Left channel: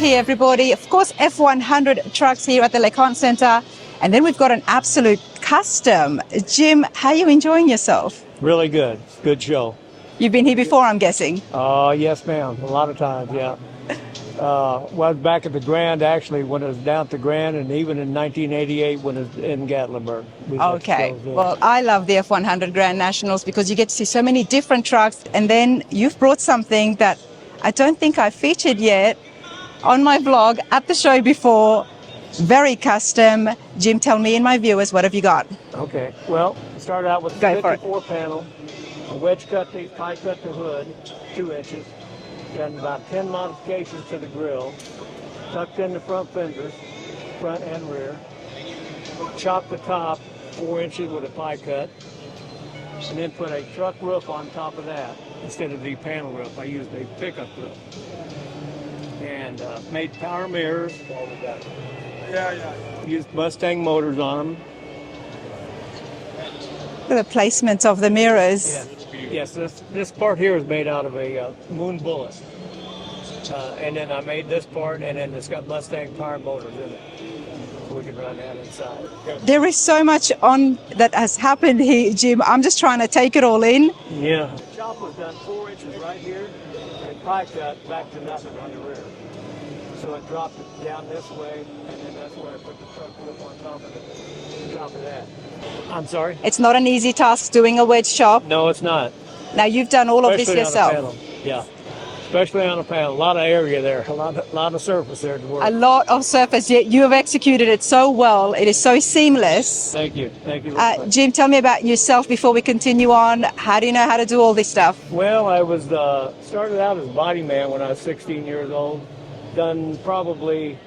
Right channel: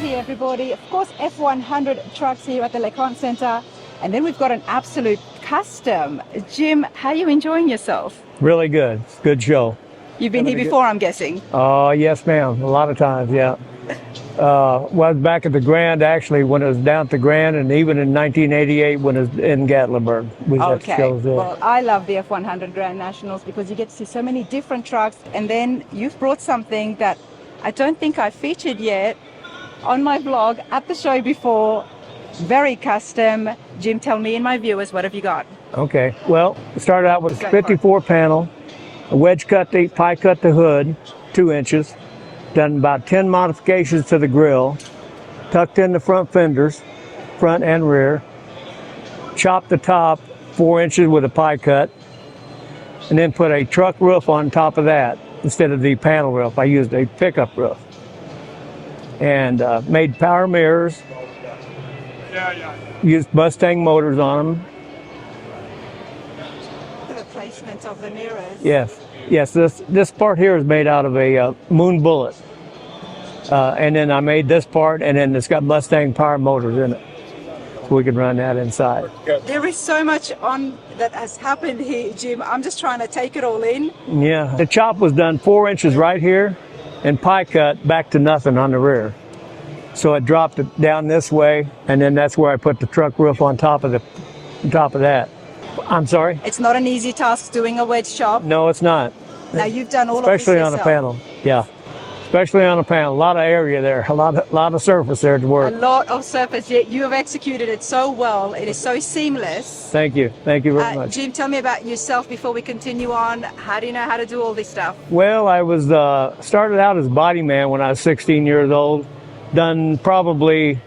here, everybody. Of course, F100 trucks here at the Conte Centre. And then we've got an absolute custom. Jim, how are you enjoying yourself? Really good. Good show. You've been here before, I'm guessing. Yes, ma'am. A lot of times, yeah. Well, back at the Grand, actually, when it was down at the Grand, and even in 1988 when it was in Gatlinburg. Okay. Well, I love the F100 Grand Nationals because you get to see so many different trucks. And then you've brought something that I don't think I featured yet on my vlog at the show before. Very custom. Jim, tell me and my viewers, what have you got? Okay. Well, we started out with a 54 panel, a wedge cut, pie cut the hood, 2 inches. Done about 10 modifications to the grill, tucked in the front fenders, front and rear, chopped the top 4 inches with a pie cut, and then put a truck roof on top of that instead of the panel roof. I used a pickup roof. And made power mirrors, used Mustang motors on them. The placement of the mirrors. Yes, this part here is made out of a Moon Bullet. And then I made this part, and then it's got Mustang power motors in it. So we can run that inside. There is so much on that has happened here, Jim. I'm just trying to take it all in. Yeah, the chop was done 4 inches right here, and pie cut back to nothing on the rear. So I dropped it down this way, and then that's where I put the truck roof on top of that. I'm sorry? It's not an easy task doing a wedge shop. No, it's not. Now you've done all of this yourself. Especially on a panel, yeah. Especially on a panel, a lot of area there, a lot of surface there to work. A lot of surface, yet you have executed it so well. It is so seamless. Thank you very much. Jim, tell me about yourself before we continue on. How do you know how to do all this stuff? Well, I was started out as body man when I was 16 years old. Done probably,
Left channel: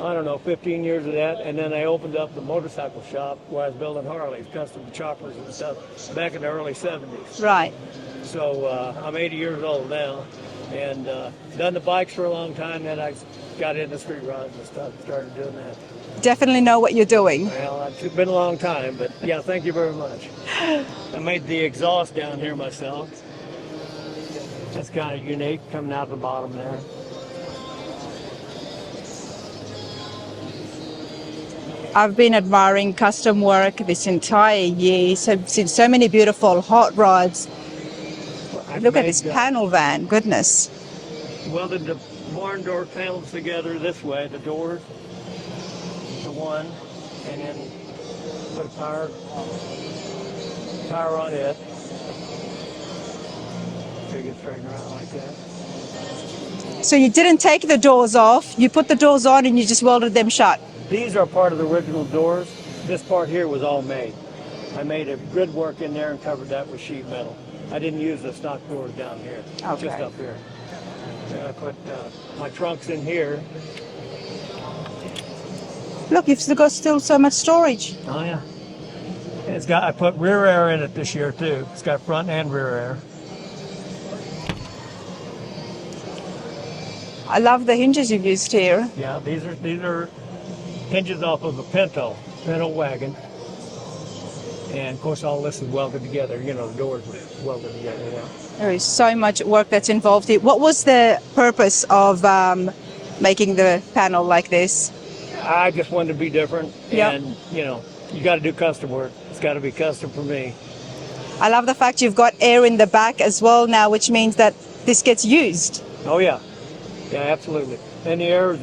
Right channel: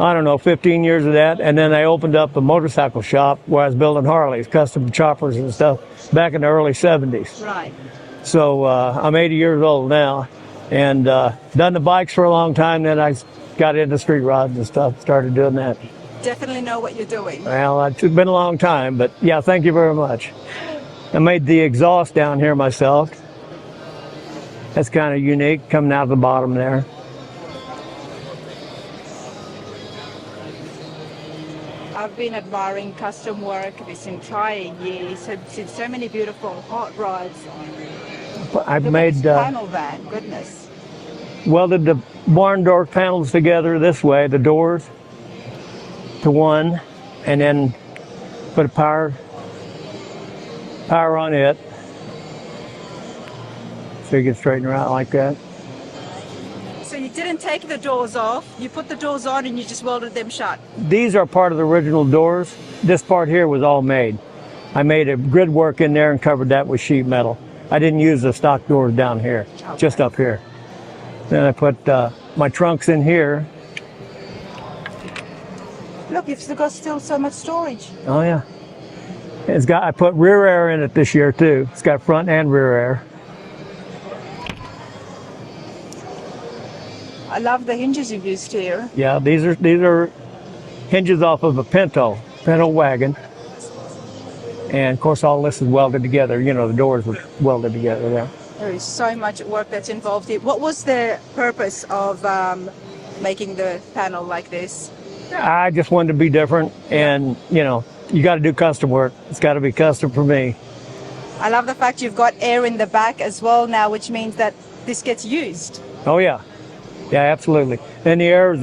I don't know, 15 years of that, and then I opened up a motorcycle shop where I was building Harleys, custom choppers and stuff, back in the early 70s. Right. So I'm 80 years old now, and done the bikes for a long time, then I got into street rods and stuff, started doing that. Definitely know what you're doing. Well, it's been a long time, but yeah, thank you very much. I made the exhaust down here myself. That's kind of unique, coming out of the bottom there. I've been admiring custom work this entire year. Seen so many beautiful hot rods. Look at this panel van, goodness. Welded the barn door panels together this way, the doors to one, and then put a power on it. So you can straighten her out like that. So you didn't take the doors off, you put the doors on and you just welded them shut? These are part of the original doors. This part here was all made. I made a grid work in there and covered that with sheet metal. I didn't use the stock doors down here, just up here. Then I put my trunks in here. Look, you've still got so much storage. Oh yeah. I put rear air in it this year too. It's got front and rear air. I love the hinges you've used here. Yeah, these are hinges off of a Pinto wagon. And of course all this is welded together. You know, the doors were welded together there. There is so much work that's involved here. What was the purpose of making the panel like this? I just wanted to be different, and you know, you got to do custom work. It's got to be custom for me. I love the fact you've got air in the back as well now, which means that this gets used. Oh yeah. Yeah, absolutely. And the air is,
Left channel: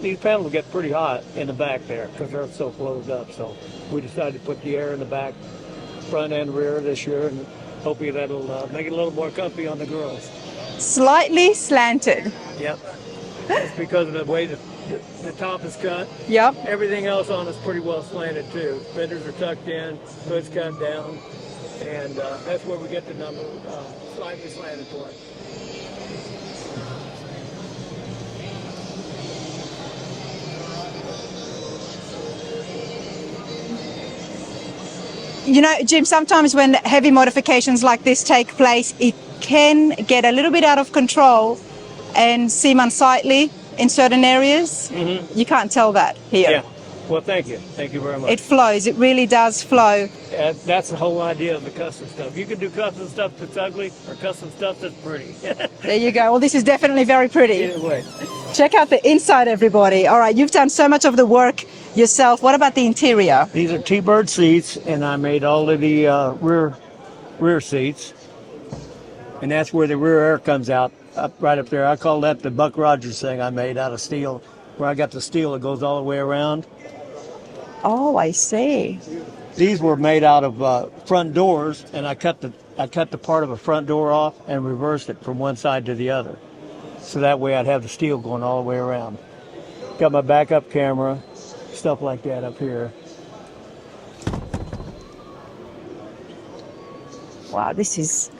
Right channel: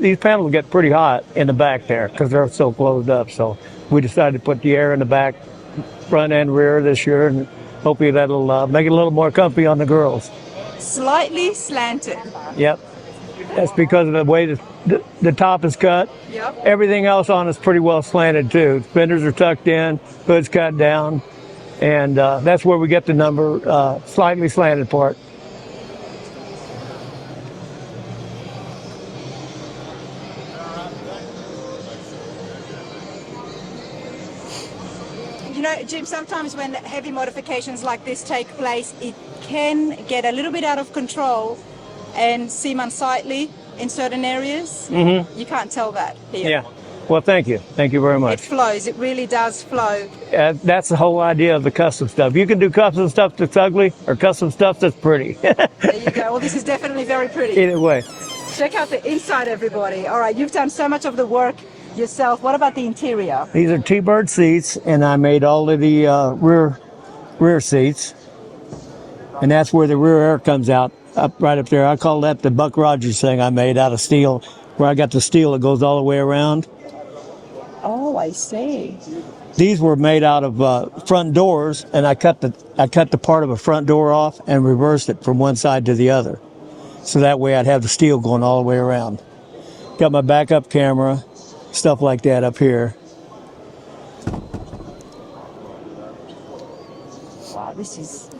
these panels get pretty hot in the back there because they're so closed up. So we decided to put the air in the back, front and rear this year, and hopefully that'll make it a little more comfy on the girls. Slightly slanted. Yep. That's because of the way the top is cut. Yep. Everything else on it's pretty well slanted too. Fenders are tucked in, hood's cut down, and that's where we get the number slightly slanted part. You know, Jim, sometimes when heavy modifications like this take place, it can get a little bit out of control and seem unsightly in certain areas. Mm-hmm. You can't tell that here. Yeah. Well, thank you. Thank you very much. It flows. It really does flow. That's the whole idea of the custom stuff. You can do custom stuff that's ugly or custom stuff that's pretty. There you go. Well, this is definitely very pretty. Either way. Check out the inside, everybody. All right, you've done so much of the work yourself. What about the interior? These are T-bird seats, and I made all of the rear seats, and that's where the rear air comes out, right up there. I call that the Buck Rogers thing I made out of steel, where I got the steel that goes all the way around. Oh, I see. These were made out of front doors, and I cut the part of a front door off and reversed it from one side to the other, so that way I'd have the steel going all the way around. Got my backup camera, stuff like that up here. Wow, this is...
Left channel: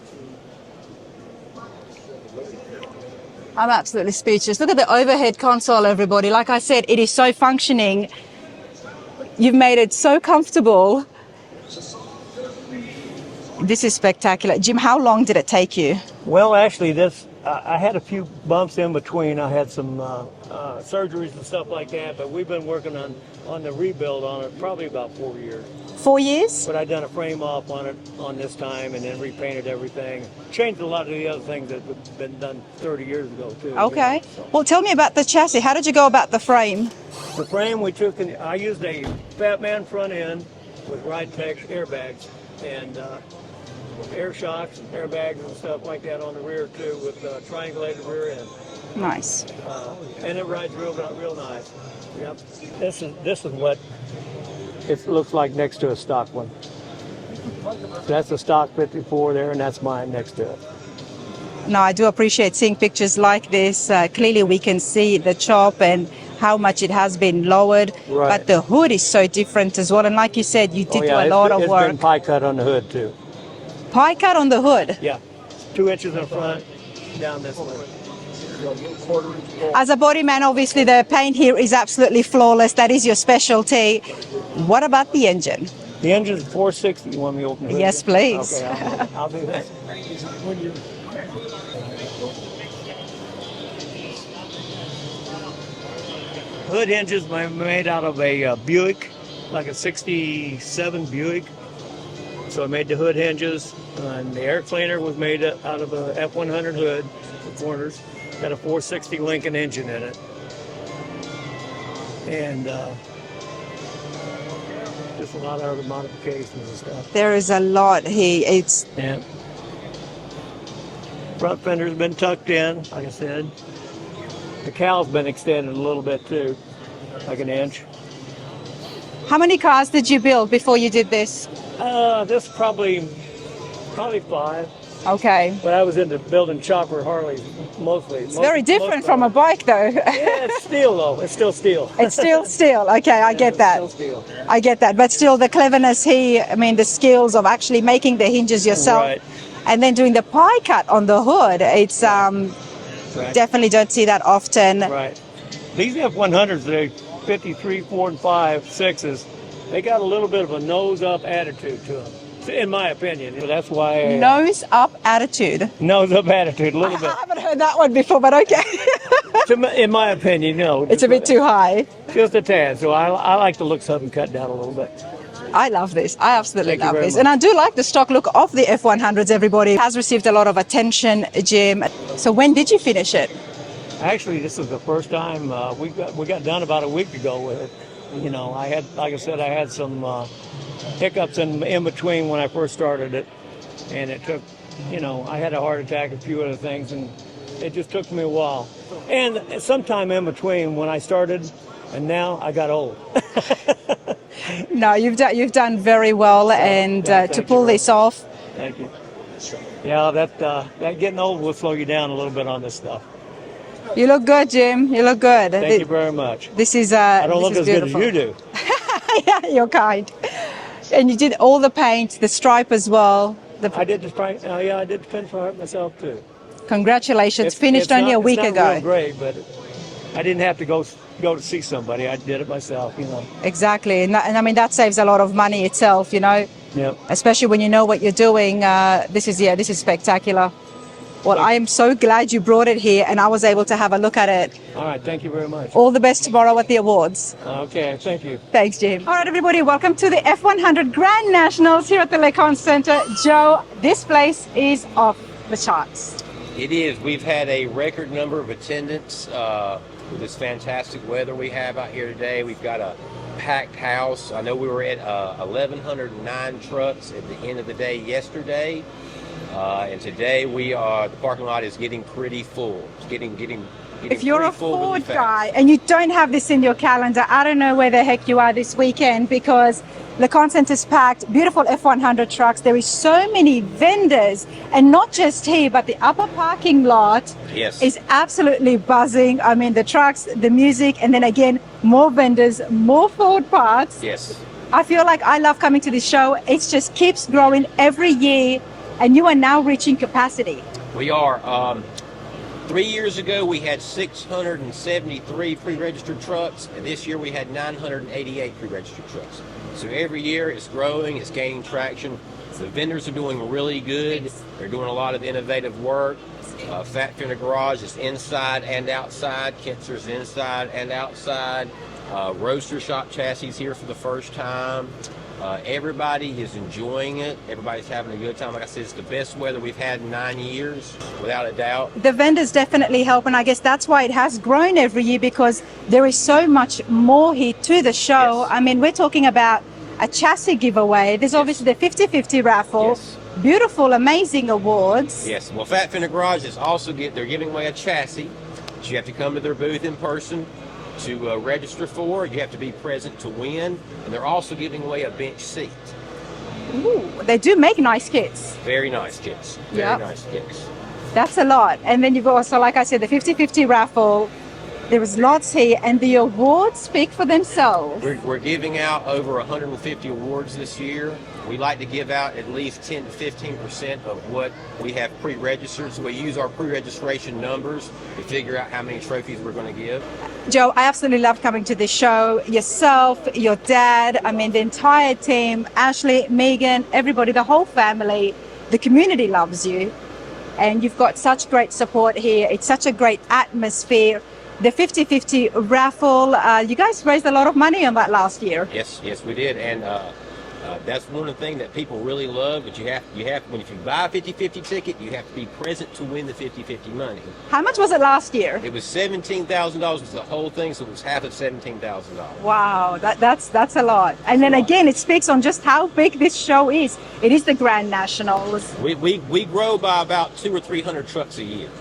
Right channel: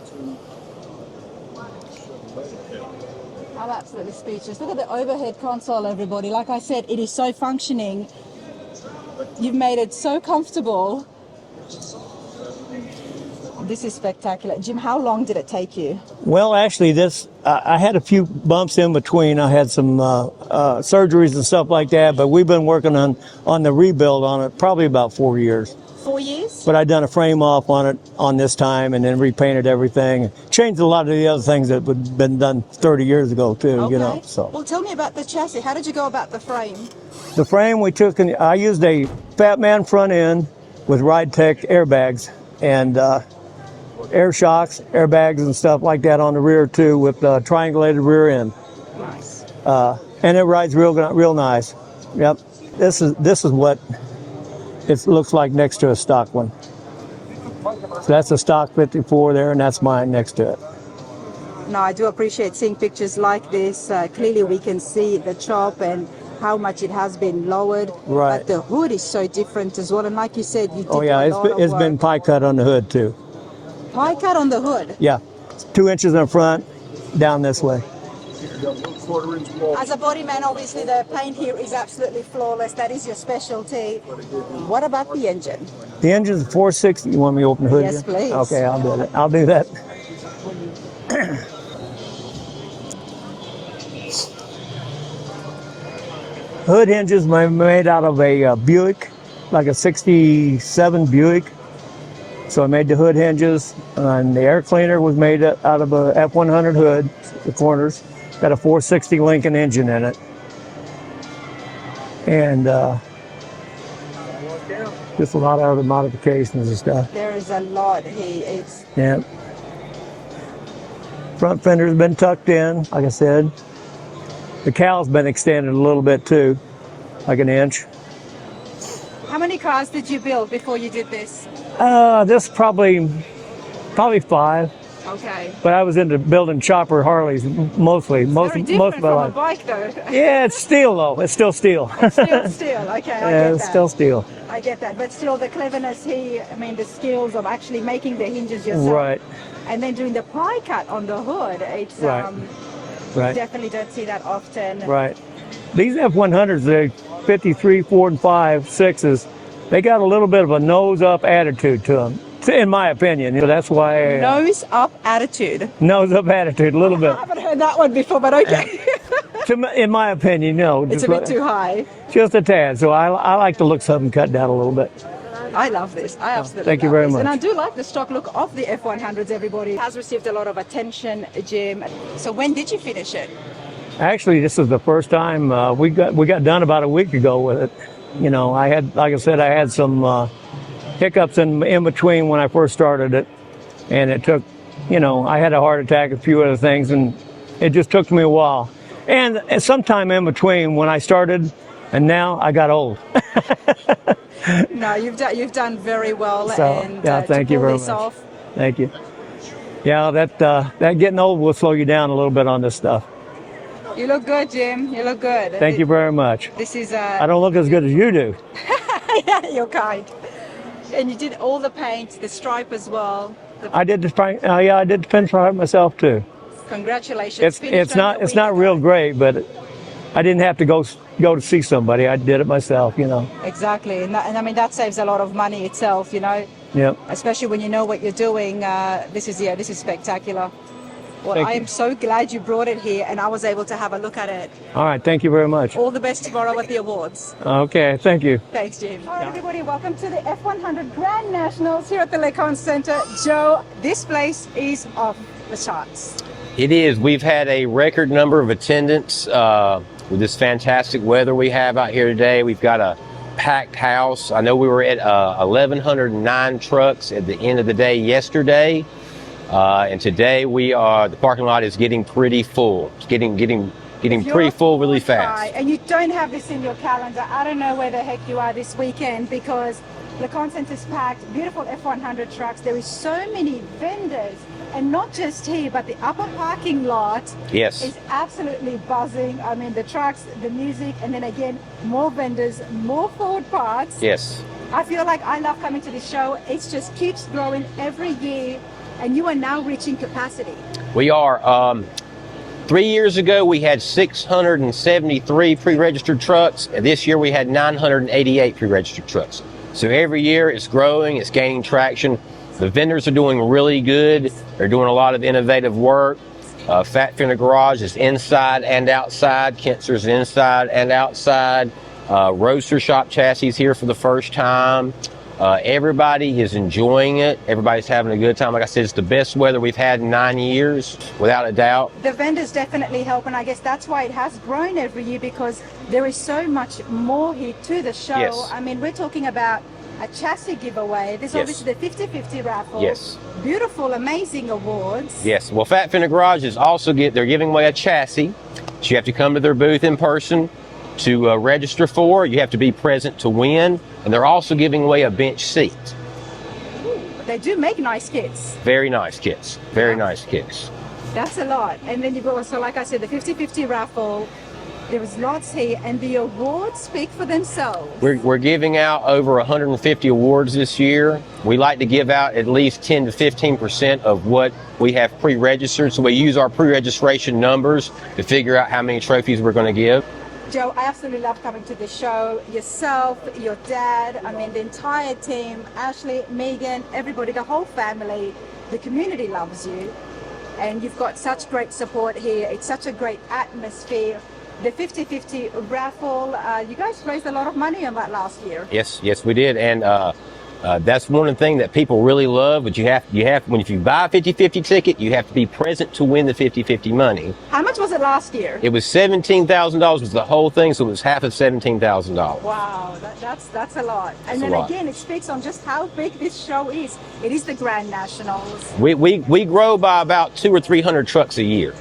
I'm absolutely speechless. Look at the overhead console, everybody. Like I said, it is so functioning. You've made it so comfortable. This is spectacular. Jim, how long did it take you? Well, actually, I had a few bumps in between. I had some surgeries and stuff like that, but we've been working on the rebuild on it probably about 4 years. 4 years? But I done a frame off on it on this time, and then repainted everything. Changed a lot of the other things that had been done 30 years ago too. Okay. You know, so. Well, tell me about the chassis. How did you go about the frame? The frame we took, I used a Fat Man front end with Ride Tech airbags and air shocks, airbags, and stuff like that on the rear too, with triangulated rear end. Nice. And it rides real nice. Yep. This is what it looks like next to a stock one. So that's a stock 54 there, and that's mine next to it. No, I do appreciate seeing pictures like this. Clearly, we can see the chop and how much it has been lowered. Right. But the hood is so different as well. And like you said, you did do a lot of work. It's been pie cut on the hood too. Pie cut on the hood? Yeah, 2 inches in front, down this way. As a body man, obviously the paint here is absolutely flawless. That is your specialty. What about the engine? The engine's 460. You want me to open the hood? Yes, please. Okay, I'll do that. Hood hinges made out of a Buick, like a 67 Buick. So I made the hood hinges, and the air cleaner was made out of a F100 hood, the corners. Got a 460 Lincoln engine in it. And just a lot of other modifications and stuff. There is a lot here. It's... Yeah. Front fender's been tucked in, like I said. The cow's been extended a little bit too, like an inch. How many cars did you build before you did this? This probably 5. Okay. But I was into building chopper Harleys mostly. It's very different from a bike, though. Yeah, it's steel though. It's still steel. It's still steel. Okay, I get that. It's still steel. I get that. But still, the cleverness here, I mean, the skills of actually making the hinges yourself. Right. And then doing the pie cut on the hood. It's Right. definitely don't see that often. Right. These F100s, they're 53, 4, and 5, 6s. They got a little bit of a nose-up attitude to them, in my opinion. You know, that's why... Nose-up attitude. Nose-up attitude, a little bit. I haven't heard that one before, but okay. In my opinion, no. It's a bit too high. Just a tad. So I like to look something cut down a little bit. I love this. I absolutely Thank you love very this. much. And I do like the stock look of the F100s, everybody. It has received a lot of attention, Jim. So when did you finish it? Actually, this is the first time we got done about a week ago with it. You know, I had, like I said, I had some hiccups in between when I first started it. And it took, you know, I had a heart attack, a few other things, and it just took me a while. And sometime in between when I started and now I got old. No, you've done very well, So, and yeah, to thank you pull very this much. off. Thank you. Yeah, that getting old will slow you down a little bit on this stuff. You look good, Jim. You look good. Thank you very much. This is I don't look as beautiful. good as you do. Yeah, you're kind. And you did all the paint, the stripe as well. I did the paint. Yeah, I did the pinstripe myself too. Congratulations. Finished only a week ago. It's ago. not real great, but I didn't have to go to see somebody. I did it myself, you know. Exactly, and I mean that saves a lot of money itself, you know. Yeah. Especially when you know what you're doing. This is spectacular. Well, Thank I you. am so glad you brought it here, and I was able to have a look at it. All right. Thank you very much. All the best tomorrow at the awards. Okay. Thank you. Thanks, Jim. All right, everybody, welcome to the F100 Grand Nationals here at the Conte Centre. Joe, this place is off the charts. It is. We've had a record number of attendants. with this fantastic weather we have out here today. We've got a packed house. I know we were at 1,109 trucks at the end of the day yesterday, and today the parking lot is getting pretty full. It's getting pretty full really fast. And you don't have this in your calendar, I don't know where the heck you are this weekend, because the Conte Centre is packed, beautiful F100 trucks. There is so many vendors, and not just here, but the upper parking lot is absolutely buzzing. I mean, the trucks, the music, and then again, more vendors, more Ford parts. Yes. I feel like I love coming to this show. It just keeps growing every year, and you are now reaching capacity. We are. 3 years ago, we had 673 pre-registered trucks, and this year we had 988 pre-registered trucks. So every year it's growing, it's gaining traction. The vendors are doing really good. They're doing a lot of innovative work. Factory in the Garage is inside and outside. Kintzer's inside and outside. Roadster Shop chassis here for the first time. Everybody is enjoying it. Everybody's having a good time. Like I said, it's the best weather we've had in 9 years, without a doubt. The vendors definitely help, and I guess that's why it has grown every year, because there is so much more here to the show. Yes. I mean, we're talking about a chassis giveaway. There's obviously the 50-50 raffle. Yes. Beautiful, amazing awards. Yes. Well, Factory in the Garage is also they're giving away a chassis. So you have to come to their booth in person to register for. You have to be present to win, and they're also giving away a bench seat. Ooh, they do make nice kits. Very nice kits. Very nice kits. That's a lot. And then you've also, like I said, the 50-50 raffle. There was lots here, and the awards speak for themselves. We're giving out over 150 awards this year. We like to give out at least 10 to 15% of what we have pre-registered, so we use our pre-registration numbers to figure out how many trophies we're going to give. Joe, I absolutely love coming to this show. Yourself, your dad, I mean, the entire team, Ashley, Megan, everybody, the whole family, the community loves you. And you've got such great support here. It's such a great atmosphere. The 50-50 raffle, you guys raised a lot of money on that last year. Yes, we did. And that's one of the things that people really love. But if you buy a 50-50 ticket, you have to be present to win the 50-50 money. How much was it last year? It was $17,000 was the whole thing, so it was half of $17,000. Wow, that's a lot. And then again, it speaks on just how big this show is. It is the Grand Nationals. We grow by about 200 or 300 trucks a year.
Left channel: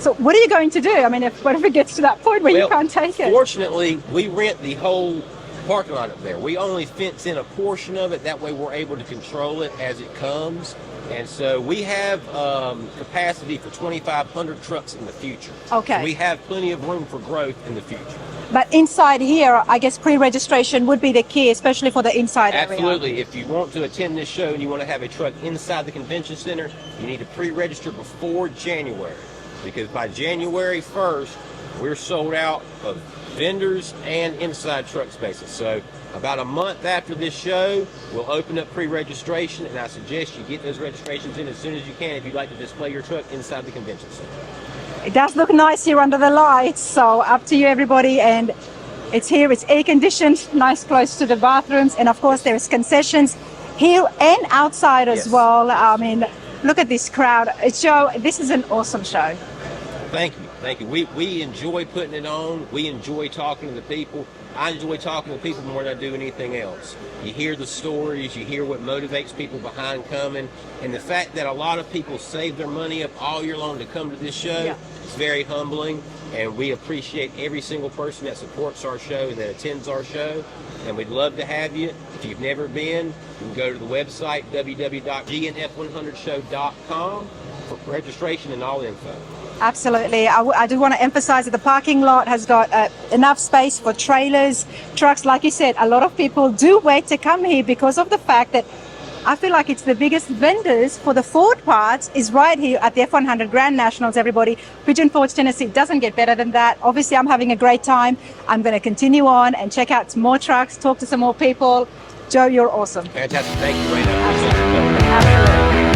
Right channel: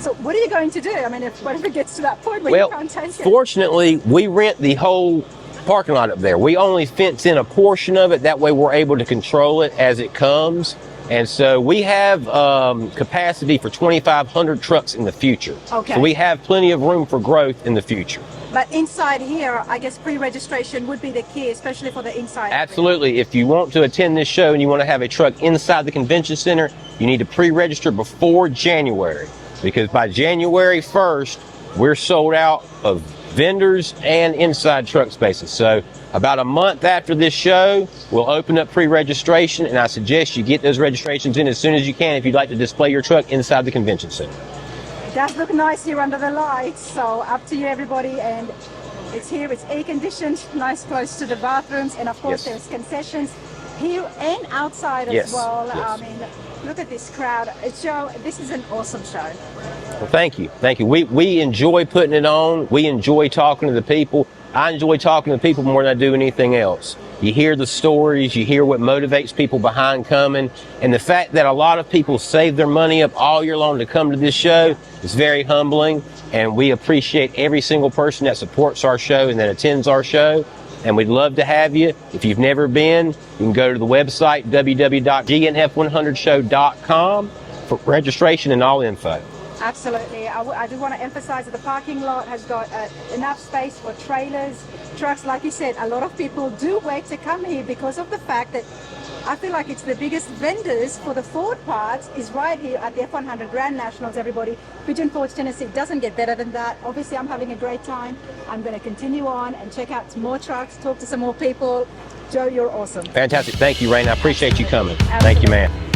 So what are you going to do? I mean, what if it gets to that point where you can't take it? Fortunately, we rent the whole parking lot up there. We only fence in a portion of it. That way we're able to control it as it comes. And so we have capacity for 2,500 trucks in the future. Okay. So we have plenty of room for growth in the future. But inside here, I guess pre-registration would be the key, especially for the inside area. Absolutely. If you want to attend this show and you want to have a truck inside the convention center, you need to pre-register before January. Because by January 1st, we're sold out of vendors and inside truck spaces. So about a month after this show, we'll open up pre-registration, and I suggest you get those registrations in as soon as you can if you'd like to display your truck inside the convention center. It does look nice here under the lights, so up to you everybody. And it's here, it's air conditioned, nice close to the bathrooms, and of course there's concessions here and outside as well. Yes. I mean, look at this crowd. Joe, this is an awesome show. Well, thank you. We enjoy putting it on. We enjoy talking to the people. I enjoy talking to people more than I do anything else. You hear the stories, you hear what motivates people behind coming, and the fact that a lot of people save their money up all year long to come to this show is very humbling, and we appreciate every single person that supports our show and that attends our show. And we'd love to have you. If you've never been, you can go to the website www.gnf100show.com for registration and all info. Absolutely. I do want to emphasize that the parking lot has got enough space for trailers, trucks. Like you said, a lot of people do wait to come here because of the fact that I feel like it's the biggest vendors for the Ford parts is right here at the F100 Grand Nationals, everybody. Pigeon Forge, Tennessee doesn't get better than that. Obviously, I'm having a great time. I'm going to continue on and check out some more trucks, talk to some more people. Joe, you're awesome. Fantastic. Thank you, Rain. I appreciate you coming. Thank you, man.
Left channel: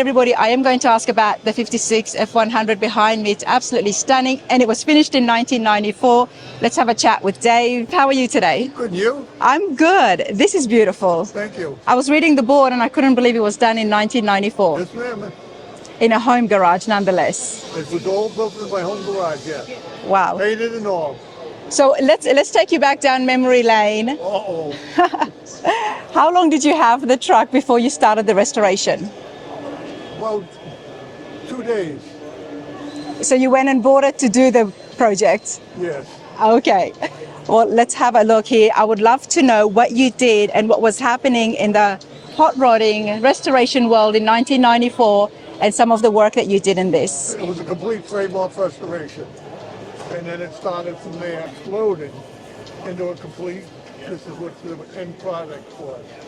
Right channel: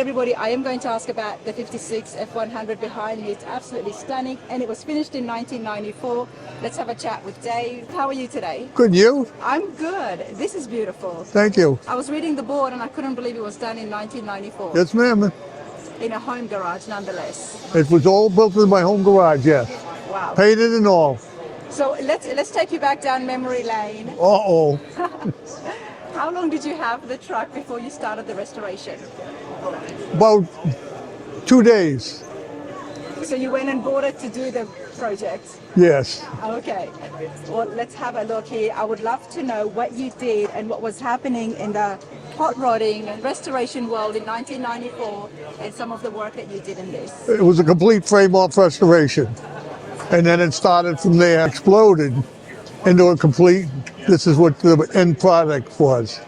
everybody, I am going to ask about the 56 F100 behind me. It's absolutely stunning, and it was finished in 1994. Let's have a chat with Dave. How are you today? Good, you? I'm good. This is beautiful. Thank you. I was reading the board and I couldn't believe it was done in 1994. Yes, ma'am. In a home garage, nonetheless. It was all built in my home garage, yes. Wow. Painted and all. So let's take you back down memory lane. Uh-oh. How long did you have the truck before you started the restoration? About 2 days. So you went and bought it to do the project? Yes. Okay. Well, let's have a look here. I would love to know what you did and what was happening in the hot rodding and restoration world in 1994 and some of the work that you did in this. It was a complete frame-off restoration. And then it started from there, exploded into a complete, this is what the end product was.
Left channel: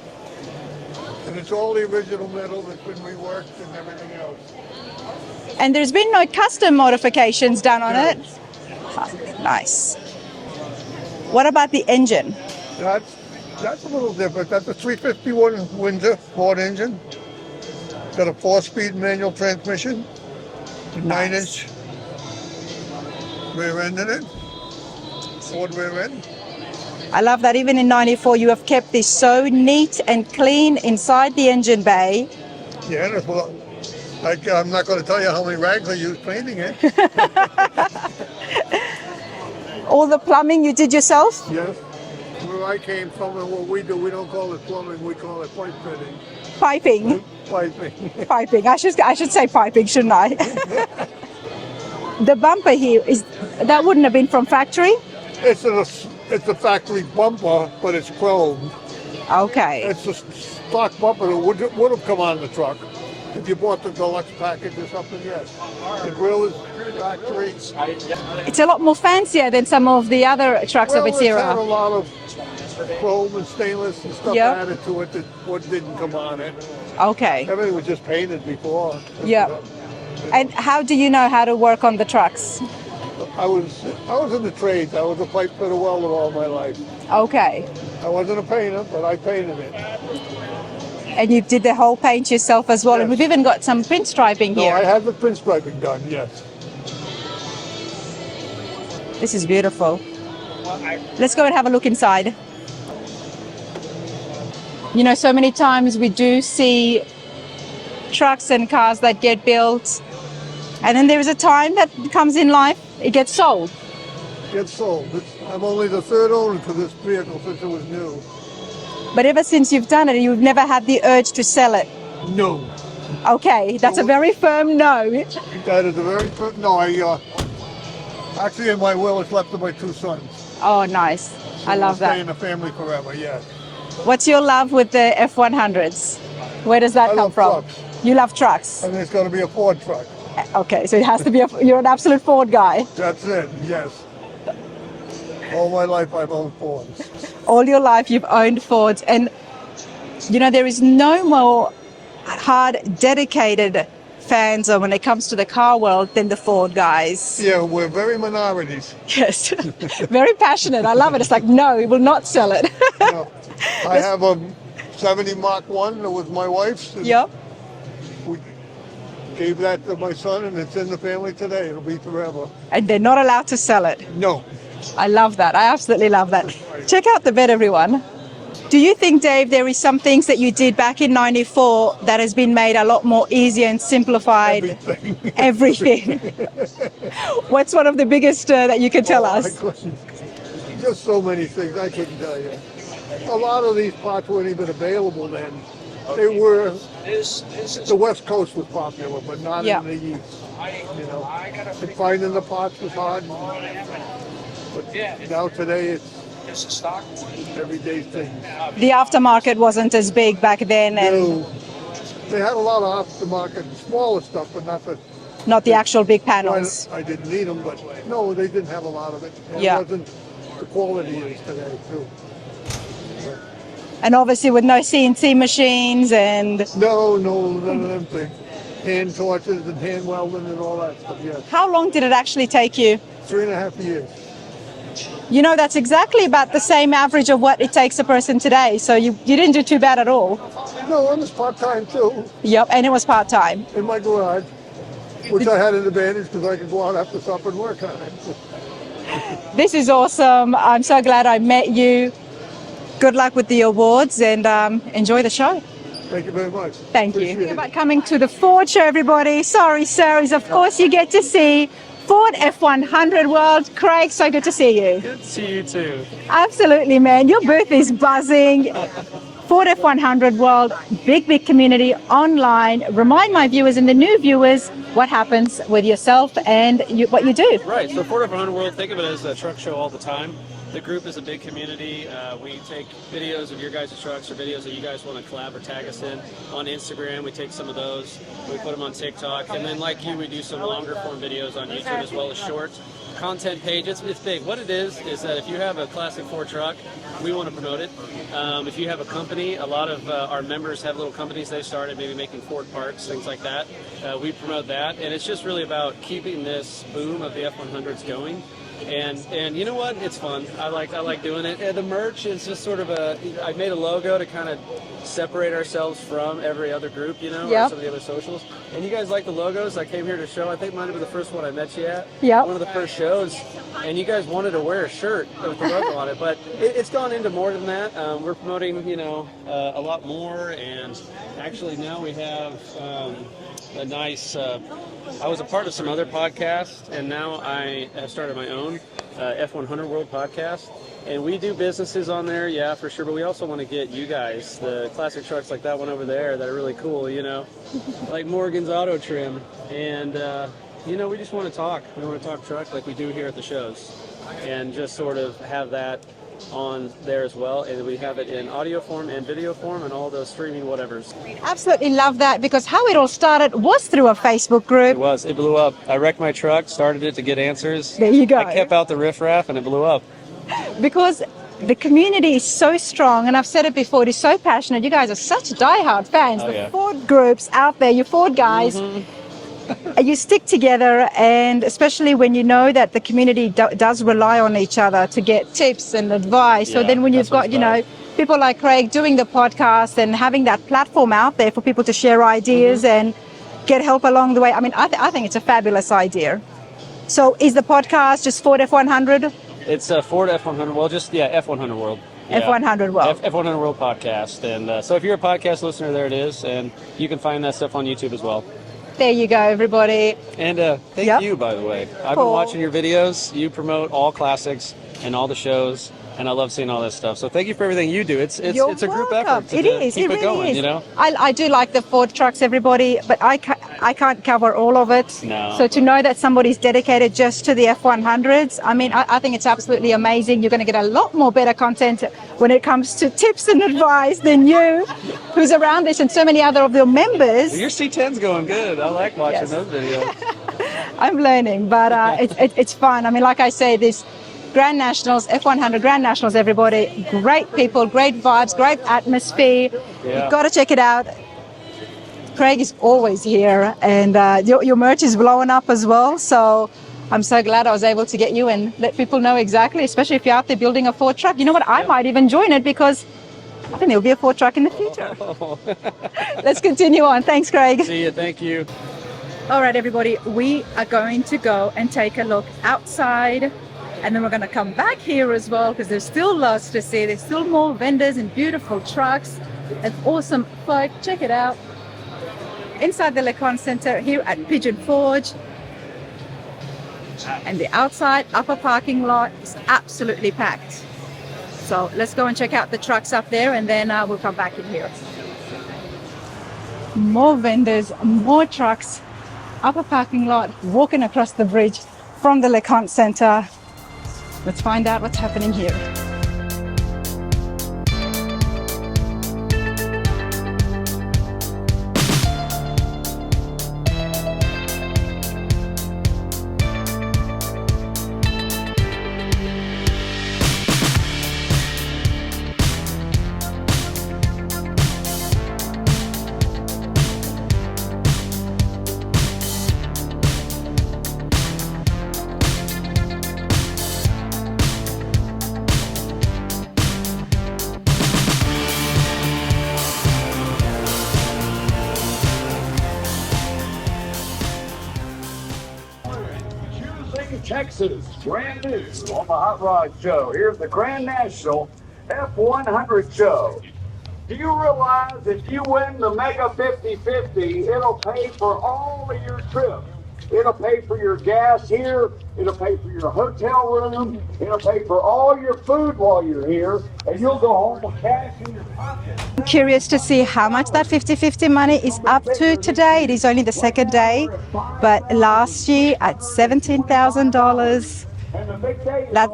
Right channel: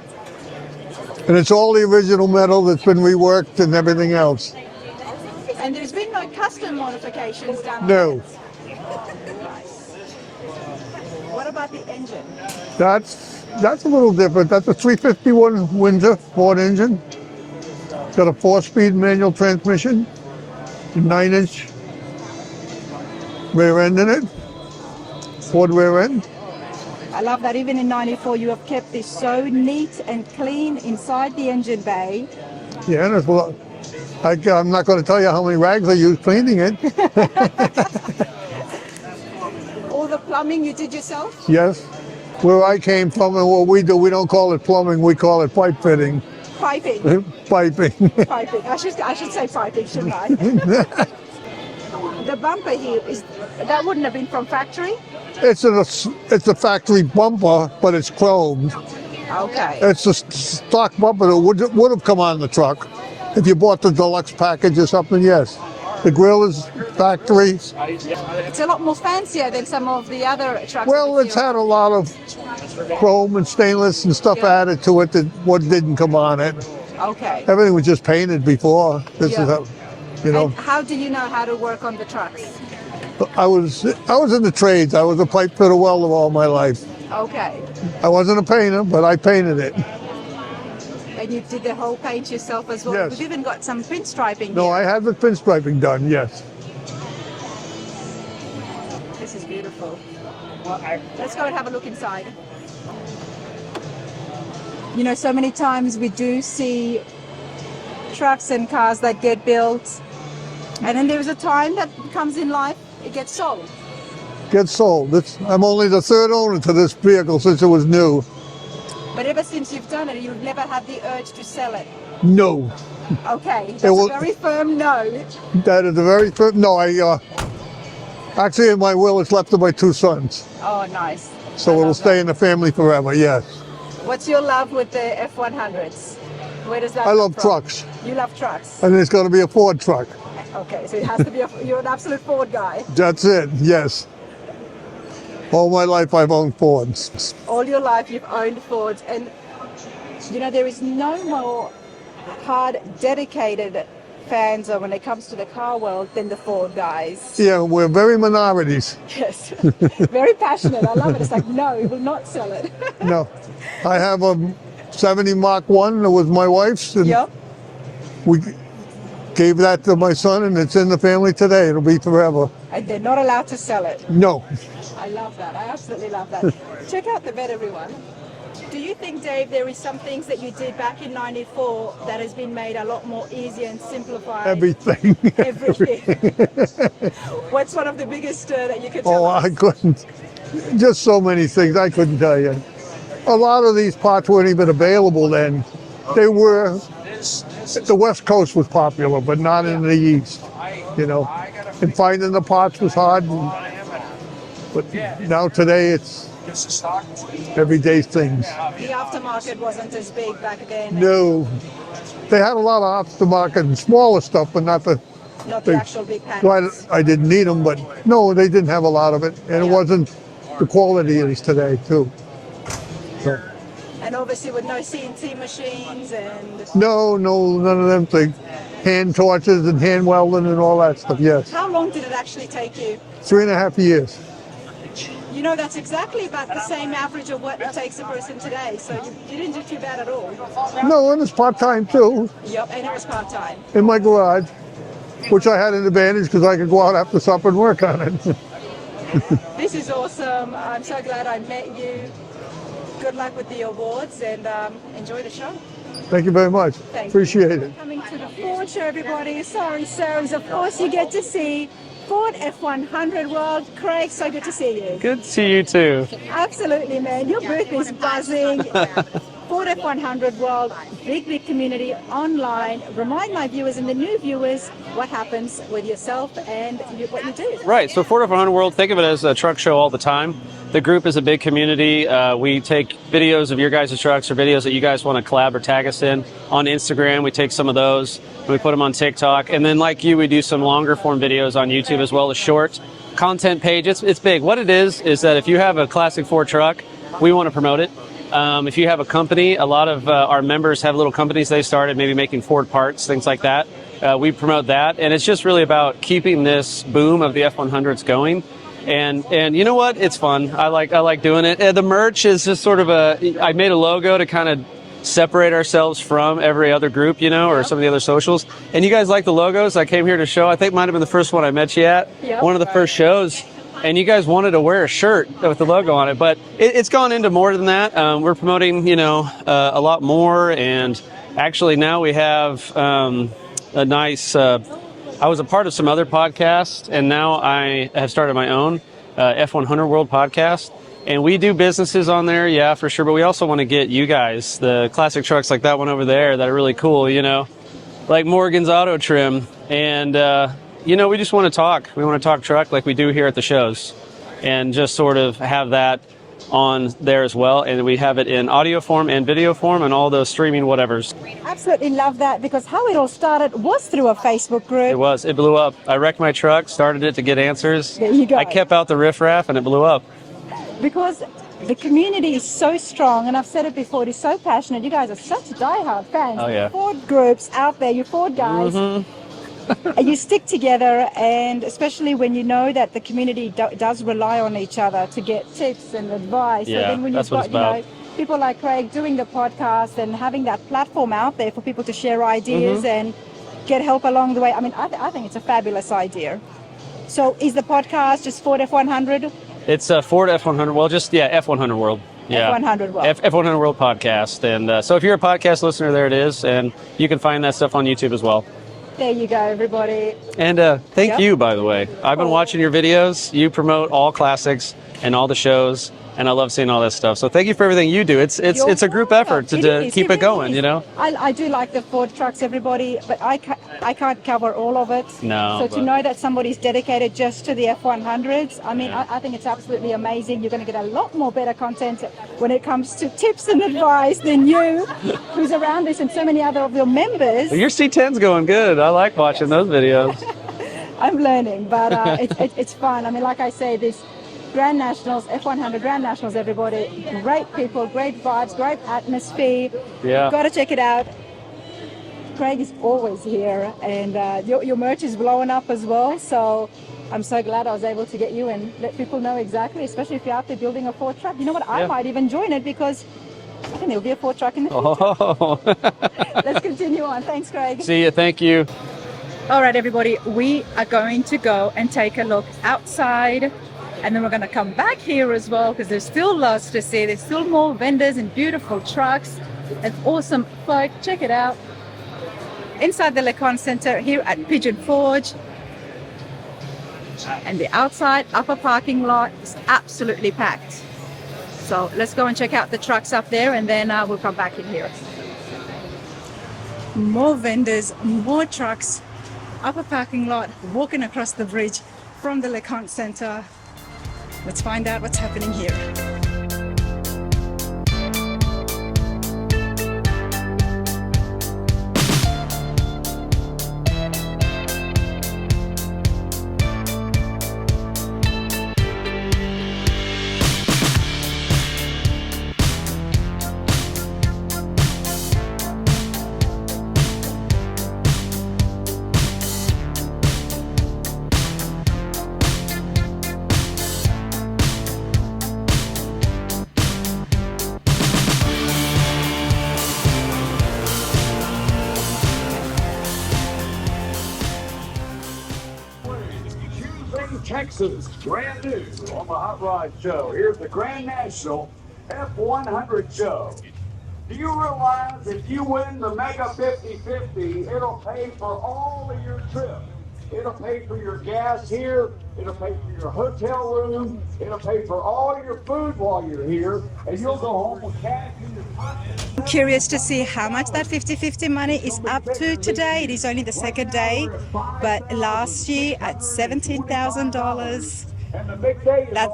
And it's all the original metal that's been reworked and everything else. And there's been no custom modifications done on No. it? Nice. What about the engine? That's a little different. That's a 351 Windsor Ford engine. It's got a 4-speed manual transmission, a 9-inch rear end in it, Ford rear end. I love that even in 94 you have kept this so neat and clean inside the engine bay. Yeah, and I'm not going to tell you how many rags I used cleaning it. All the plumbing you did yourself? Yes. Where I came from and what we do, we don't call it plumbing, we call it pipe fitting. Piping. Piping. Piping. I should say piping, shouldn't I? The bumper here, that wouldn't have been from factory? It's a factory bumper, but it's chrome. Okay. It's a stock bumper that would have come on the truck. If you bought the deluxe package or something, yes. The grill is factory. It's a lot more fancier than some of the other trucks of its Well, it's era. had a lot of chrome and stainless and stuff Yeah. added to it that what didn't come on it. Okay. Everything was just painted before. This Yeah. is how, you know, And how do you know how to work on the trucks? I was in the trades. I was a pipe fitter welder all my life. Okay. I wasn't a painter, but I painted it. And you did the whole paint yourself as well. And Yes. we've even got some pinstriping No, here. I had the pinstriping done, yes. This is beautiful. Let's go and have a look inside. You know, so many times we do see trucks and cars that get built, and then there is a time that comes in life, it gets sold. Get sold. I'm only the third owner to this vehicle since it was new. But ever since you've done it, you've never had the urge to sell it. No. Okay, that's a Well- very firm no. That is a very first. No, actually in my will it's left to my 2 sons. Oh, nice. So I it'll love stay in that. the family forever, yes. What's your love with the F100s? Where does that I come love from? trucks. You love trucks. And it's going to be a Ford truck. Okay, so it has to be you're an absolute Ford guy. That's it, yes. All my life I've owned Fords. All your life you've owned Fords, and you know there is no more hard, dedicated fans when it comes to the car world than the Ford guys. Yeah, we're very minorities. Yes, very passionate. I love it. It's like, no, we will not sell it. No. I have a 70 Mark 1 that was my wife's. And Yep. we gave that to my son and it's in the family today. It'll be forever. And they're not allowed to sell it. No. I love that. I absolutely love that. Check out the bed, everyone. Do you think, Dave, there is some things that you did back in 94 that has been made a lot more easier and simplified? Everything. Everything. What's one of the biggest that you could tell us? I couldn't. Just so many things I couldn't tell you. A lot of these parts weren't even available then. They were, the West Coast was popular, but not Yeah. in the East, you know. And finding the parts was hard. But now today it's everyday things. The aftermarket wasn't as big back then, and No. They had a lot of aftermarket and smaller stuff, but not the, not the actual big well, panels. I didn't need them, but no, they didn't have a lot of it. And Yeah. it wasn't the quality it is today, too. So, And obviously with no CNC machines and... no, none of them things. Hand torches and hand welding and all that stuff, yes. How long did it actually take you? 3.5 years. You know, that's exactly about the same average of what it takes a person today. So you didn't do too bad at all. No, it was part-time too, Yep, and it was part-time. in my garage, which I had an advantage because I could go out after supper and work on it. This is awesome. I'm so glad I met you. Good luck with the awards and enjoy the show. Thank you very much. Thank Appreciate you. it. Coming to the Ford show, everybody. Sorry, Sarahs. Of course, you get to see Ford F100 World. Craig, so good to see you. Good to see you too. Absolutely, man. Your booth is buzzing. Ford F100 World, big community online. Remind my viewers and the new viewers what happens with yourself and what you do. Right, so Ford F100 World, think of it as a truck show all the time. The group is a big community. We take videos of your guys' trucks or videos that you guys want to collab or tag us in on Instagram. We take some of those and we put them on TikTok. And then like you, we do some longer form videos on YouTube as well as short content page. It's big. What it is that if you have a classic Ford truck, we want to promote it. If you have a company, a lot of our members have little companies they started, maybe making Ford parts, things like that. We promote that. And it's just really about keeping this boom of the F100s going. And you know what? It's fun. I like doing it. The merch is just sort of I made a logo to kind of separate ourselves from every other group, you know, or some of the other socials. And you guys like the logos? I came here to show. I think might have been the first one I met you at. Yeah. One of the first shows. And you guys wanted to wear a shirt with the logo on it, but it's gone into more than that. We're promoting, you know, a lot more. And actually now we have a nice. I was a part of some other podcasts, and now I have started my own F100 World podcast. And we do businesses on there, yeah, for sure. But we also want to get you guys, the classic trucks like that one over there that are really cool, you know, like Morgan's Auto Trim. And, you know, we just want to talk. We want to talk truck like we do here at the shows and just sort of have that on there as well. And we have it in audio form and video form and all those streaming whatevers. Absolutely love that, because how it all started was through a Facebook group. It was. It blew up. I wrecked my truck, started it to get answers. There you go. I kept out the riffraff and it blew up. Because the community is so strong, and I've said it before, it is so passionate. You guys are such diehard fans. Oh, The yeah. Ford groups out there, you Ford guys, you stick together, and especially when you know that the community does rely on each other to get tips and advice. So Yeah, then when you've that's what got, it's you know, about. people like Craig doing the podcast and having that platform out there for people to share ideas and get help along the way. I mean, I think it's a fabulous idea. So is the podcast just Ford F100? It's Ford F100 World, just, yeah, F100 World. Yeah. F100 World. F100 World podcast. And so if you're a podcast listener, there it is. And you can find that stuff on YouTube as well. There you go, everybody. And thank Yep. you, by the way. I've been watching your videos. You promote all classics and all the shows. And I love seeing all that stuff. So thank you for everything you do. It's a group effort to keep it going, you know? I do like the Ford trucks, everybody, but I can't cover all of it. No, So to but- know that somebody's dedicated just to the F100s, I mean, I think it's absolutely amazing. You're going to get a lot more better content when it comes to tips and advice than you, who's around this, and so many other of your members. Your C10's going good. I like watching those videos. I'm learning, but it's fun. I mean, like I say, this Grand Nationals, F100 Grand Nationals, everybody, great people, great vibes, great atmosphere. Yeah. You've got to check it out. Craig is always here, and your merch is blowing up as well. So I'm so glad I was able to get you and let people know exactly, especially if you're out there building a Ford truck. You know what? I might even join it, because I think there'll be a Ford truck in the future. Oh. Let's continue on. Thanks, Craig. See you. Thank you. All right, everybody, we are going to go and take a look outside, and then we're going to come back here as well, because there's still lots to see. There's still more vendors and beautiful trucks and awesome folk. Check it out. Inside the Conte Centre here at Pigeon Forge. And the outside upper parking lot is absolutely packed. So let's go and check out the trucks up there, and then we'll come back in here. More vendors, more trucks, upper parking lot, walking across the bridge from the Conte Centre. Let's find out what's happening here. Texas, brand new on the Hot Rod Show. Here's the Grand National F100 Show. Do you realize if you win the Mega 50-50, it'll pay for all of your trips? It'll pay for your gas here, it'll pay for your hotel room, it'll pay for all your food while you're here, and you'll go home with cash in your pocket. I'm curious to see how much that 50-50 money is up to today. It is only the second day, but last year at $17,000.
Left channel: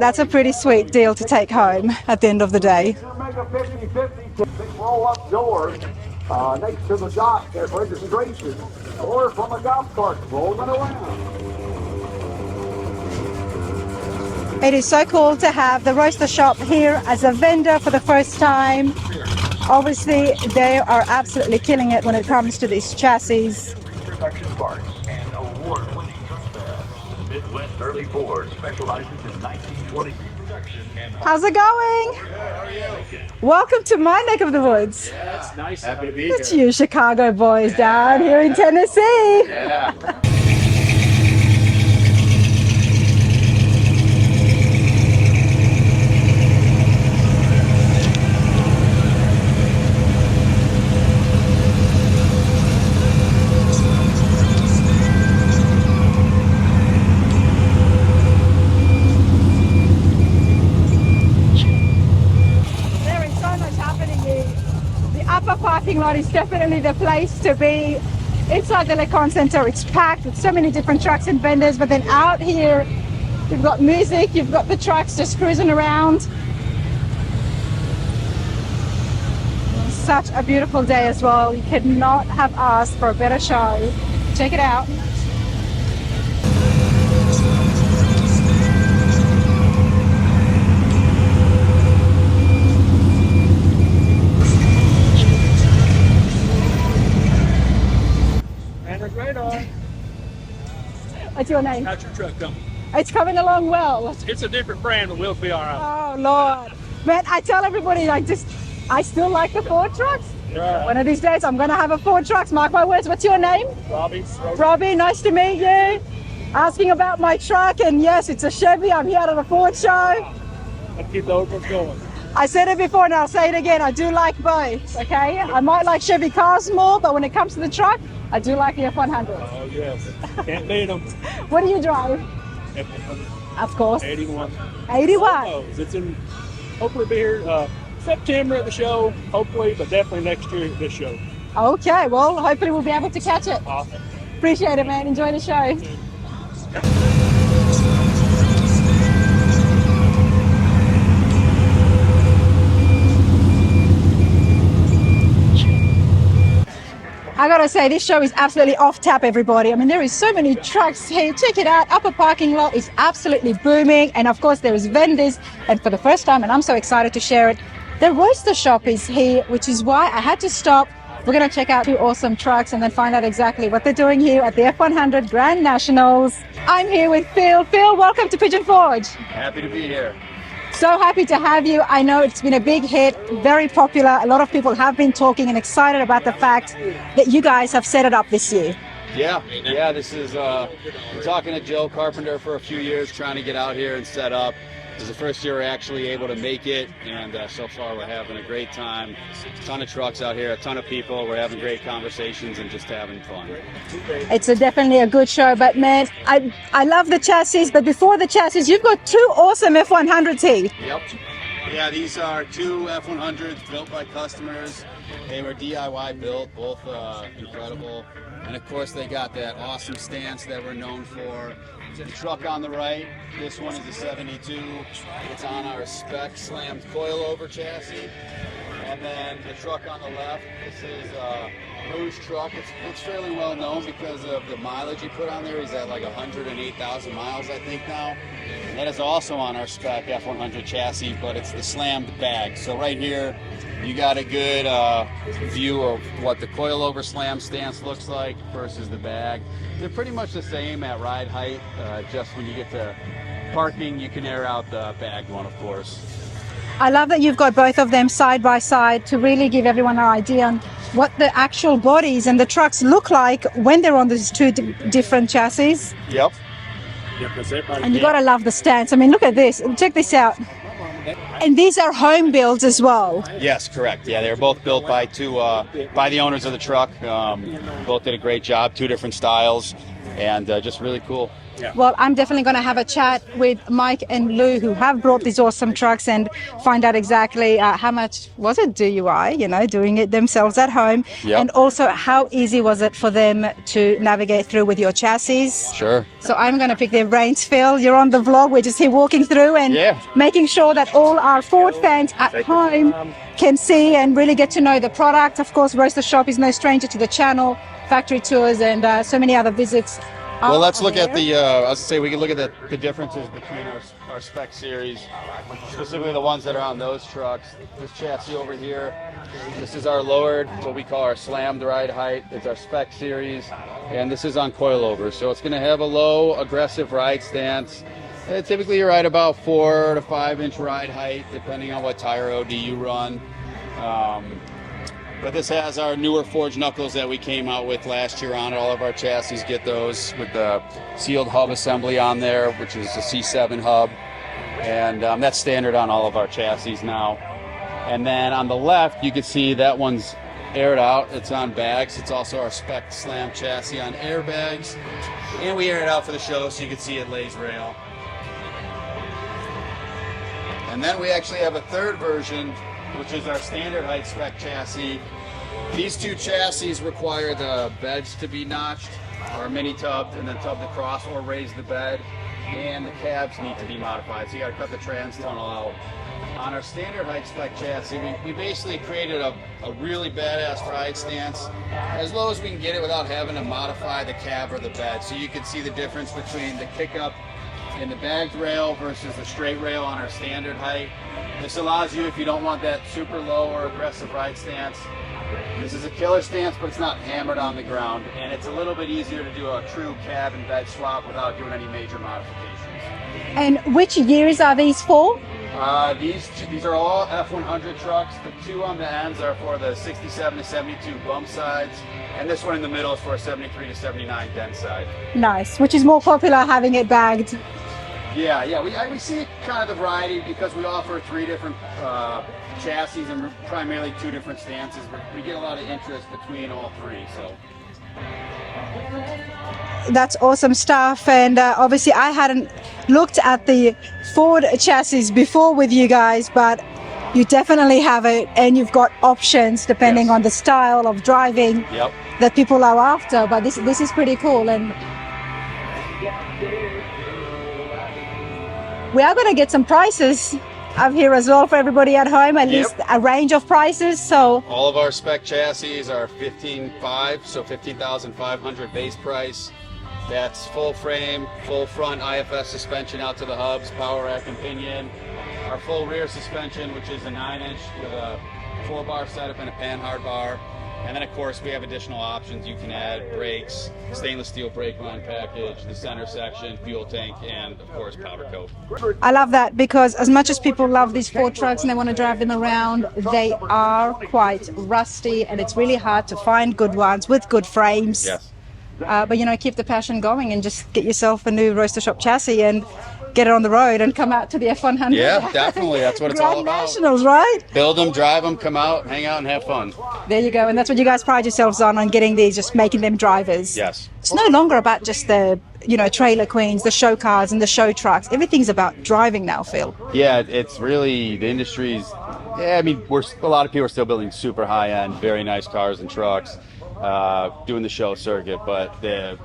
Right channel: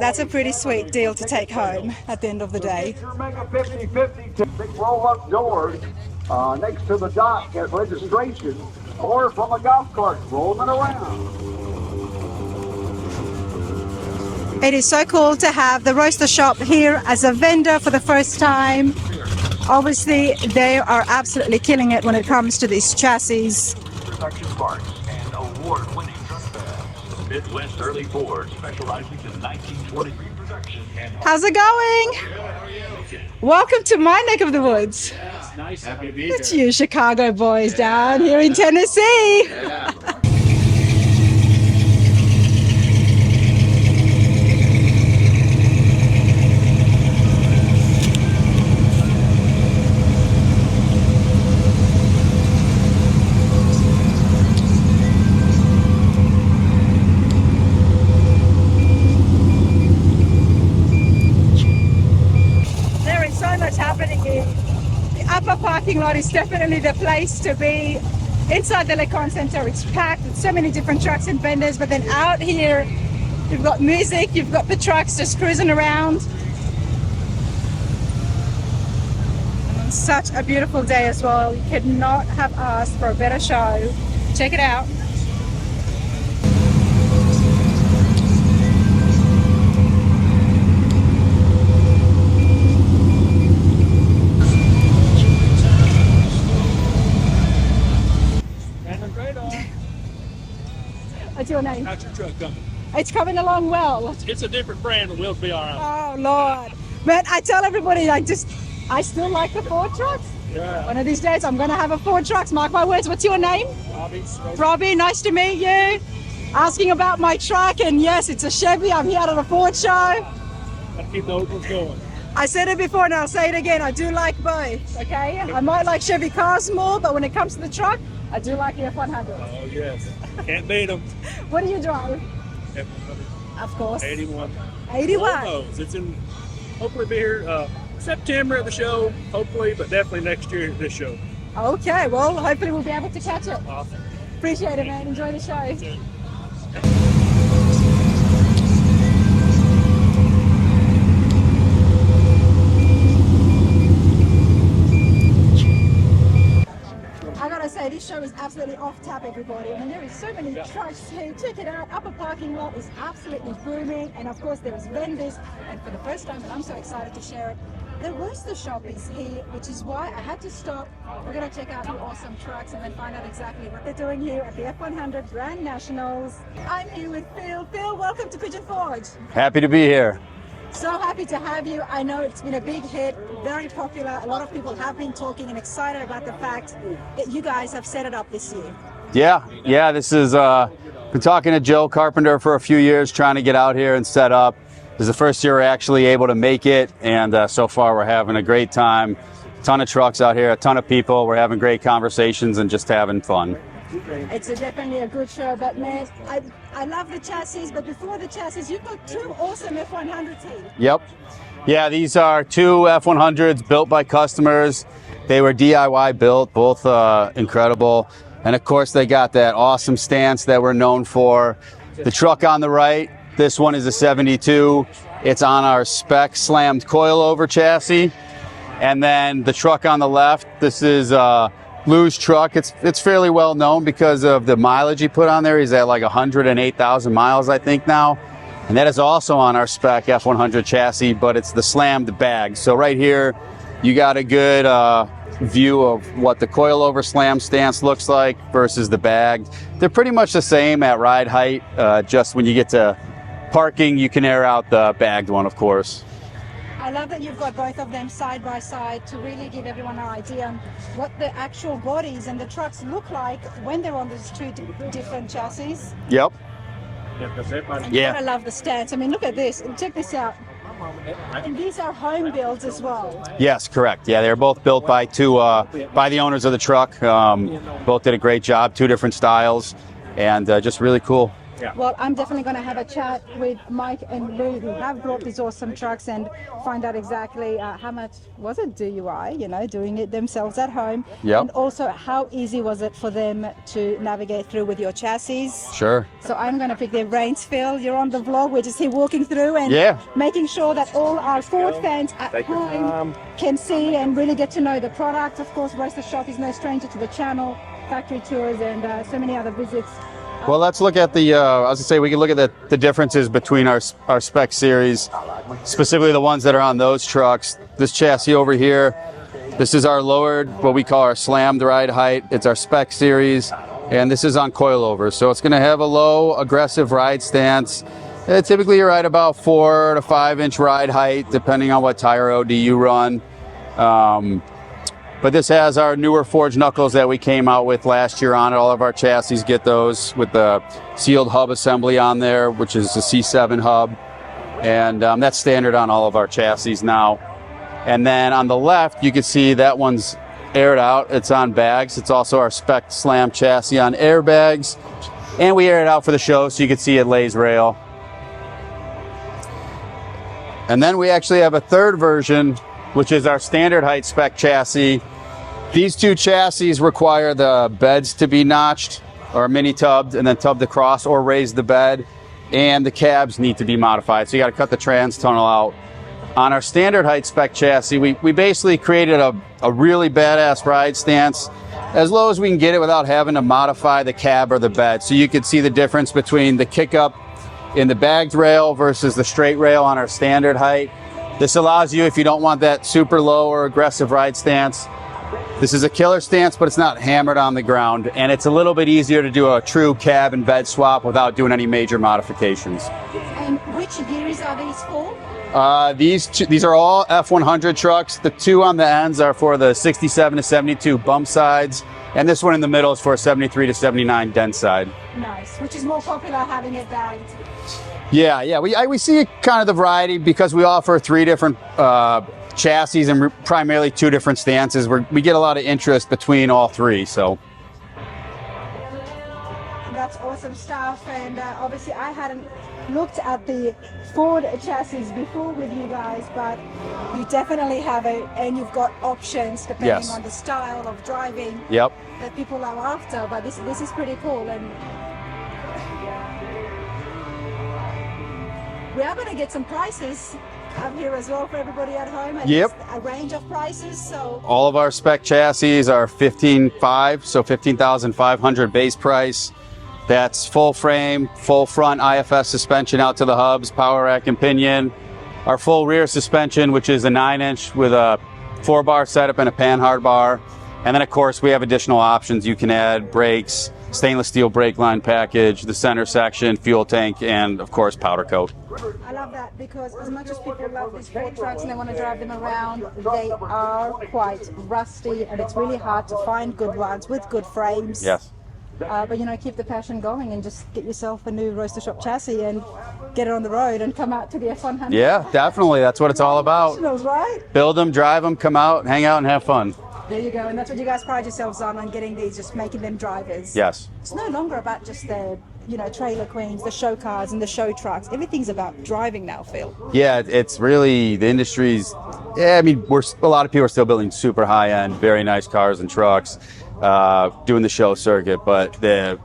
That's a pretty sweet deal to take home at the end of the day. Mega 50-50 big roll-up doors next to the dock at registration, or from a golf cart rolling around. It is so cool to have the Roadster Shop here as a vendor for the first time. Obviously, they are absolutely killing it when it comes to these chassis. Midwest Early Ford specializes in 1920 production. How's it going? Welcome to my neck of the woods. It's nice. Happy to be It's you Chicago boys down here in Tennessee. Yeah. There is so much happening here. The upper parking lot is definitely the place to be. Inside the Conte Centre, it's packed with so many different trucks and vendors, but then out here, you've got music, you've got the trucks just cruising around. And such a beautiful day as well. You could not have asked for a better show. Check it out. What's your name? How's your truck coming? It's coming along well. It's a different brand, but we'll be all right. Oh Lord. But I tell everybody, I still like the Ford trucks. Right. One of these days I'm gonna have a Ford trucks, mark my words. What's your name? Robbie, nice to meet you. Asking about my truck, and yes, it's a Chevy. I'm here at a Ford show. Let's keep those ones going. I said it before and I'll say it again. I do like both, okay? I might like Chevy cars more, but when it comes to the truck, I do like the F100. Oh, yes. Can't beat them. What do you drive? F100. Of course. 81. 81. Almost. It's in, hopefully be here September at the show, hopefully, but definitely next year at this show. Okay, well, hopefully we'll be able to catch it. Awesome. Appreciate it, man. Enjoy the show. I gotta say, this show is absolutely off tap, everybody. I mean, there is so many trucks here. Check it out. Upper parking lot is absolutely booming. And of course, there is vendors. And for the first time, and I'm so excited to share it, the Roadster Shop is here, which is why I had to stop. We're gonna check out two awesome trucks and then find out exactly what they're doing here at the F100 Grand Nationals. I'm here with Phil. Phil, welcome to Pigeon Forge. Happy to be here. So happy to have you. I know it's been a big hit, very popular. A lot of people have been talking and excited about the fact that you guys have set it up this year. Yeah, this is, been talking to Joe Carpenter for a few years, trying to get out here and set up. This is the first year we're actually able to make it, and so far we're having a great time. A ton of trucks out here, a ton of people. We're having great conversations and just having fun. It's definitely a good show, but man, I love the chassis, but before the chassis, you've got two awesome F100s here. Yep. Yeah, these are two F100s built by customers. They were DIY built, both incredible. And of course, they got that awesome stance that we're known for. The truck on the right, this one is a 72. It's on our spec slammed coilover chassis. And then the truck on the left, this is Lou's truck. It's fairly well known because of the mileage he put on there. He's at like 108,000 miles, I think now. And that is also on our spec F100 chassis, but it's the slammed bag. So right here, you got a good view of what the coilover slam stance looks like versus the bag. They're pretty much the same at ride height. Just when you get to parking, you can air out the bagged one, of course. I love that you've got both of them side by side to really give everyone an idea on what the actual bodies and the trucks look like when they're on these two different chassis. Yep. And you gotta love the stance. I mean, look at this. Check this out. And these are home builds as well. Yes, correct. Yeah, they're both built by by the owners of the truck. Both did a great job, 2 different styles, and just really cool. Well, I'm definitely going to have a chat with Mike and Lou, who have brought these awesome trucks, and find out exactly how much was it DUI, you know, doing it themselves at home. Yep. And also how easy was it for them to navigate through with your chassis. Sure. So I'm going to pick their brains, Phil. You're on the vlog. We're just here walking through and making sure that all our Ford fans at home can see and really get to know the product. Of course, Roadster Shop is no stranger to the channel, factory tours, and so many other visits. Well, let's look at the, as I say, we can look at the differences between our spec series, specifically the ones that are on those trucks. This chassis over here, this is our lowered, what we call our slammed ride height. It's our spec series, and this is on coilover. So it's gonna have a low, aggressive ride stance. Typically you're right about 4 to 5 inch ride height, depending on what tire OD you run. But this has our newer forged knuckles that we came out with last year on it. All of our chassis get those with the sealed hub assembly on there, which is a C7 hub. And that's standard on all of our chassis now. And then on the left, you can see that one's aired out. It's on bags. It's also our spec slam chassis on airbags. And we air it out for the show so you can see it lays rail. And then we actually have a third version, which is our standard height spec chassis. These 2 chassis require the beds to be notched or mini tubbed and then tubbed across or raise the bed, and the cabs need to be modified. So you got to cut the trans tunnel out. On our standard height spec chassis, we basically created a really badass ride stance as low as we can get it without having to modify the cab or the bed. So you can see the difference between the kick up in the bagged rail versus the straight rail on our standard height. This allows you, if you don't want that super low or aggressive ride stance, this is a killer stance, but it's not hammered on the ground, and it's a little bit easier to do a true cab and bed swap without doing any major modifications. And which years are these for? These are all F100 trucks. The 2 on the ends are for the 67 to 72 bump sides, and this one in the middle is for a 73 to 79 dent side. Nice, which is more popular, having it bagged. Yeah, we see kind of the variety because we offer 3 different chassis and primarily 2 different stances. We get a lot of interest between all 3, so. That's awesome stuff. And obviously I hadn't looked at the Ford chassis before with you guys, but you definitely have it, and you've got options depending on the style of driving that people are after. But this is pretty cool. And we are going to get some prices up here as well for everybody at home, at least a range of prices. So all of our spec chassis are $15,500, so $15,500 base price. That's full frame, full front IFS suspension out to the hubs, power rack and pinion. Our full rear suspension, which is a 9-inch with a 4-bar setup and a panhard bar. And then of course we have additional options. You can add brakes, stainless steel brake line package, the center section, fuel tank, and of course powder coat. I love that, because as much as people love these Ford trucks and they want to drive them around, they are quite rusty, and it's really hard to find good ones with good frames. Yes. But you know, keep the passion going and just get yourself a new Roadster Shop chassis and get it on the road and come out to the F100. Yeah, definitely. That's what it's all about. Nationals, right? Build them, drive them, come out, hang out, and have fun. There you go. And that's what you guys pride yourselves on getting these, just making them drivers. Yes. It's no longer about just the, you know, trailer queens, the show cars and the show trucks. Everything's about driving now, Phil. Yeah, it's really, the industry's, I mean, a lot of people are still building super high-end, very nice cars and trucks, doing the show circuit, but the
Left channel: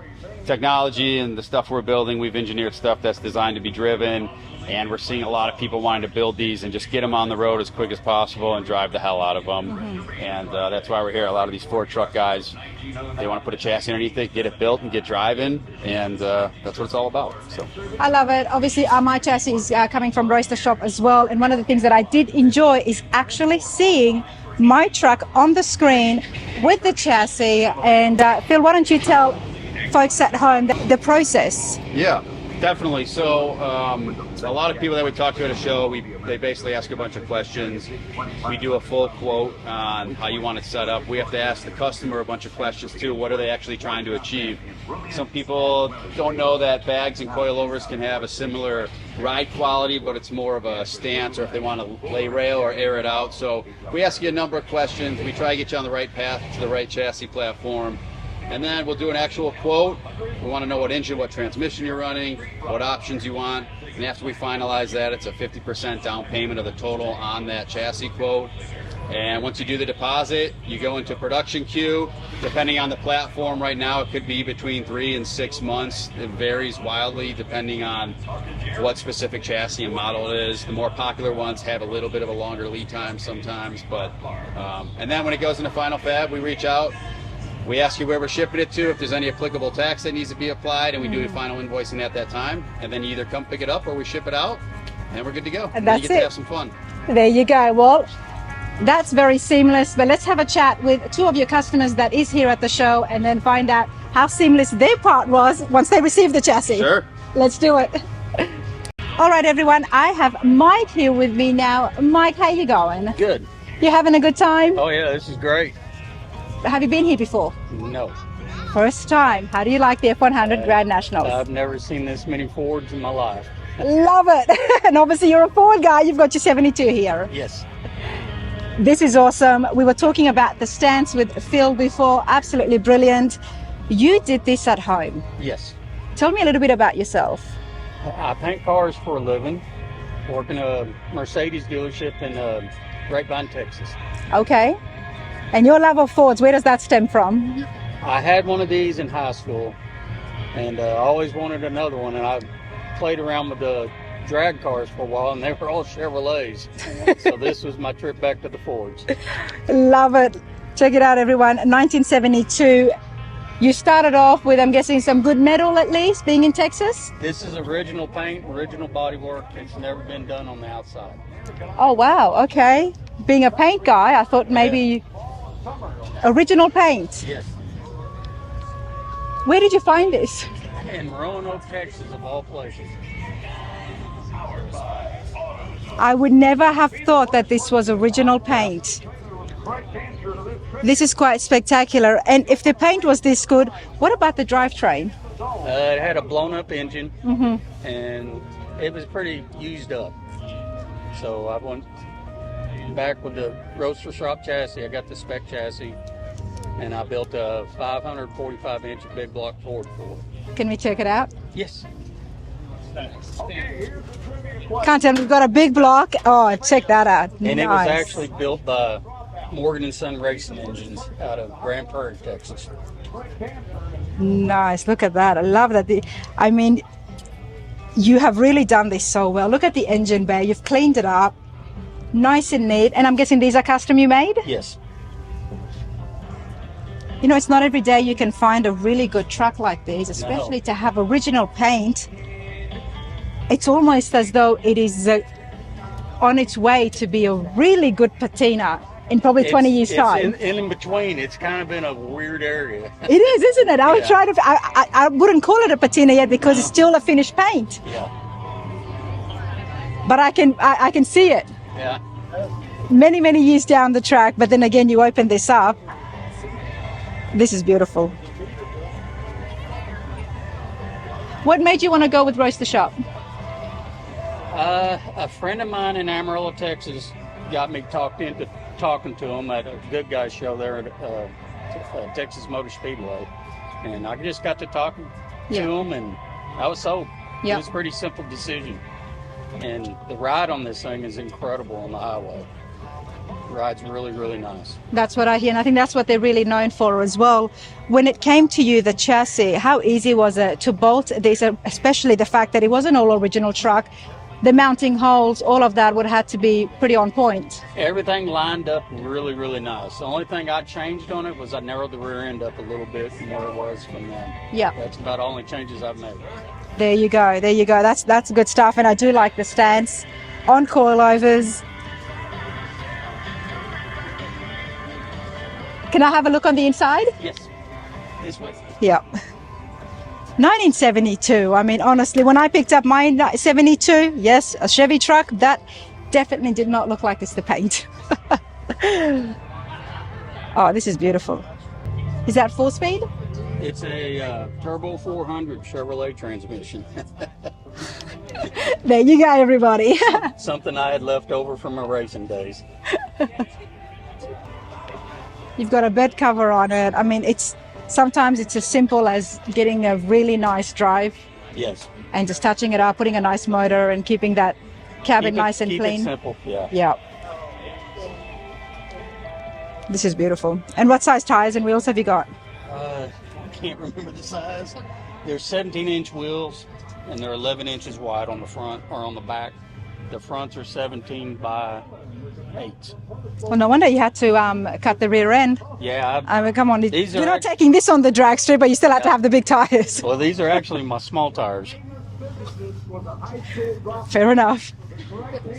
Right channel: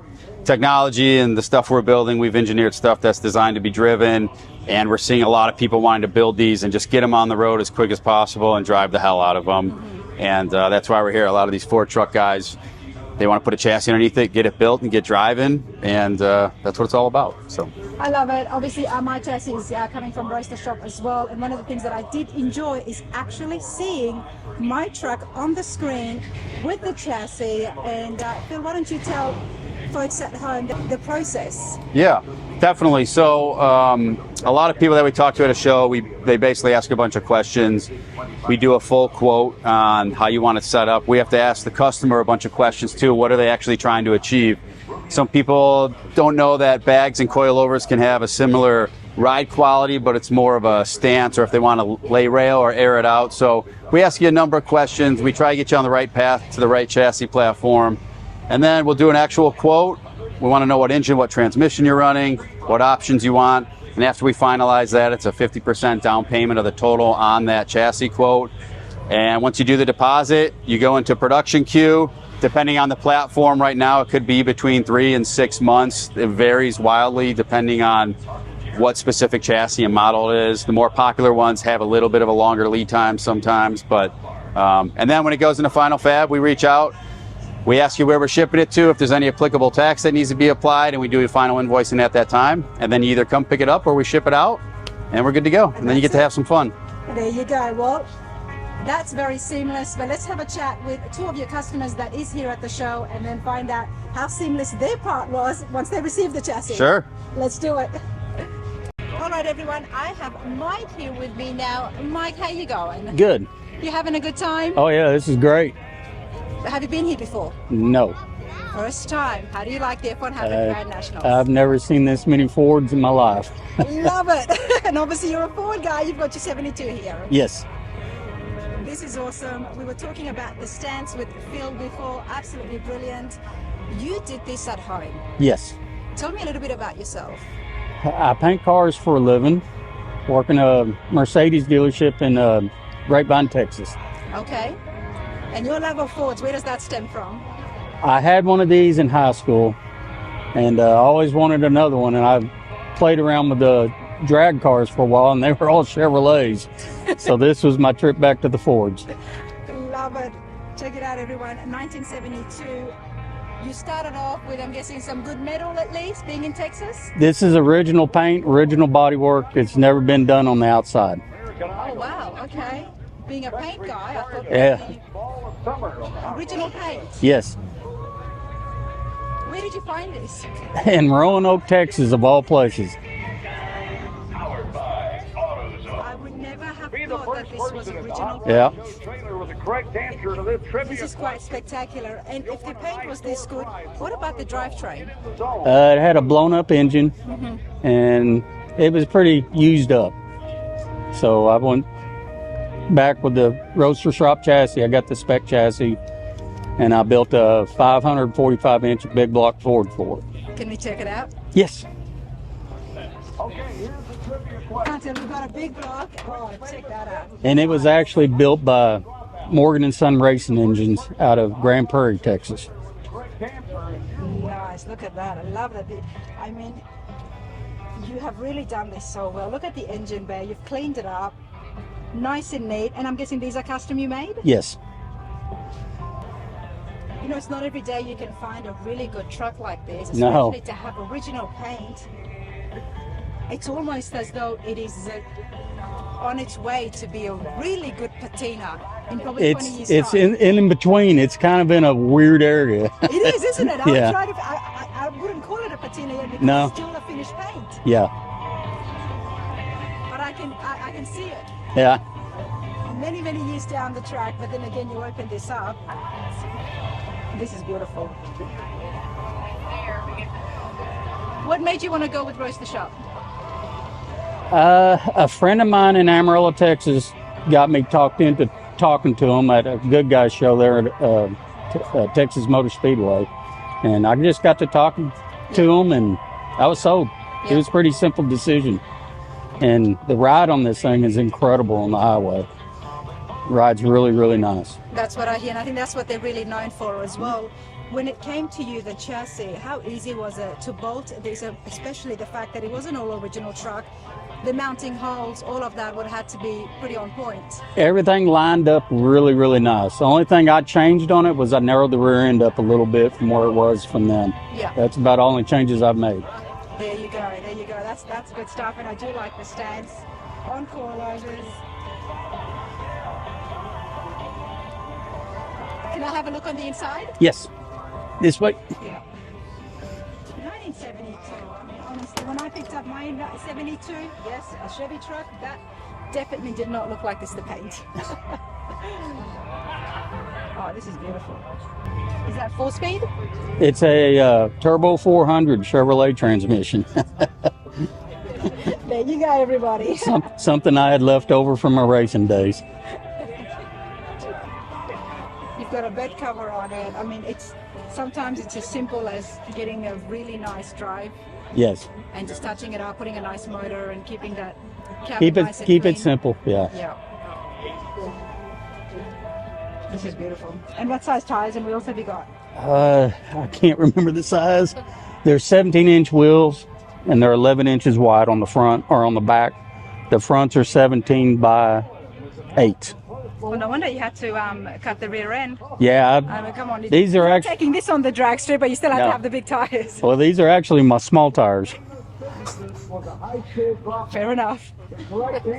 technology and the stuff we're building, we've engineered stuff that's designed to be driven, and we're seeing a lot of people wanting to build these and just get them on the road as quick as possible and drive the hell out of them. And that's why we're here. A lot of these Ford truck guys, they want to put a chassis underneath it, get it built and get driving, and that's what it's all about. So I love it. Obviously my chassis is coming from Roadster Shop as well, and one of the things that I did enjoy is actually seeing my truck on the screen with the chassis. And Phil, why don't you tell folks at home the process? Yeah, definitely. So a lot of people that we talk to at a show, they basically ask a bunch of questions. We do a full quote on how you want it set up. We have to ask the customer a bunch of questions too. What are they actually trying to achieve? Some people don't know that bags and coilovers can have a similar ride quality, but it's more of a stance, or if they want to lay rail or air it out. So we ask you a number of questions. We try to get you on the right path to the right chassis platform. And then we'll do an actual quote. We want to know what engine, what transmission you're running, what options you want. And after we finalize that, it's a 50% down payment of the total on that chassis quote. And once you do the deposit, you go into production queue. Depending on the platform right now, it could be between 3 and 6 months. It varies wildly depending on what specific chassis and model it is. The more popular ones have a little bit of a longer lead time sometimes. But and then when it goes into final fab, we reach out. We ask you where we're shipping it to, if there's any applicable tax that needs to be applied, and we do a final invoicing at that time. And then you either come pick it up or we ship it out, and we're good to go. And then you get to have some fun. There you go. Well, that's very seamless, but let's have a chat with two of your customers that is here at the show and then find out how seamless their part was once they received the chassis. Sure. Let's do it. All right, everyone, I have Mike here with me now. Mike, how you going? Good. You having a good time? Oh yeah, this is great. Have you been here before? No. First time. How do you like the F100 Grand Nationals? I've never seen this many Fords in my life. Love it. And obviously you're a Ford guy. You've got your 72 here. Yes. This is awesome. We were talking about the stance with Phil before. Absolutely brilliant. You did this at home. Yes. Tell me a little bit about yourself. I paint cars for a living. Work in a Mercedes dealership in Grapevine, Texas. Okay. And your love of Fords, where does that stem from? I had one of these in high school, and I always wanted another one, and I played around with the drag cars for a while, and they were all Chevrolets. So this was my trip back to the Fords. Love it. Check it out, everyone. 1972. You started off with, I'm guessing, some good metal at least, being in Texas? This is original paint, original bodywork. It's never been done on the outside. Oh, wow. Okay. Being a paint guy, I thought maybe original paint. Yes. Where did you find this? In Roanoke, Texas, of all places. I would never have thought that this was original paint. This is quite spectacular. And if the paint was this good, what about the drivetrain? It had a blown up engine, and it was pretty used up. So I went back with the Roadster Shop chassis. I got the spec chassis, and I built a 545-inch big block Ford for it. Can we check it out? Yes. Can't tell, we've got a big block. Oh, check that out. And nice. it was actually built by Morgan & Son Racing Engines out of Grand Prairie, Texas. Nice. Look at that. I love that. I mean, you have really done this so well. Look at the engine bay. You've cleaned it up. Nice and neat. And I'm guessing these are custom you made? Yes. You know, it's not every day you can find a really good truck like this, especially to have original paint. It's almost as though it is on its way to be a really good patina in probably 20 years' time. It's in between. It's kind of in a weird area. It is, isn't it? I would Yeah. try to. I wouldn't call it a patina yet because it's still a finished paint. Yeah. But I can see it Yeah. many years down the track. But then again, you open this up. This is beautiful. What made you want to go with Roadster Shop? A friend of mine in Amarillo, Texas, got me talked into talking to him at a Good Guys show there at Texas Motor Speedway, and I just got to talking to him, and I was sold. It was a pretty simple decision, and the ride on this thing is incredible on the highway. The ride's really nice. That's what I hear, and I think that's what they're really known for as well. When it came to you, the chassis, how easy was it to bolt this, especially the fact that it was an all original truck? The mounting holes, all of that would have to be pretty on point. Everything lined up really nice. The only thing I changed on it was I narrowed the rear end up a little bit from where it was from then. Yeah. That's about the only changes I've made. There you go. There you go. That's good stuff. And I do like the stance on coilovers. Can I have a look on the inside? Yes. This way. Yeah. 1972. I mean, honestly, when I picked up my 72, yes, a Chevy truck, that definitely did not look like this, the paint. Oh, this is beautiful. Is that 4-speed? It's a turbo 400 Chevrolet transmission. There you go, everybody. Something I had left over from my racing days. You've got a bed cover on it. I mean, sometimes it's as simple as getting a really nice drive Yes. and just touching it up, putting a nice motor and keeping that cabin nice and keep clean. it simple, yeah. Yeah. This is beautiful. And what size tires and wheels have you got? I can't remember the size. They're 17-inch wheels, and they're 11 inches wide on the front or on the back. The fronts are 17 by 8. Well, no wonder you had to cut the rear end. Yeah. I mean, come on. These You're are not taking this on the drag strip, but you still have to No. have the big tires. Well, these are actually my small tires. Fair enough.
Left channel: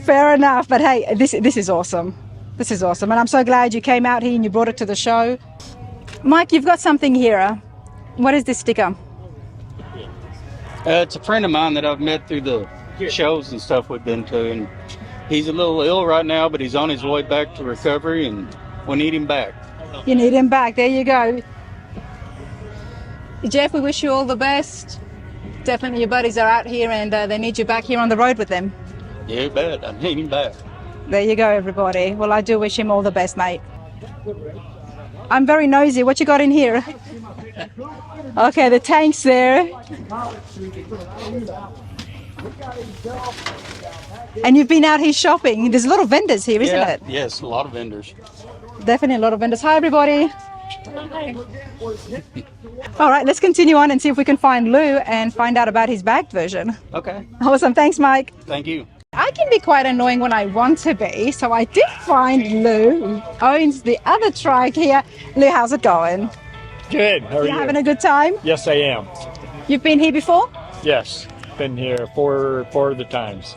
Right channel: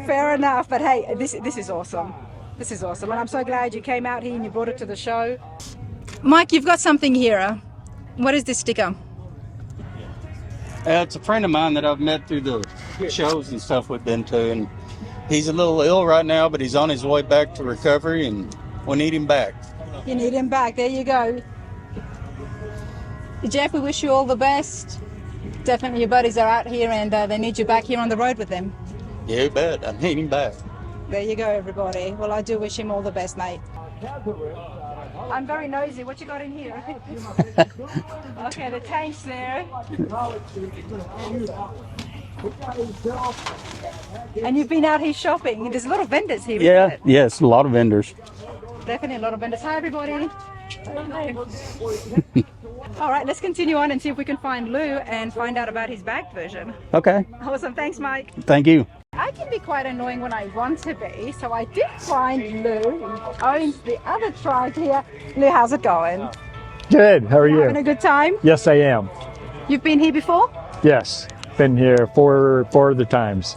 Fair enough. But hey, this is awesome. This is awesome. And I'm so glad you came out here and you brought it to the show. Mike, you've got something here. What is this sticker? It's a friend of mine that I've met through the shows and stuff we've been to, and he's a little ill right now, but he's on his way back to recovery, and we need him back. You need him back. There you go. Jeff, we wish you all the best. Definitely your buddies are out here and they need you back here on the road with them. Yeah, you bet. I need him back. There you go, everybody. Well, I do wish him all the best, mate. I'm very nosy. What you got in here? Okay, the tank's there. And you've been out here shopping. There's a lot of vendors here, isn't it? Yes, a lot of vendors. Definitely a lot of vendors. Hi, everybody. All right, let's continue on and see if we can find Lou and find out about his bagged version. Okay. Awesome. Thanks, Mike. Thank you. I can be quite annoying when I want to be, so I did find Lou, who owns the other truck here. Lou, how's it going? Good. How are you? Having a good time? Yes, I am. You've been here before? Yes, been here four of the times.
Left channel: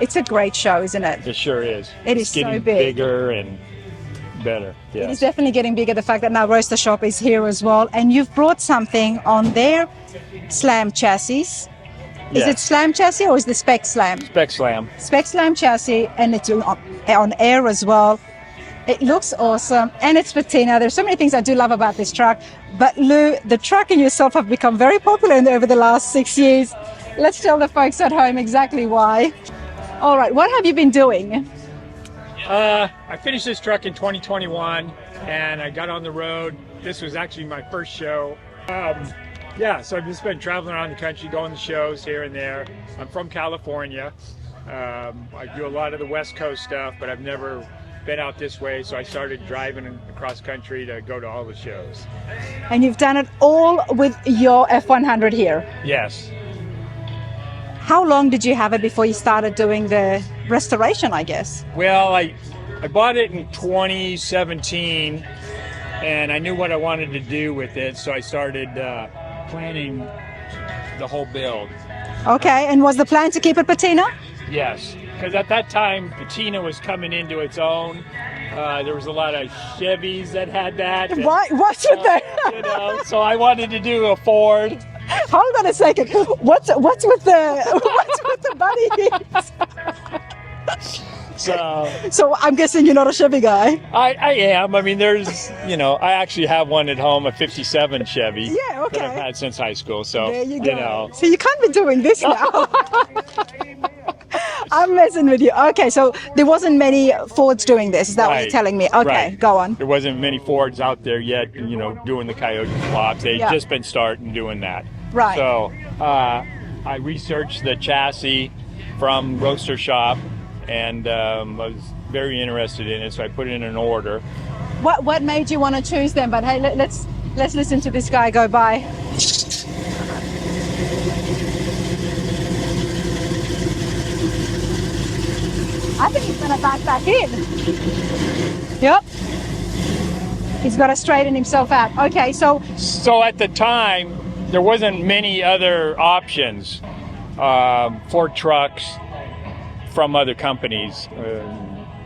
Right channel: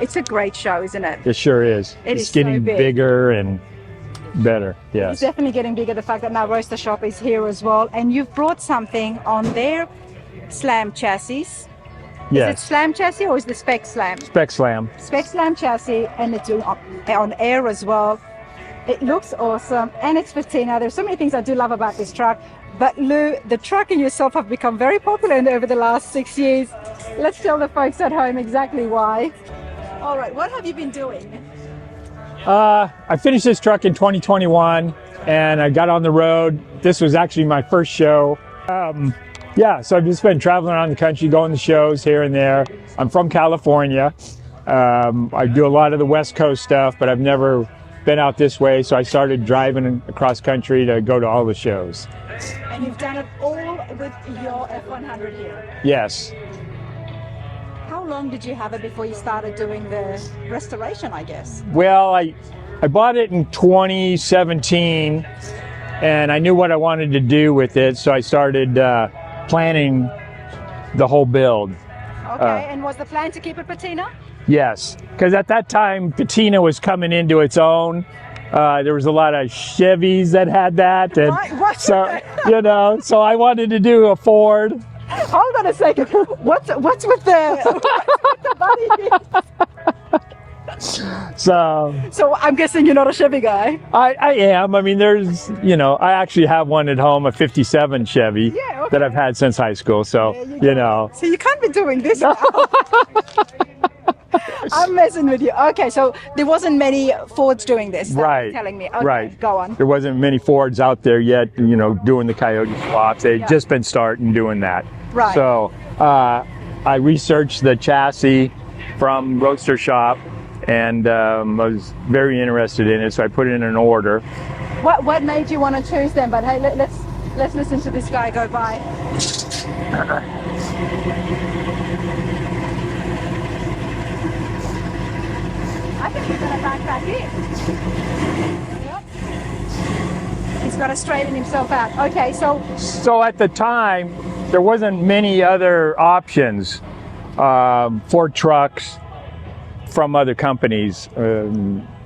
It's a great show, isn't it? It sure is. It It's is so getting big. bigger and better. It's Yes. definitely getting bigger. The fact that now Roadster Shop is here as well, and you've brought something on their Slam chassis. Is Yes. it Slam chassis or is the Spec Slam? Spec Slam. Spec Slam chassis, and it's on air as well. It looks awesome, and it's patina. There's so many things I do love about this truck. But Lou, the truck and yourself have become very popular over the last 6 years. Let's tell the folks at home exactly why. All right, what have you been doing? I finished this truck in 2021, and I got on the road. This was actually my first show. Yeah, so I've just been traveling around the country, going to shows here and there. I'm from California. I do a lot of the West Coast stuff, but I've never been out this way, so I started driving across country to go to all the shows. And you've done it all with your F100 here. Yes. How long did you have it before you started doing the restoration, I guess? Well, I bought it in 2017, and I knew what I wanted to do with it, so I started planning the whole build. Okay, and was the plan to keep it patina? Yes, because at that time, patina was coming into its own. There was a lot of Chevys that had that. And What's so, with you know, so I wanted to do a Ford. Hold on a second. What's with the body? So I'm guessing you're not a Chevy guy. I am. I mean, there's, you know, I actually have one at home, a 57 Chevy Yeah, okay. that I've had since high school. So, There you go. know. So you can't be doing this now. I'm messing with you. Okay, so there wasn't many Fords doing this. Is that what you're telling me? Okay, right. go on. There wasn't many Fords out there yet, you know, doing the Coyote swaps. They'd Yeah. just been starting doing that. Right. So I researched the chassis from Roadster Shop, and I was very interested in it, so I put in an order. What made you want to choose them? But hey, let's listen to this guy go by. I think he's gonna back that in. Yep. He's got to straighten himself out. Okay, so at the time, there wasn't many other options for trucks from other companies.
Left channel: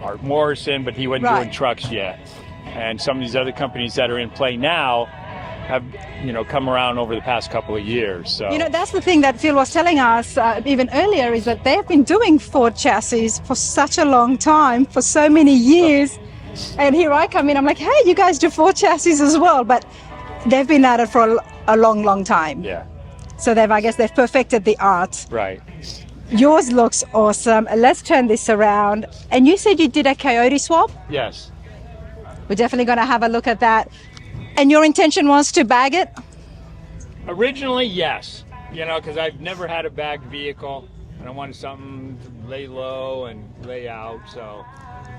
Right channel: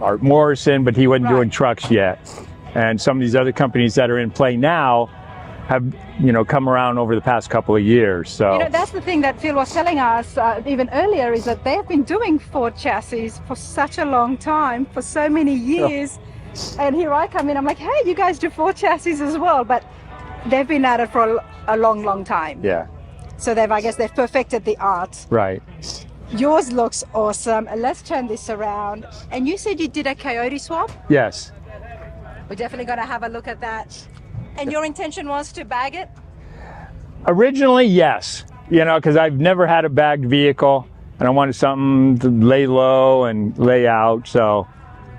Art Morrison, but he wasn't Right. doing trucks yet. And some of these other companies that are in play now have, you know, come around over the past couple of years. So you know, that's the thing that Phil was telling us even earlier, is that they've been doing Ford chassis for such a long time, for so many years. And here I come in, I'm like, hey, you guys do Ford chassis as well. But they've been at it for a long, long time. Yeah, So I guess they've perfected the art. right. Yours looks awesome. Let's turn this around. And you said you did a coyote swap? Yes. We're definitely going to have a look at that. And your intention was to bag it? Originally, yes. You know, because I've never had a bagged vehicle, and I wanted something to lay low and lay out, so.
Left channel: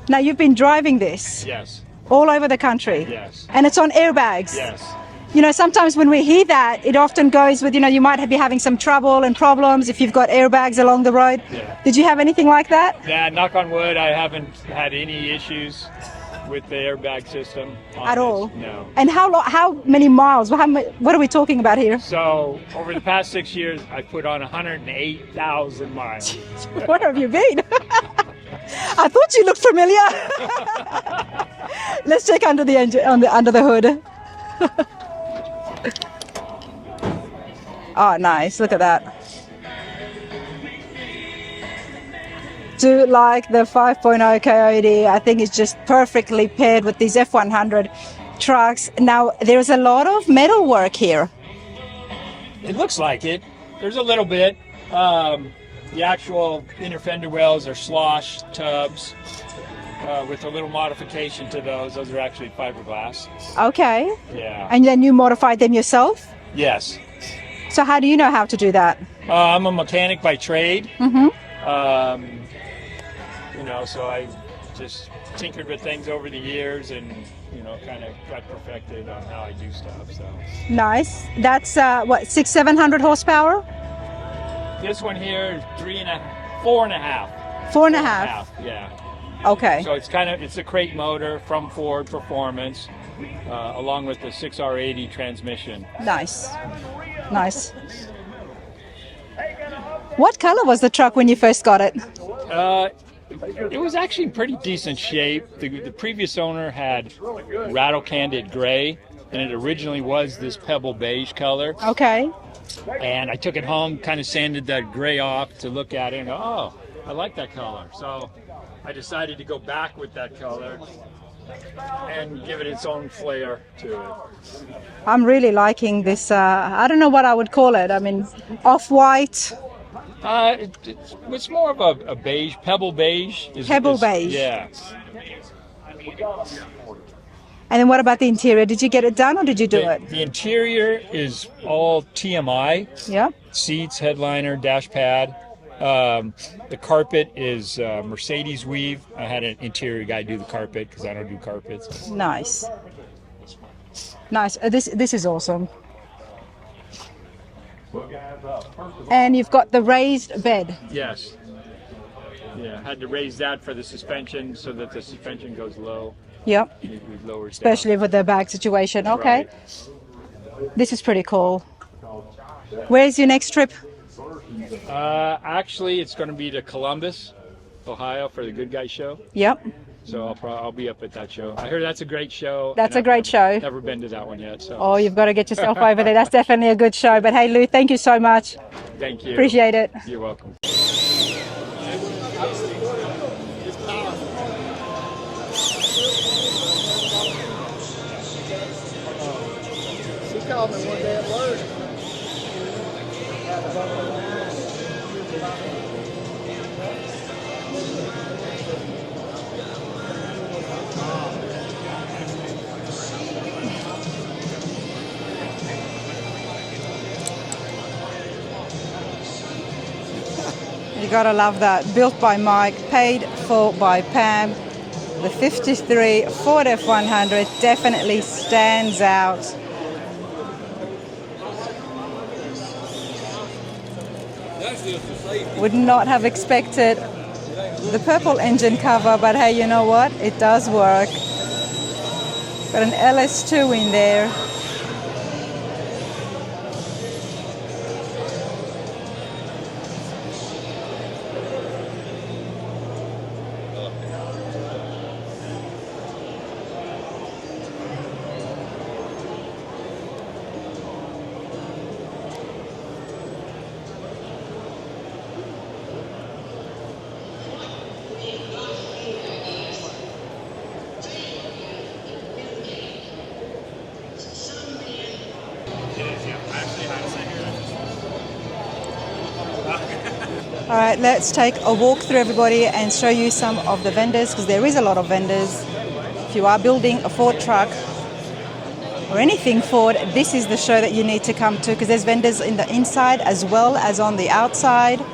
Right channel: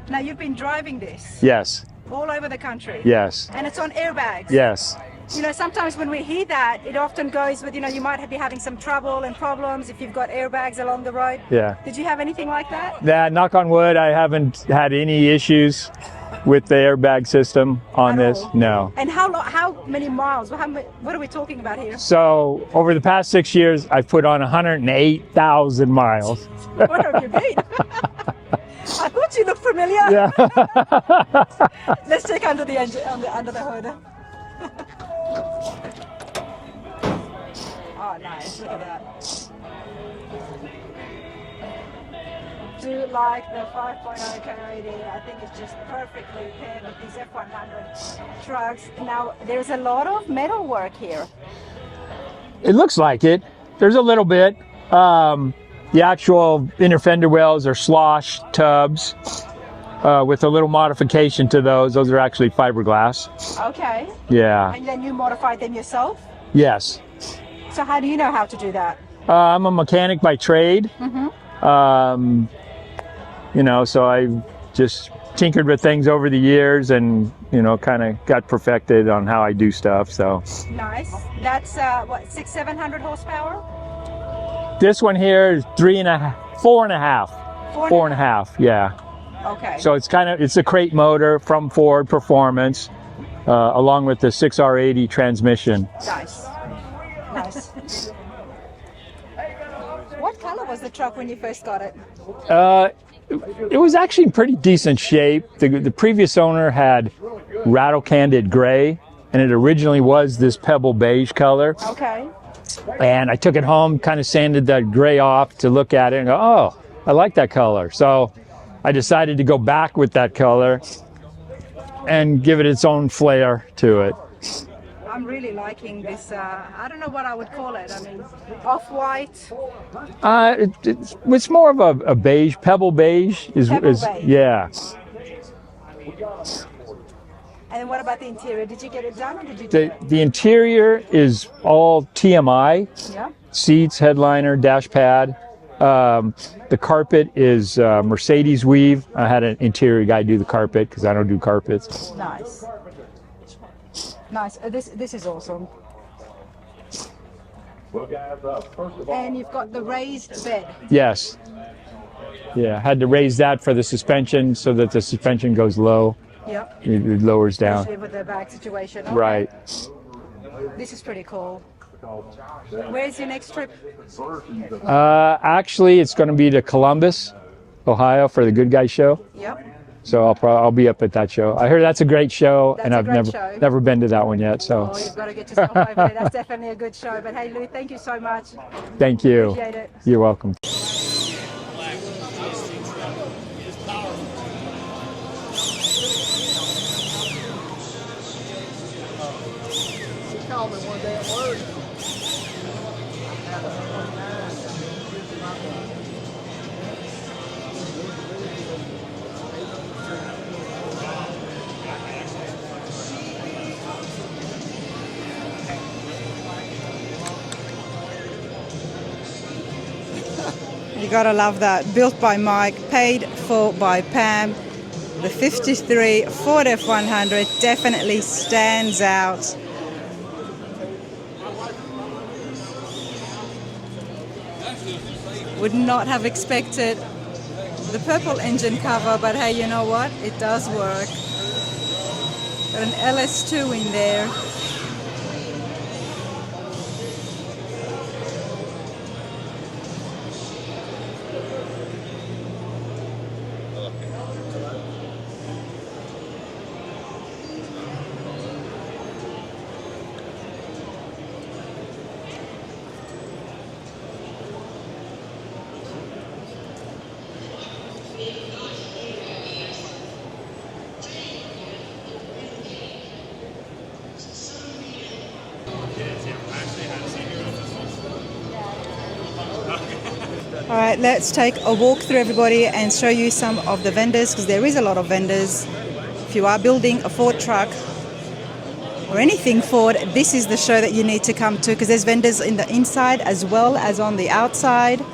Now, you've been driving this? Yes. All over the country? Yes. And it's on airbags? Yes. You know, sometimes when we hear that, it often goes with, you know, you might be having some trouble and problems if you've got airbags along the road. Yeah. Did you have anything like that? Yeah, knock on wood, I haven't had any issues with the airbag system on At this. all? No. And how many miles? What are we talking about here? So over the past 6 years, I've put on 108,000 miles. Where have you been? I thought you looked familiar. Yeah. Let's check under the engine, under the hood. Oh, nice. Look at that. Do like the 5.0 Coyote. I think it's just perfectly paired with these F100 trucks. Now, there's a lot of metal work here. It looks like it. There's a little bit. The actual inner fender wells are slosh tubs with a little modification to those. Those are actually fiberglass. Okay. Yeah. And then you modified them yourself? Yes. So how do you know how to do that? I'm a mechanic by trade. Mm-hmm. You know, so I just tinkered with things over the years and, you know, kind of got perfected on how I do stuff, so. Nice. That's what, 700 horsepower? This one here is 4.5. 4.5. Yeah. Okay. So it's a crate motor from Ford Performance, along with the 6R80 transmission. Nice. Nice. What color was the truck when you first got it? It was actually in pretty decent shape. The previous owner had rattle candid gray, and it originally was this pebble beige color. Okay. And I took it home, kind of sanded that gray off to look at it and go, oh, I like that color. So I decided to go back with that color and give it its own flair to it. I'm really liking this, I don't know what I would call it. I mean, off-white. It's more of a beige, pebble beige. Pebble beige. Yeah. And then what about the interior? Did you get it done or did you do it? The interior is all TMI. Yeah. Seats, headliner, dash pad. The carpet is Mercedes weave. I had an interior guy do the carpet because I don't do carpets. Nice. Nice. This is awesome. And you've got the raised bed. Yes. Yeah, had to raise that for the suspension so that the suspension goes low. Yep. It lowers down. Especially with the bag situation. Okay. Right. This is pretty cool. Where's your next trip? Actually, it's going to be to Columbus, Ohio for the Good Guys show. Yep. So I'll be up at that show. I heard that's a great show. That's a great show. Never been to that one yet. So. Oh, you've got to get yourself over there. That's definitely a good show. But hey, Lou, thank you so much. Thank you. Appreciate it. You're welcome. She called me one day at work. You gotta love that. Built by Mike, paid for by Pam. The 53 Ford F100 definitely stands out. Would not have expected the purple engine cover, but hey, you know what? It does work. Got an LS2 in there. All right, let's take a walk through, everybody, and show you some of the vendors, because there is a lot of vendors. If you are building a Ford truck or anything Ford, this is the show that you need to come to, because there's vendors in the inside as well as on the outside.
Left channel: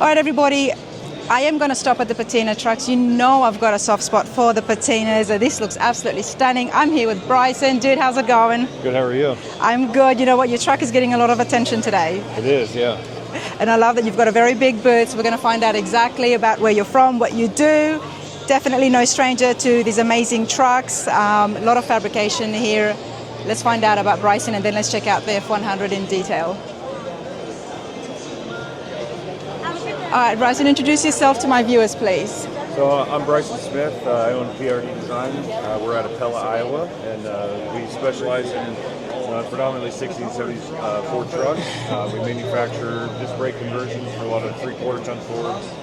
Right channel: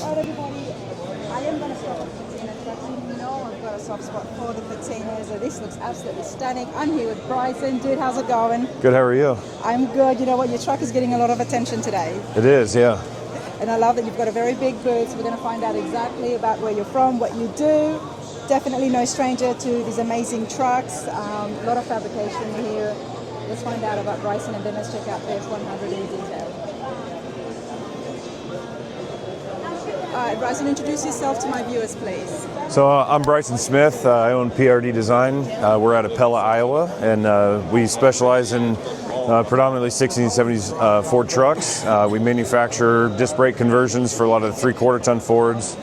All right, everybody, I am going to stop at the patina trucks. You know I've got a soft spot for the patinas. This looks absolutely stunning. I'm here with Bryson. Dude, how's it going? Good, how are you? I'm good. You know what? Your truck is getting a lot of attention today. It is, yeah. And I love that you've got a very big booth. So we're going to find out exactly about where you're from, what you do. Definitely no stranger to these amazing trucks. A lot of fabrication here. Let's find out about Bryson, and then let's check out the F100 in detail. All right, Bryson, introduce yourself to my viewers, please. So I'm Bryson Smith. I own PRD Design. We're out of Pella, Iowa, and we specialize in predominantly 60s and 70s Ford trucks. We manufacture disc brake conversions for a lot of 3/4 ton Fords.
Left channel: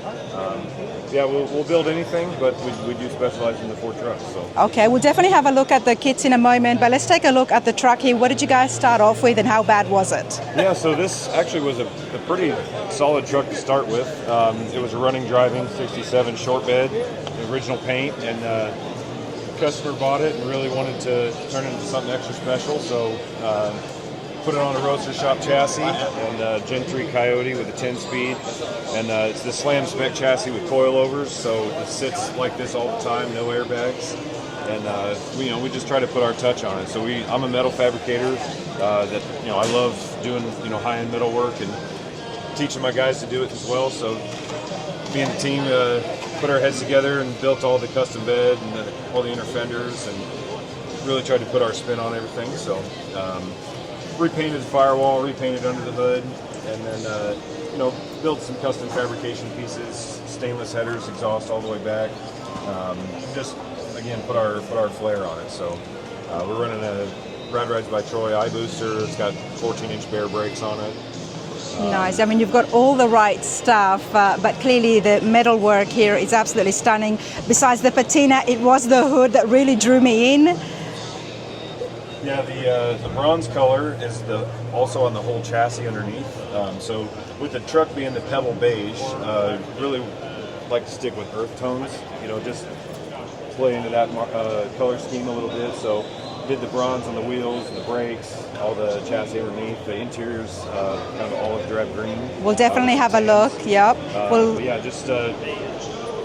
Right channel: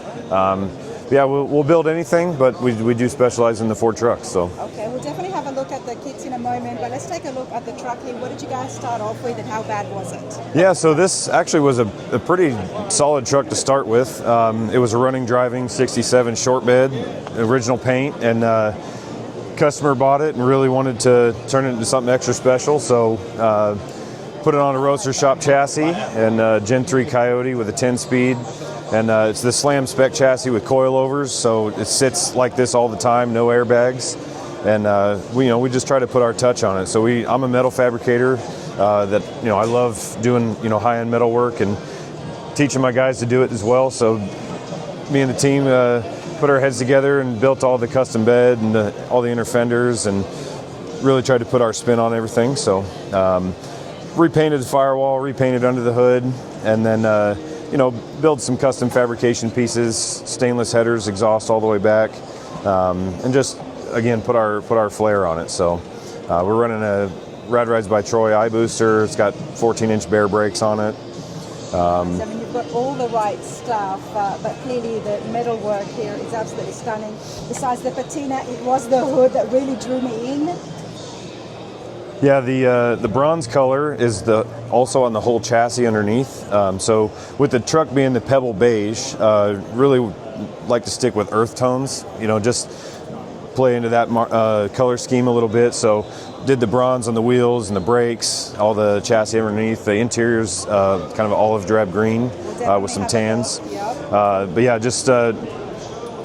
Yeah, we'll build anything, but we do specialize in the Ford trucks. So. Okay, we'll definitely have a look at the kits in a moment, but let's take a look at the truck here. What did you guys start off with, and how bad was it? Yeah, so this actually was a pretty solid truck to start with. It was a running driving 67 short bed, original paint, and customer bought it and really wanted to turn it into something extra special, so put it on a Roadster Shop chassis and Gen 3 Coyote with a 10-speed. And it's the slam spec chassis with coilovers, so it sits like this all the time, no airbags. And we just try to put our touch on it. So I'm a metal fabricator that I love doing high-end metal work and teaching my guys to do it as well. So me and the team put our heads together and built all the custom bed and all the inner fenders and really tried to put our spin on everything. So repainted the firewall, repainted under the hood, and then build some custom fabrication pieces, stainless headers, exhaust all the way back, and just again put our flair on it. So we're running a Rad Rides by Troy eye booster. It's got 14-inch bare brakes on it. Nice. I mean, you've got all the right stuff, but clearly the metal work here is absolutely stunning. Besides the patina, it was the hood that really drew me in. Yeah, the bronze color is also on the whole chassis underneath. So with the truck being the pebble beige, really like to stick with earth tones. Just play into that color scheme a little bit. So did the bronze on the wheels and the brakes, all the chassis underneath. The interior's kind of olive drab green. We'll definitely have a look. Yep. But yeah, just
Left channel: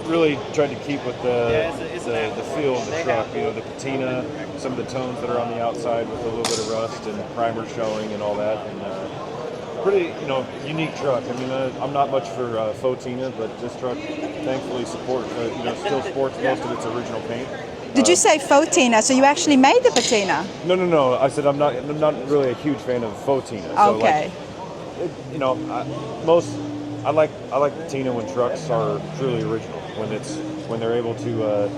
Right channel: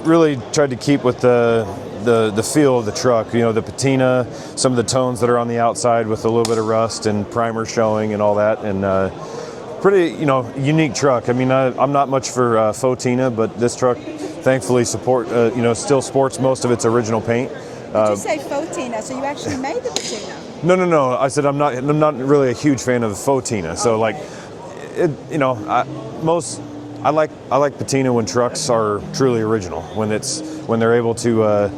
really tried to keep with the feel of the truck, the patina, some of the tones that are on the outside with a little bit of rust and primer showing and all that, and pretty, unique truck. I mean, I'm not much for fauxtina, but this truck, thankfully, still sports most of its original paint. Did you say fauxtina? So you actually made the patina? No. I said I'm not really a huge fan of fauxtina. So okay. I like patina when trucks are truly original, when they're able to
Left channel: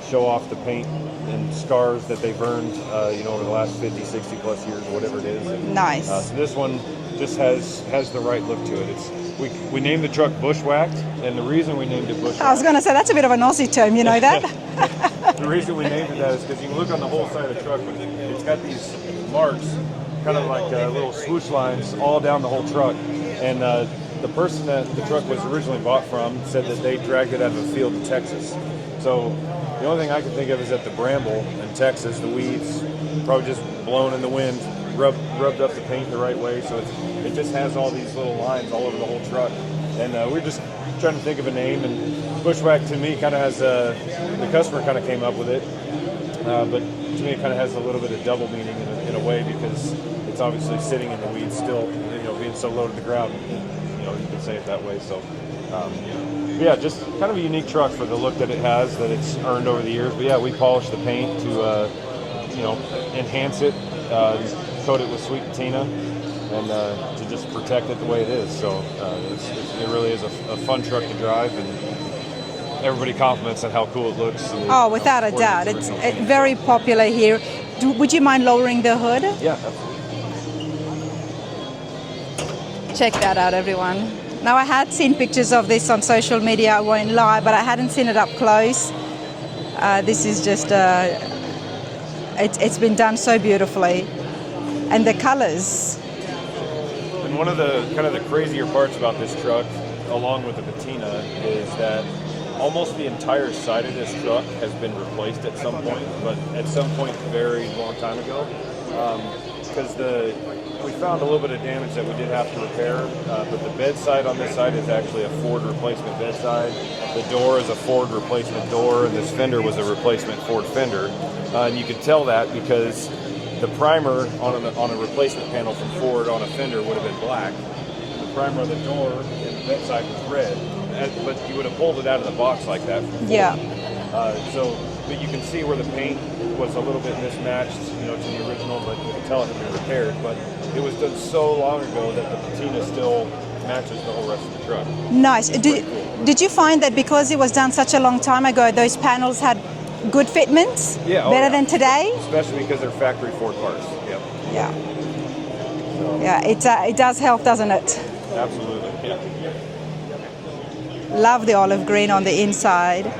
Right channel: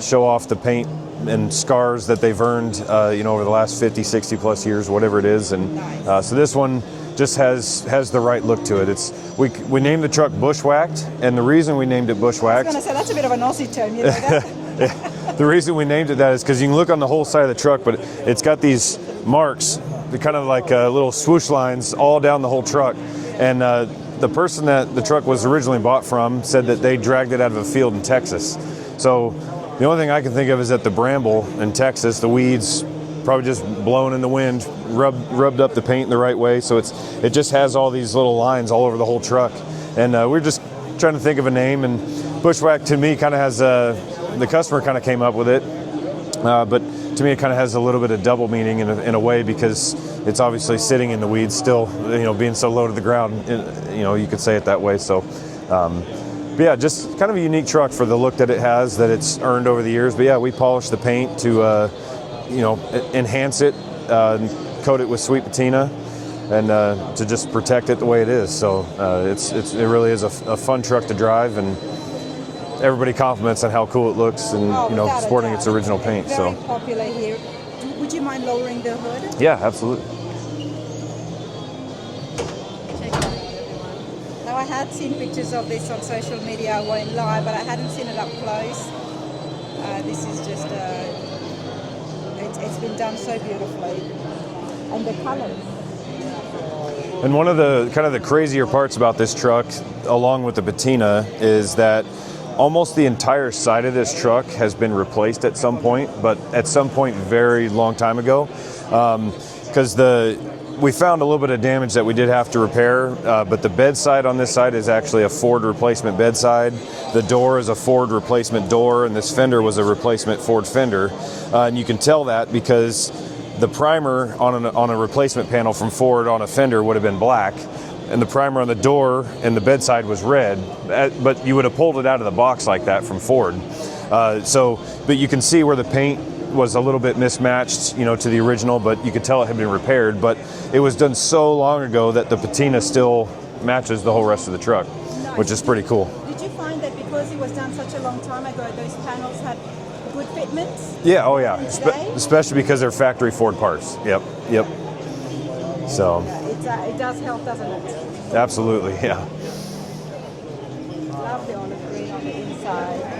show off the paint and scars that they've earned over the last 50, 60 plus years, whatever it is. And nice. So this one just has the right look to it. We named the truck Bushwacked, and the reason we named it Bushwacked, I was going to say, that's a bit of an Aussie term, you know that? The reason we named it that is because you can look on the whole side of the truck, but it's got these marks, they're kind of like little swoosh lines all down the whole truck. And the person that the truck was originally bought from said that they dragged it out of a field in Texas. So the only thing I can think of is that the bramble in Texas, the weeds probably just blown in the wind, rubbed up the paint the right way. So it just has all these little lines all over the whole truck. And we're just trying to think of a name, and Bushwack to me kind of has the customer kind of came up with it, but to me it kind of has a little bit of double meaning in a way, because it's obviously sitting in the weeds still, being so low to the ground, you could say it that way. So, but yeah, just kind of a unique truck for the look that it has, that it's earned over the years. But yeah, we polished the paint to, enhance it, coat it with sweet patina, and to just protect it the way it is. So it really is a fun truck to drive, and everybody compliments on how cool it looks, and without a sporting doubt, its original paint. It's very popular here. Would you mind lowering the hood? Yeah, absolutely. Check that out, everyone. Now, I had seen pictures of this on social media, I won't lie, but I hadn't seen it up close. This is just, it's been done so beautifully. And the colors. And one of the kind of the crazier parts about this truck, along with the patina, is that almost the entire side of this truck has been replaced at some point, but at some point very long time ago. Because we found a little bit of damage that we did have to repair, but the bedside on this side is actually a Ford replacement bedside. The door is a Ford replacement door, and this fender was a replacement Ford fender. And you can tell that because the primer on a replacement panel from Ford on a fender would have been black, and the primer on the door and the bedside was red, but you would have pulled it out of the box like that from Ford. Yeah. But you can see where the paint was a little bit mismatched, to the original, but you could tell it had been repaired. But it was done so long ago that the patina still matches the whole rest of the truck. Nice. Which is pretty cool. Did you find that because it was done such a long time ago, those panels had good fitments? Yeah, better than today? Especially because they're factory Ford parts. Yep. Yeah. So. Yeah, it does help, doesn't it? Absolutely, yeah. Love the olive green on the inside.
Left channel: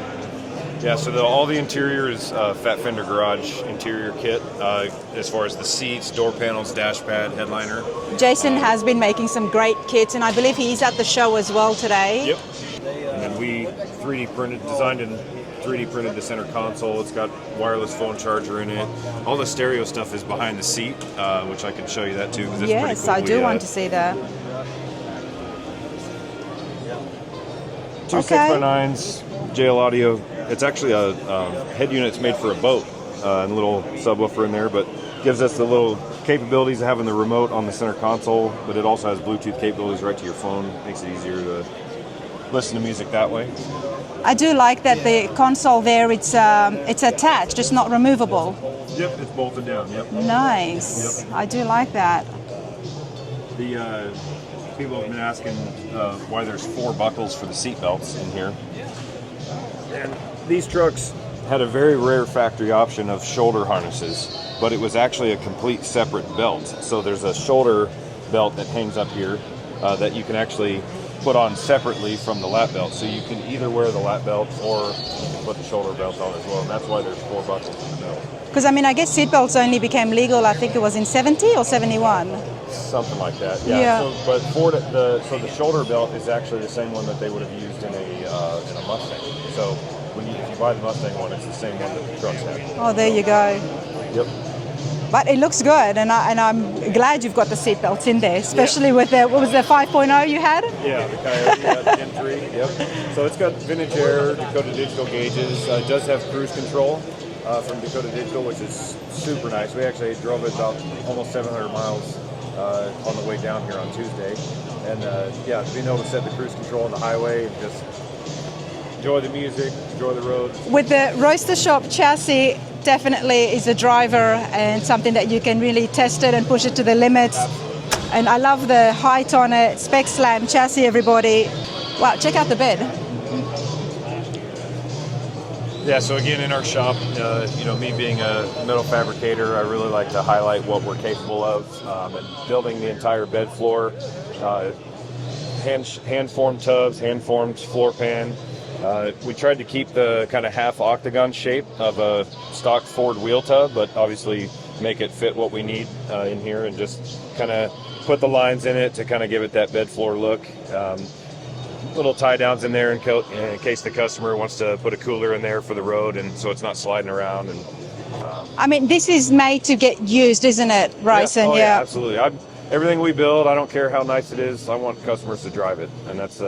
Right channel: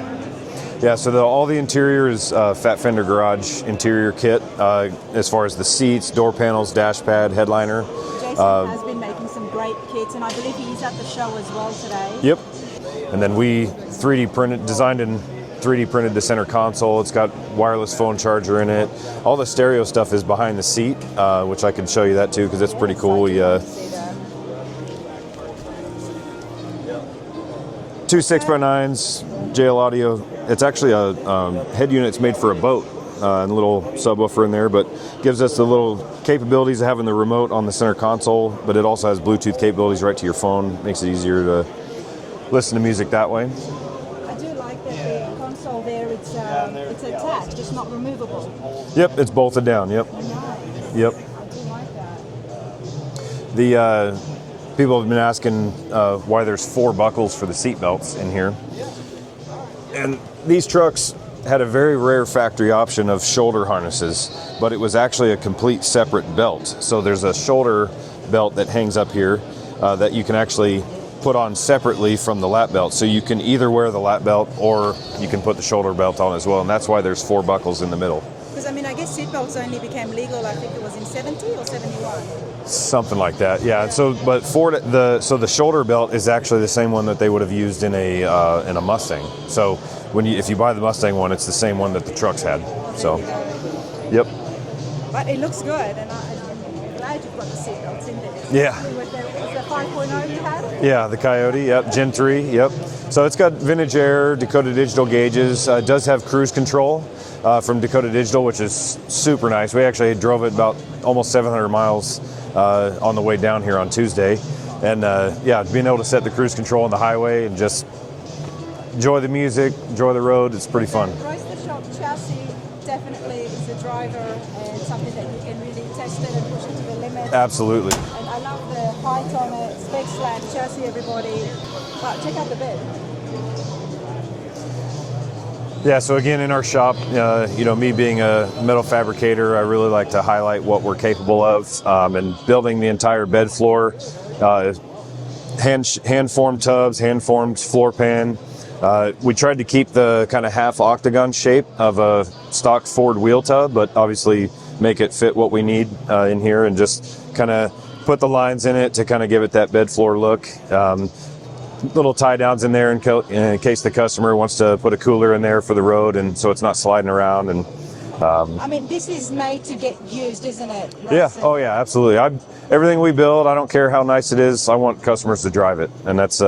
Yeah, so all the interior is Fat Fender Garage interior kit, as far as the seats, door panels, dash pad, headliner. Jason has been making some great kits, and I believe he's at the show as well today. Yep. And then we designed and 3D printed the center console. It's got wireless phone charger in it. All the stereo stuff is behind the seat, which I can show you that too, because it's pretty cool. I do want to see that. 2 6x9s, JL Audio. It's actually a head unit. It's made for a boat, and a little subwoofer in there, but gives us the little capabilities of having the remote on the center console, but it also has Bluetooth capabilities right to your phone. Makes it easier to listen to music that way. I do like that the console there, it's attached, it's not removable. Yep, it's bolted down, yep. Nice. Yep. I do like that. The people have been asking why there's 4 buckles for the seat belts in here. And these trucks had a very rare factory option of shoulder harnesses, but it was actually a complete separate belt. So there's a shoulder belt that hangs up here that you can actually put on separately from the lap belt. So you can either wear the lap belt or you can put the shoulder belt on as well. And that's why there's 4 buckles in the middle. Because, I guess seat belts only became legal, I think it was in 70 or 71. Something like that, yeah. So, but Ford, the shoulder belt is actually the same one that they would have used in a Mustang. So if you buy the Mustang one, it's the same one that the trucks had. Oh, there you go. Yep. But it looks good, and I'm glad you've got the seat belts in there, especially with the, what was the 5.0 you had? Yeah, the Coyote, yep, Gen 3, yep. So it's got vintage air, Dakota Digital gauges. It does have cruise control from Dakota Digital, which is super nice. We actually drove it about almost 700 miles on the way down here on Tuesday. And being able to set the cruise control on the highway and just enjoy the music, enjoy the road, it's pretty fun. With the Roadster Shop chassis, definitely is a driver and something that you can really test it and push it to the limits. Absolutely. And I love the height on it, spec slant chassis, everybody. Wow, check out the bed. Yeah, so again, in our shop, me being a metal fabricator, I really like to highlight what we're capable of, and building the entire bed floor, hand-formed tubs, hand-formed floor pan. We tried to keep the kind of half octagon shape of a stock Ford wheel tub, but obviously make it fit what we need in here, and just kind of put the lines in it to kind of give it that bed floor look. Little tie downs in there in case the customer wants to put a cooler in there for the road, and so it's not sliding around. And this is made to get used, isn't it, Ryson? Yeah, absolutely. Everything we build, I don't care how nice it is, I want customers to drive it, and that's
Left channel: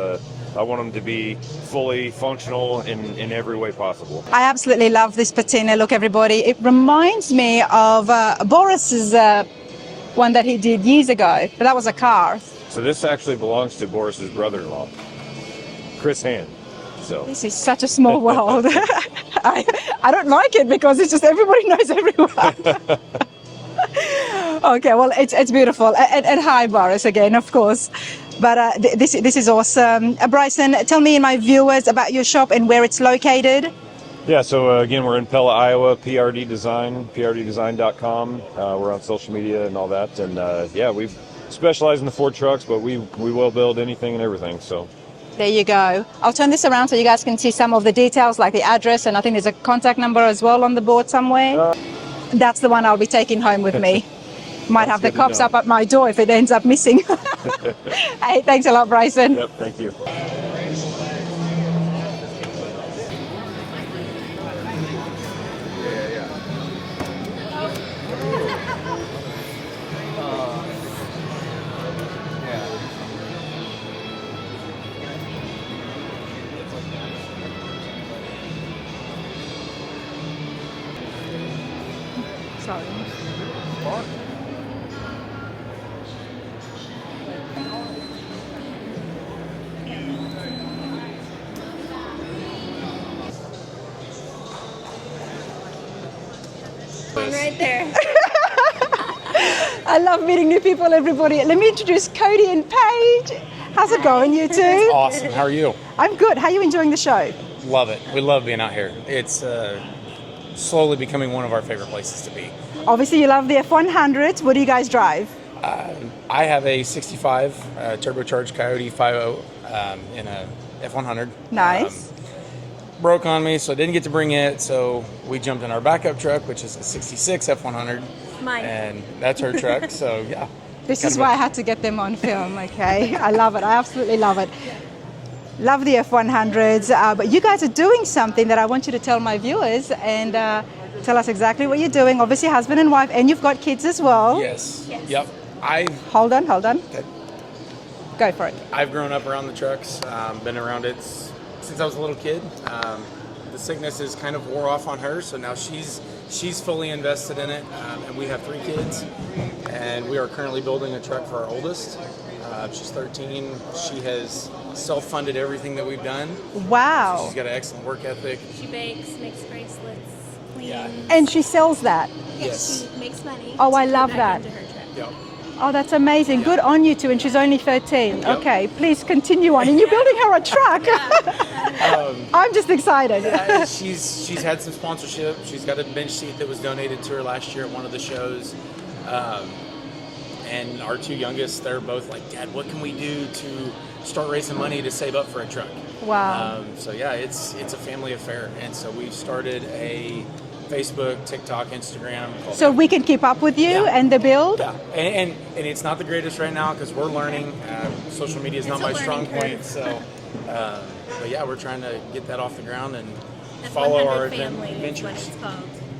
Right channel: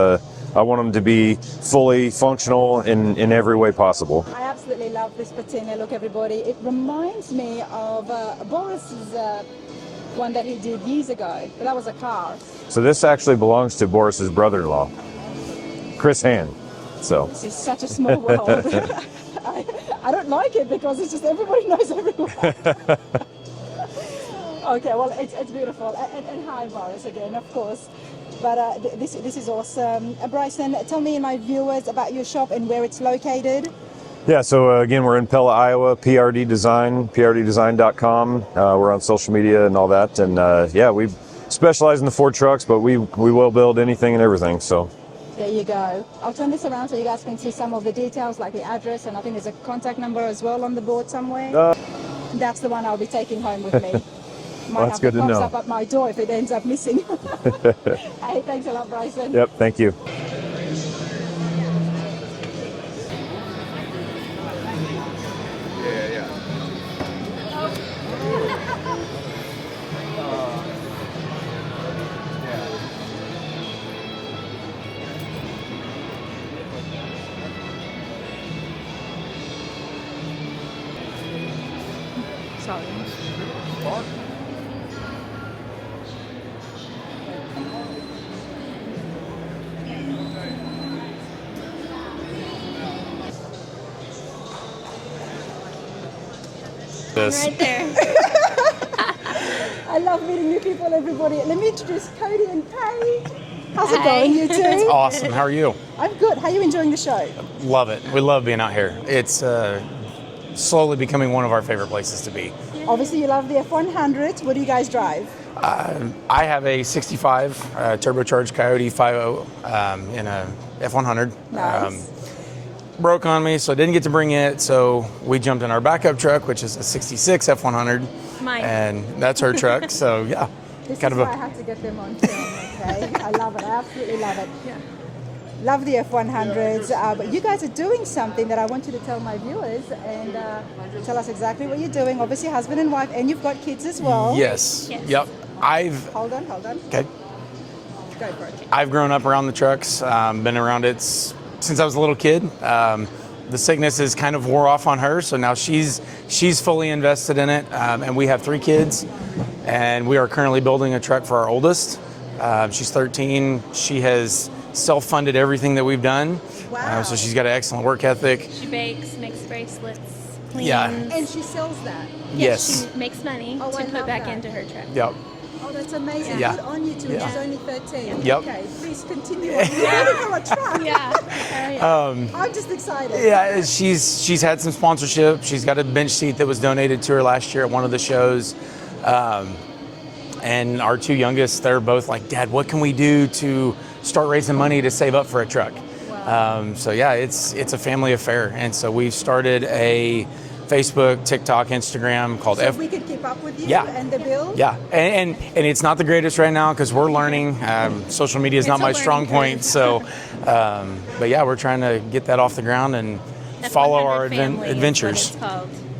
I want them to be fully functional in every way possible. I absolutely love this patina look, everybody. It reminds me of Boris's one that he did years ago, but that was a car. So this actually belongs to Boris's brother-in-law, Chris Hand. So This is such a small world. I don't like it because it's just everybody knows everyone. Okay, well, it's beautiful. And hi, Boris, again, of course. But this is awesome. Bryson, tell me and my viewers about your shop and where it's located. yeah, so again, we're in Pella, Iowa, PRD Design, prddesign.com. We're on social media and all that. And yeah, we specialize in the Ford trucks, but we will build anything and everything. So There you go. I'll turn this around so you guys can see some of the details, like the address, and I think there's a contact number as well on the board somewhere. That's the one I'll be taking home with me. Might have the cops up at my door if it ends up missing. Hey, thanks a lot, Bryson. Yep, thank you. Sorry. Right there. I love meeting new people, everybody. Let me introduce Cody and Paige. How's it going, you two? It's awesome. How are you? I'm good. How are you enjoying the show? Love it. We love being out here. It's slowly becoming one of our favorite places to be. Obviously, you love the F100. What do you guys drive? I have a 65 turbocharged Coyote 5.0 in a F100. Nice. Broke on me, so I didn't get to bring it. So we jumped in our backup truck, which is a 66 F100. Mine. And that's her truck. So yeah. This is why I had to get them on film, okay? I love it. I absolutely love it. Love the F100s. But you guys are doing something that I want you to tell my viewers and tell us exactly what you're doing. Obviously, husband and wife, and you've got kids as well. Yes. Yep. Hold on. Okay. Go for it. I've grown up around the trucks, been around it since I was a little kid. The sickness has kind of wore off on her, so now she's fully invested in it, and we have 3 kids, and we are currently building a truck for our oldest. She's 13. She has self-funded everything that we've done. Wow. So she's got an excellent work ethic. She bakes, makes bracelets, cleans. Yeah. And she sells that? Yes. She makes money. Oh, to I put love back that. Into her truck. Yep. Oh, that's amazing. Yeah. Good on you two, and she's only 13. Yep. Okay, please continue on. You're building her a truck. I'm just excited. Yeah, she's had some sponsorship. She's got a bench seat that was donated to her last year at one of the shows. And our 2 youngest, they're both like, Dad, what can we do to start raising money to save up for a truck? Wow. So yeah, it's a family affair. And so we've started a Facebook, TikTok, Instagram called So we can keep up with you and the build? Yeah, and it's not the greatest right now because we're learning. Social media is not my strong point. So, but yeah, we're trying to get that off the ground and follow our adventures.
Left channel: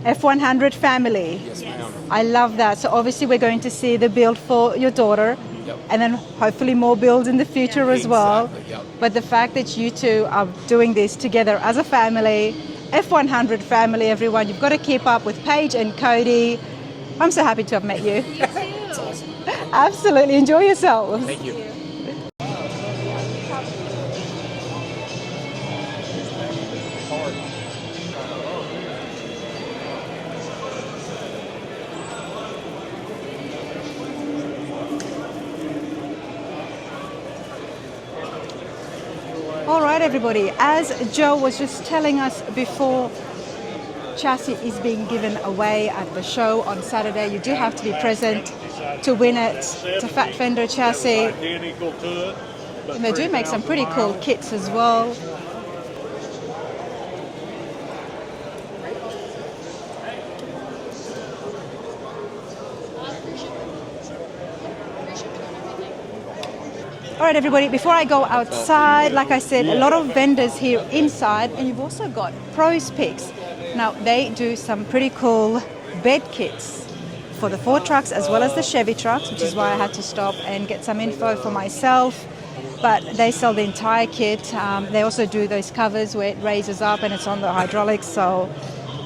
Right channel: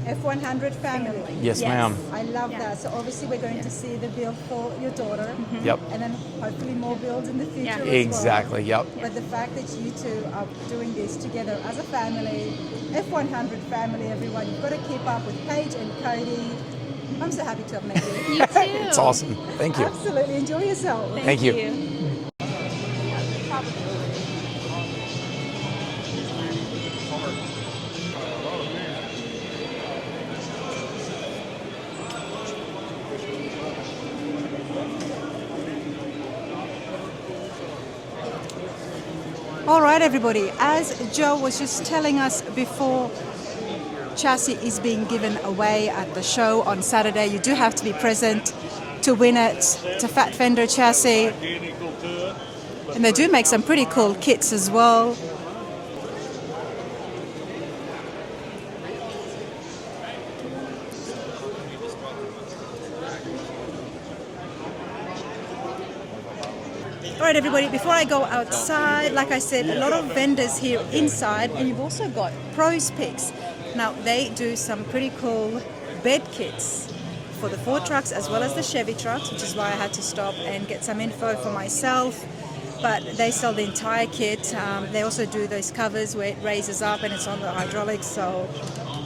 F100 family. Yes, ma'am. I love that. So obviously we're going to see the build for your daughter. Yep. And then hopefully more builds in the future as well. Exactly, yep. But the fact that you two are doing this together as a family, F100 family, everyone, you've got to keep up with Paige and Cody. I'm so happy to have met you. You too. It's awesome. Thank you. Absolutely. Enjoy yourself. Thank you. All right, everybody. As Joe was just telling us before, chassis is being given away at the show on Saturday. You do have to be present to win it. It's a fat fender chassis. And they do make some pretty cool kits as well. All right, everybody, before I go outside, like I said, a lot of vendors here inside, and you've also got Pros Picks. Now, they do some pretty cool bed kits for the Ford trucks as well as the Chevy trucks, which is why I had to stop and get some info for myself. But they sell the entire kit. They also do those covers where it raises up and it's on the hydraulics. So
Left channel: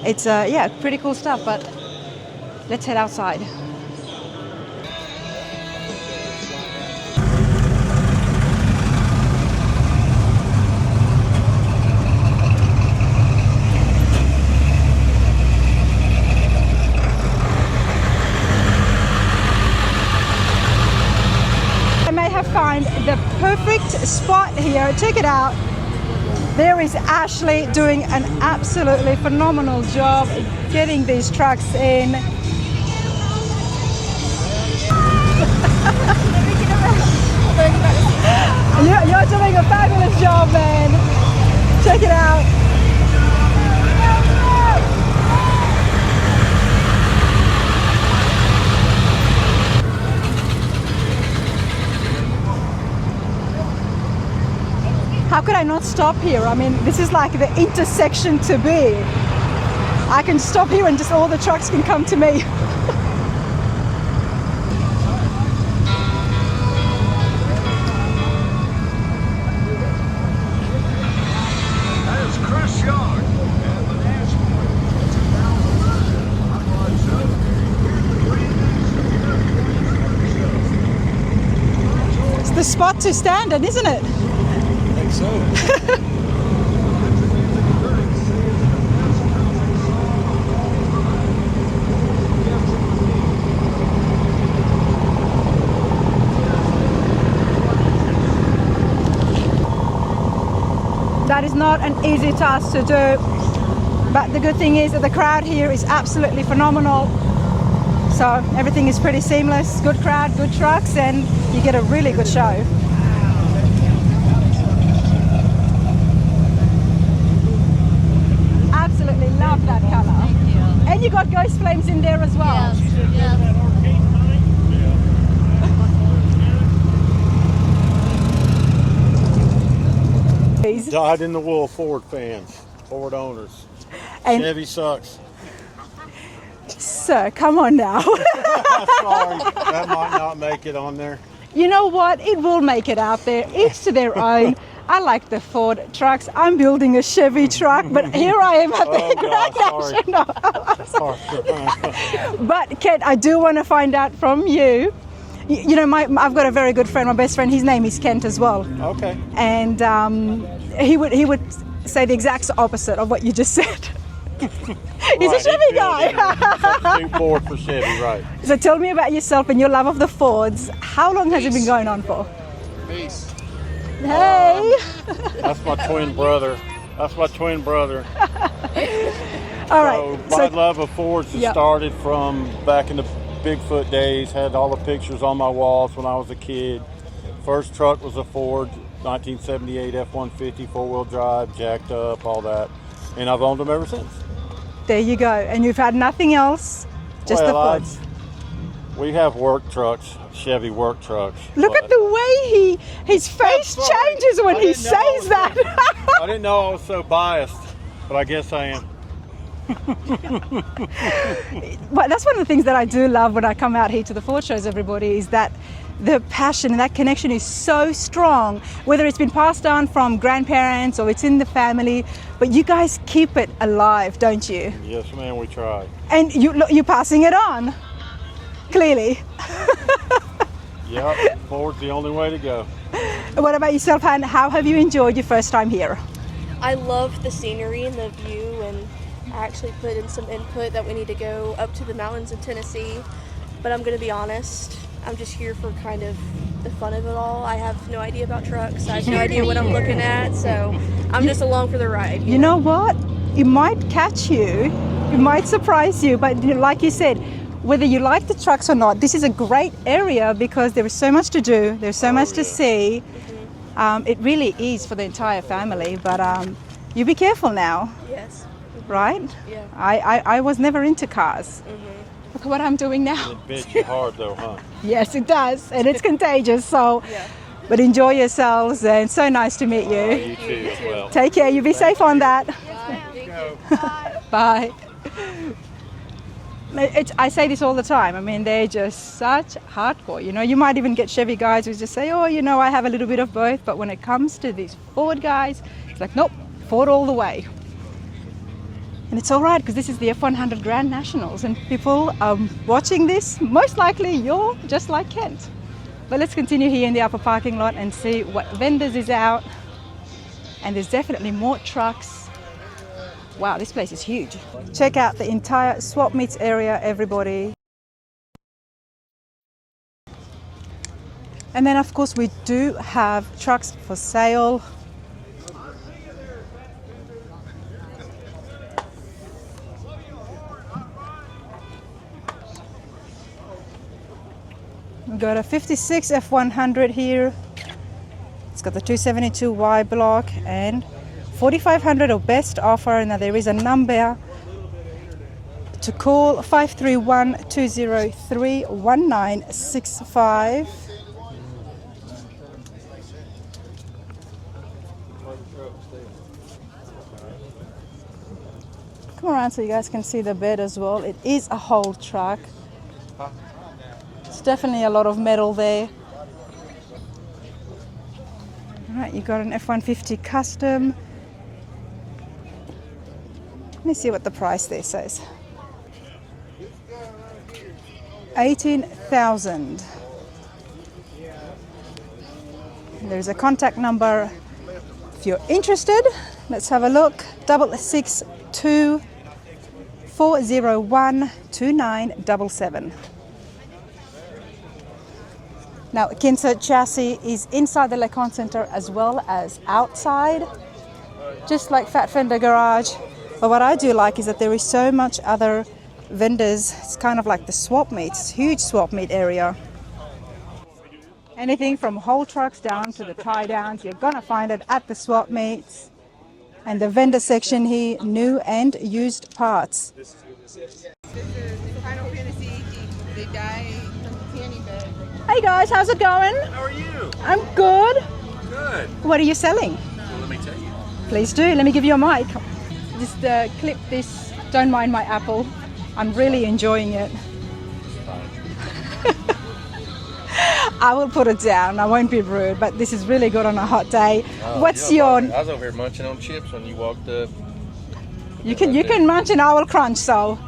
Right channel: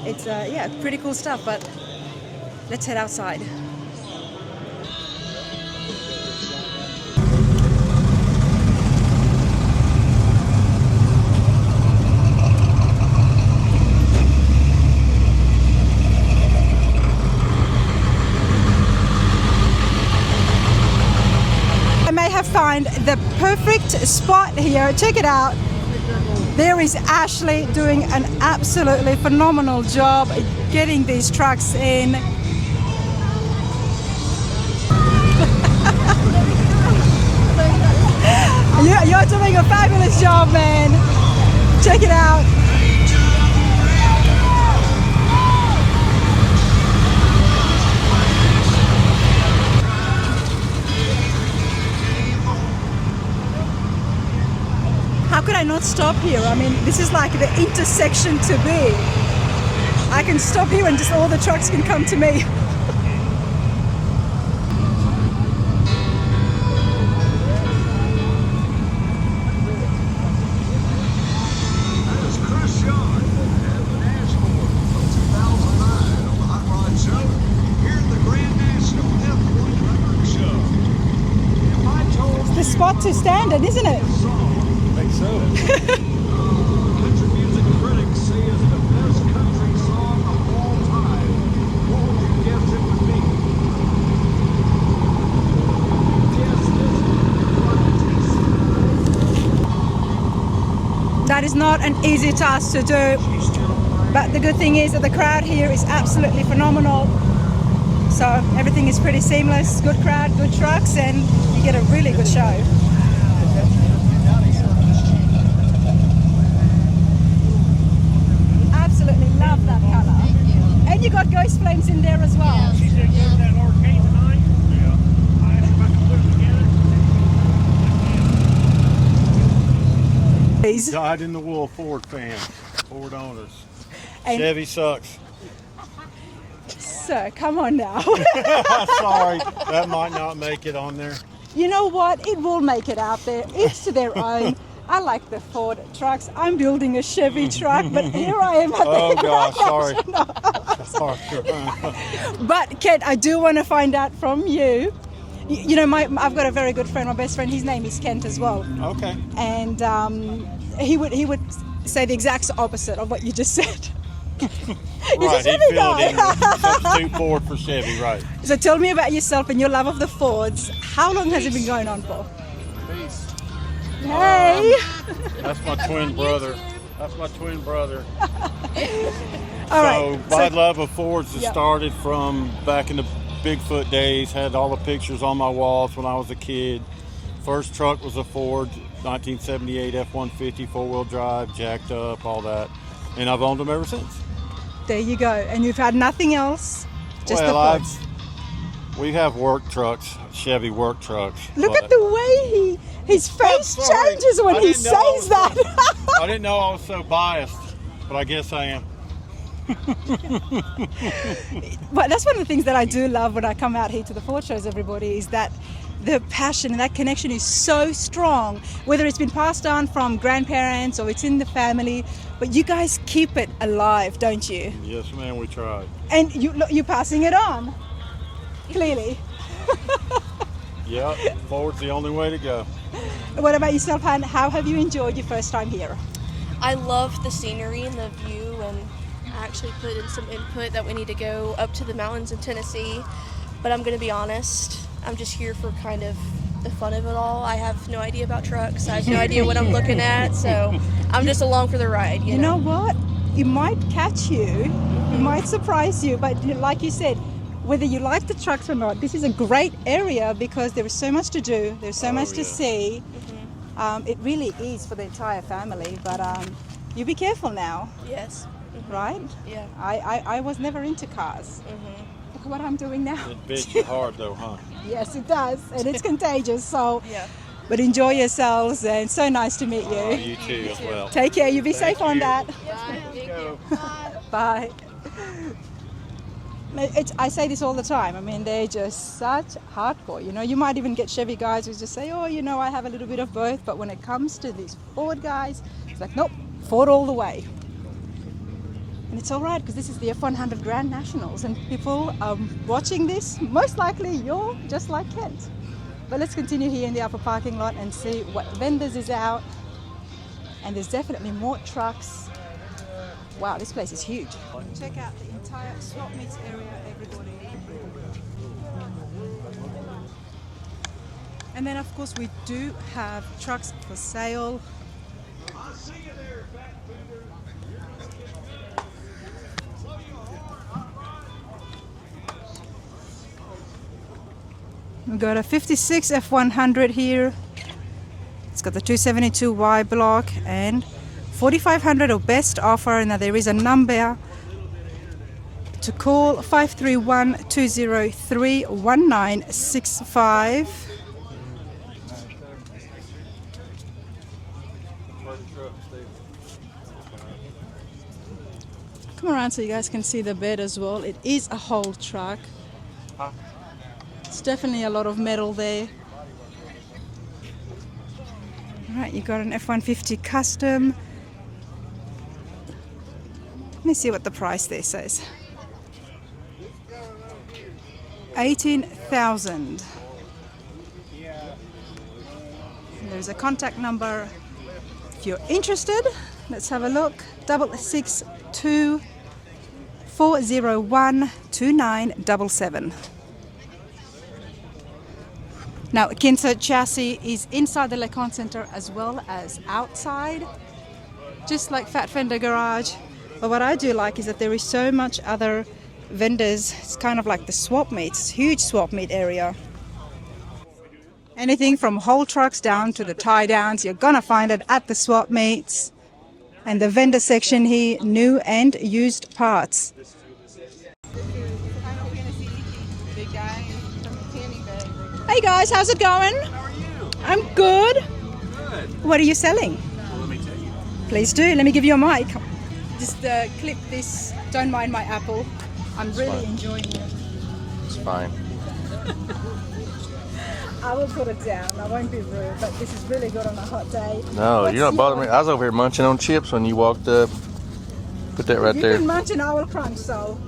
it's, yeah, pretty cool stuff. But let's head outside. check it out. There is Ashley doing an absolutely phenomenal job getting these trucks in. You're doing a fabulous job, man. Check it out. How could I not stop here? I mean, this is like the intersection to be. I can stop here and just all the trucks can come to me. The spot to stand in, isn't it? I think so. That is not an easy task to do, but the good thing is that the crowd here is absolutely phenomenal. So everything is pretty seamless, good crowd, good trucks, and you get a really good show. Absolutely love that color. And you got ghost flames in there as well. Dyed in the wool Ford fans, Ford owners. And Chevy sucks. Sir, come on now. Sorry, that might not make it on there. You know what? It will make it out there. Each to their own. I like the Ford trucks. I'm building a Chevy truck, but here I am at the Sorry. But Kent, I do want to find out from you. You know, I've got a very good friend, my best friend. His name is Kent as well. Okay. And he would say the exact opposite of what you just said. He's a Chevy guy. Substitute Ford for Chevy, right? So tell me about yourself and your love of the Fords. How long has it been going on for? Peace. Hey! That's my twin brother. All right. My love of Fords has started from back in the Bigfoot days. Had all the pictures on my walls when I was a kid. First truck was a Ford 1978 F150 four-wheel drive, jacked up, all that. And I've owned them ever since. There you go. And you've had nothing else, just the Fords. We have work trucks, Chevy work trucks. Look at the way his face changes when he says that. I didn't know I was so biased, but I guess I am. Well, that's one of the things that I do love when I come out here to the Ford shows, everybody, is that the passion and that connection is so strong, whether it's been passed on from grandparents or it's in the family, but you guys keep it alive, don't you? Yes, ma'am, we try. And you're passing it on, clearly. Yep, Ford's the only way to go. What about yourself, Han? How have you enjoyed your first time here? I love the scenery and the view, and I actually put in some input that we need to go up to the mountains in Tennessee, but I'm going to be honest, I'm just here for kind of the fun of it all. I have no idea about trucks. I have no idea what I'm looking at, so I'm just along for the ride. You know what? It might catch you. It might surprise you, but like you said, whether you like the trucks or not, this is a great area because there is so much to do. There's so much to see. It really is for the entire family, but you be careful now. Yes. Right? Yeah. I was never into cars. Look at what I'm doing now. It beats you hard though, huh? Yes, it does, and it's contagious. So, but enjoy yourselves, and so nice to meet you. You too as well. Take care. You be safe on that. Bye. Bye. I say this all the time. I mean, they're just such hardcore. You know, you might even get Chevy guys who just say, "Oh, you know, I have a little bit of both." But when it comes to these Ford guys, it's like, nope, Ford all the way. And it's all right because this is the F100 Grand Nationals, and people watching this, most likely you're just like Kent. But let's continue here in the upper parking lot and see what vendors is out. And there's definitely more trucks. Wow, this place is huge. Check out the entire swap meets area, everybody. And then of course we do have trucks for sale. We've got a 56 F100 here. It's got the 272Y block and 4,500 or best offer. Now there is a number to call, 531-203-1965. Come around so you guys can see the bed as well. It is a whole truck. It's definitely a lot of metal there. All right, you got an F-150 custom. Let me see what the price there says. 18,000. There's a contact number if you're interested. Let's have a look. 662-401-2977. Now, Conte chassis is inside the Conte Centre as well as outside, just like Fat Fender Garage. But what I do like is that there is so much other vendors. It's kind of like the swap meets, huge swap meet area. Anything from whole trucks down to the tie downs, you're gonna find it at the swap meets. And the vendor section here, new and used parts. Hey guys, how's it going? How are you? I'm good. Good. What are you selling? Well, let me tell you. Please do. Let me give you a mic. Just clip this. Don't mind my apple. I'm really enjoying it. It's fine. I will put it down. I won't be rude, but this is really good on a hot day. No, What's you're not your? bothering me. I was over here munching on chips when you walked up. Put that right You there. can munch and I will crunch, so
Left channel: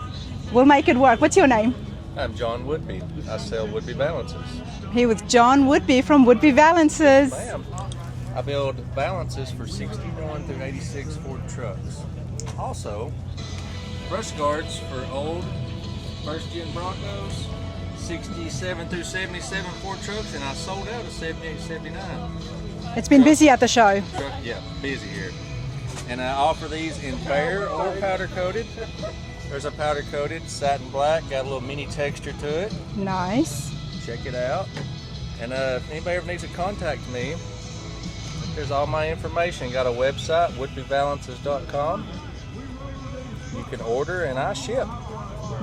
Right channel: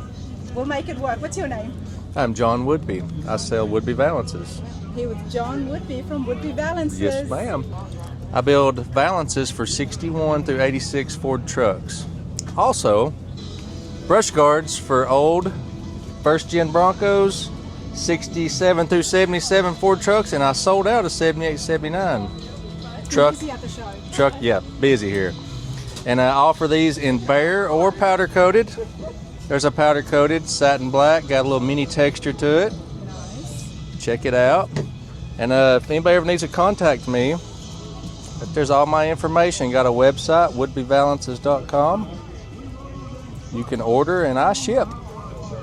we'll make it work. What's your name? I'm John Woodby. I sell Woodby Valances. Here with John Woodby from Woodby Valances. Yes, ma'am. I build Valances for 61 through 86 Ford trucks. Also, brush guards for old first-gen Broncos, 67 through 77 Ford trucks, and I sold out of 78, 79. It's been busy at the show. Yeah, busy here. And I offer these in bare or powder coated. There's a powder coated, satin black, got a little mini texture to it. Nice. Check it out. And if anybody ever needs to contact me, there's all my information. Got a website, woodbyvalances.com. You can order and I ship.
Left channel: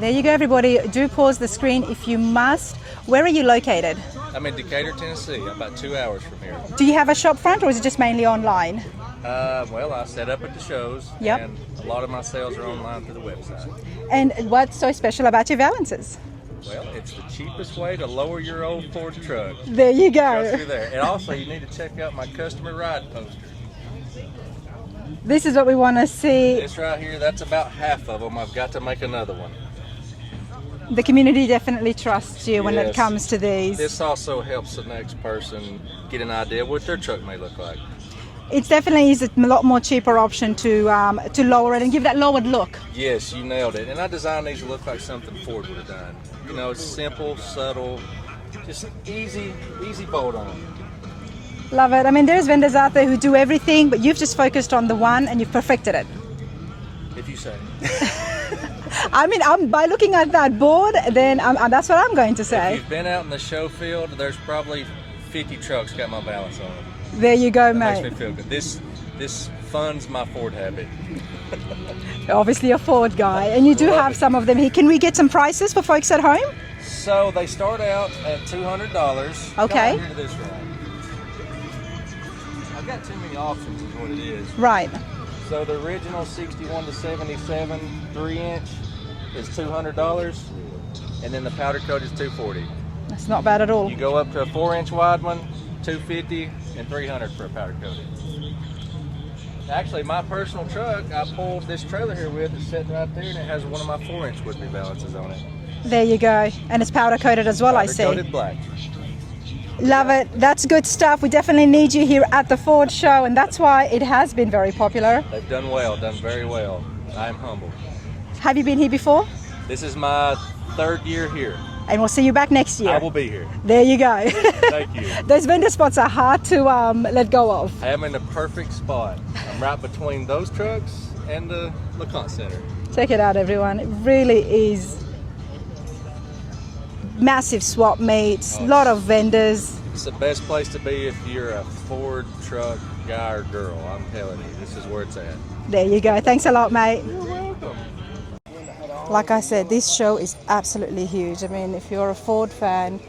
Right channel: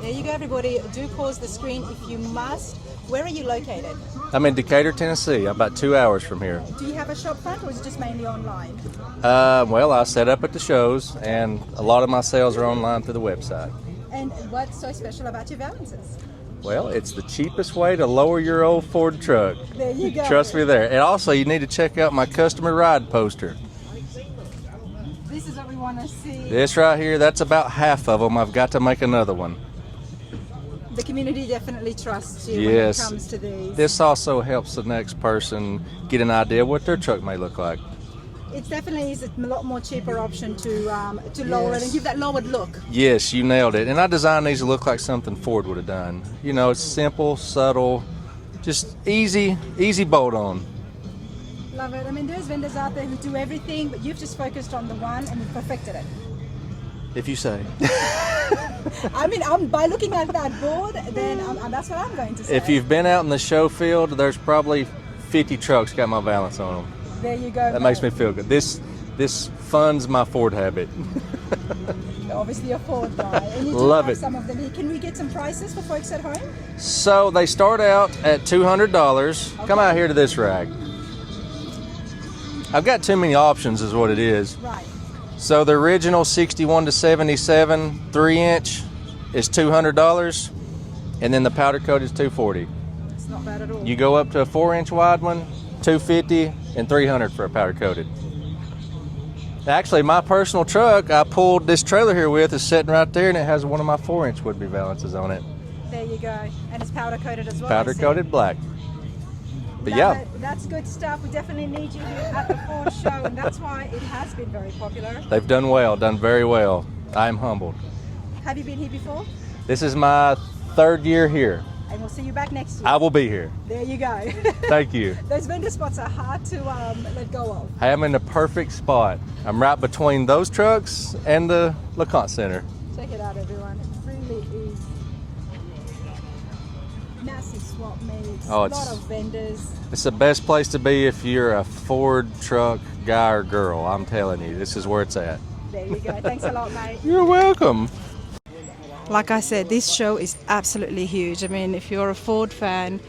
There you go, everybody. Do pause the screen if you must. Where are you located? I'm in Decatur, Tennessee. I'm about 2 hours from here. Do you have a shop front or is it just mainly online? Well, I set up at the shows, Yep. and a lot of my sales are online through the website. And what's so special about your Valances? Well, it's the cheapest way to lower your old Ford truck. There you go. Trust me there. And also, you need to check out my customer ride poster. This is what we want to see. This right here, that's about half of them. I've got to make another one. The community definitely trusts you when it Yes. comes to these. This also helps the next person get an idea of what their truck may look like. It's definitely is a lot more cheaper option to lower it and give that lowered look. Yes, you nailed it. And I designed these to look like something Ford would have done. You know, it's simple, subtle, just easy bolt on. Love it. I mean, there's vendors out there who do everything, but you've just focused on the one and you've perfected it. If you say. I mean, by looking at that board, then that's what I'm going to say. If you've been out in the show field, there's probably 50 trucks got my balance on them. There you go, That mate. makes me feel good. This funds my Ford habit. You're obviously a Ford guy, and you do Love have it. some of them here. Can we get some prices for folks at home? So they start out at $200. Come Okay. out here to this rack. I've got too many options is what it is. Right. So the original 61 to 77 3-inch is $200, and then the powder coat is $240. That's not bad at all. You go up to a 4-inch wide one, $250 and $300 for a powder coated. Actually, my personal truck I pulled this trailer here with is sitting right there, and it has one of my 4-inch Woodby Valances on it. There you go. And it's powder coated as well, I Powder see. coated black. Love Yeah. it. That's good stuff. We definitely need you here at the Ford show, and that's why it has been very popular. They've done well, done very well. I am humbled. Have you been here before? This is my 3rd year here. And we'll see you back next year. I will be here. There you go. Thank you. Those vendor spots are hard to let go of. I am in the perfect spot. I'm right between those trucks and the Conte Centre. Check it out, everyone. It really is massive swap meets, Oh, a lot it's- of vendors. It's the best place to be if you're a Ford truck guy or girl. I'm telling you, this is where it's at. There you go. Thanks a lot, mate. You're welcome. Like I said, this show is absolutely huge. I mean, if you're a Ford fan,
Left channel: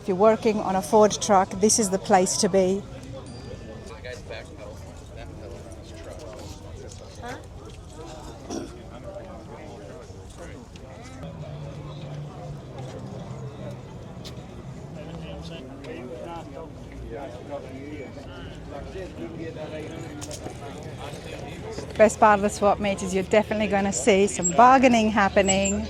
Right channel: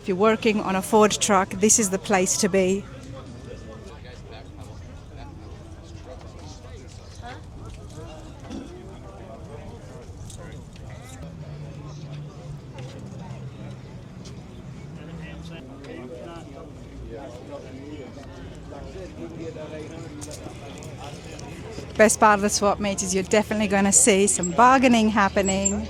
if you're working on a Ford truck, this is the place to be. Best part of the swap meet is you're definitely going to see some bargaining happening.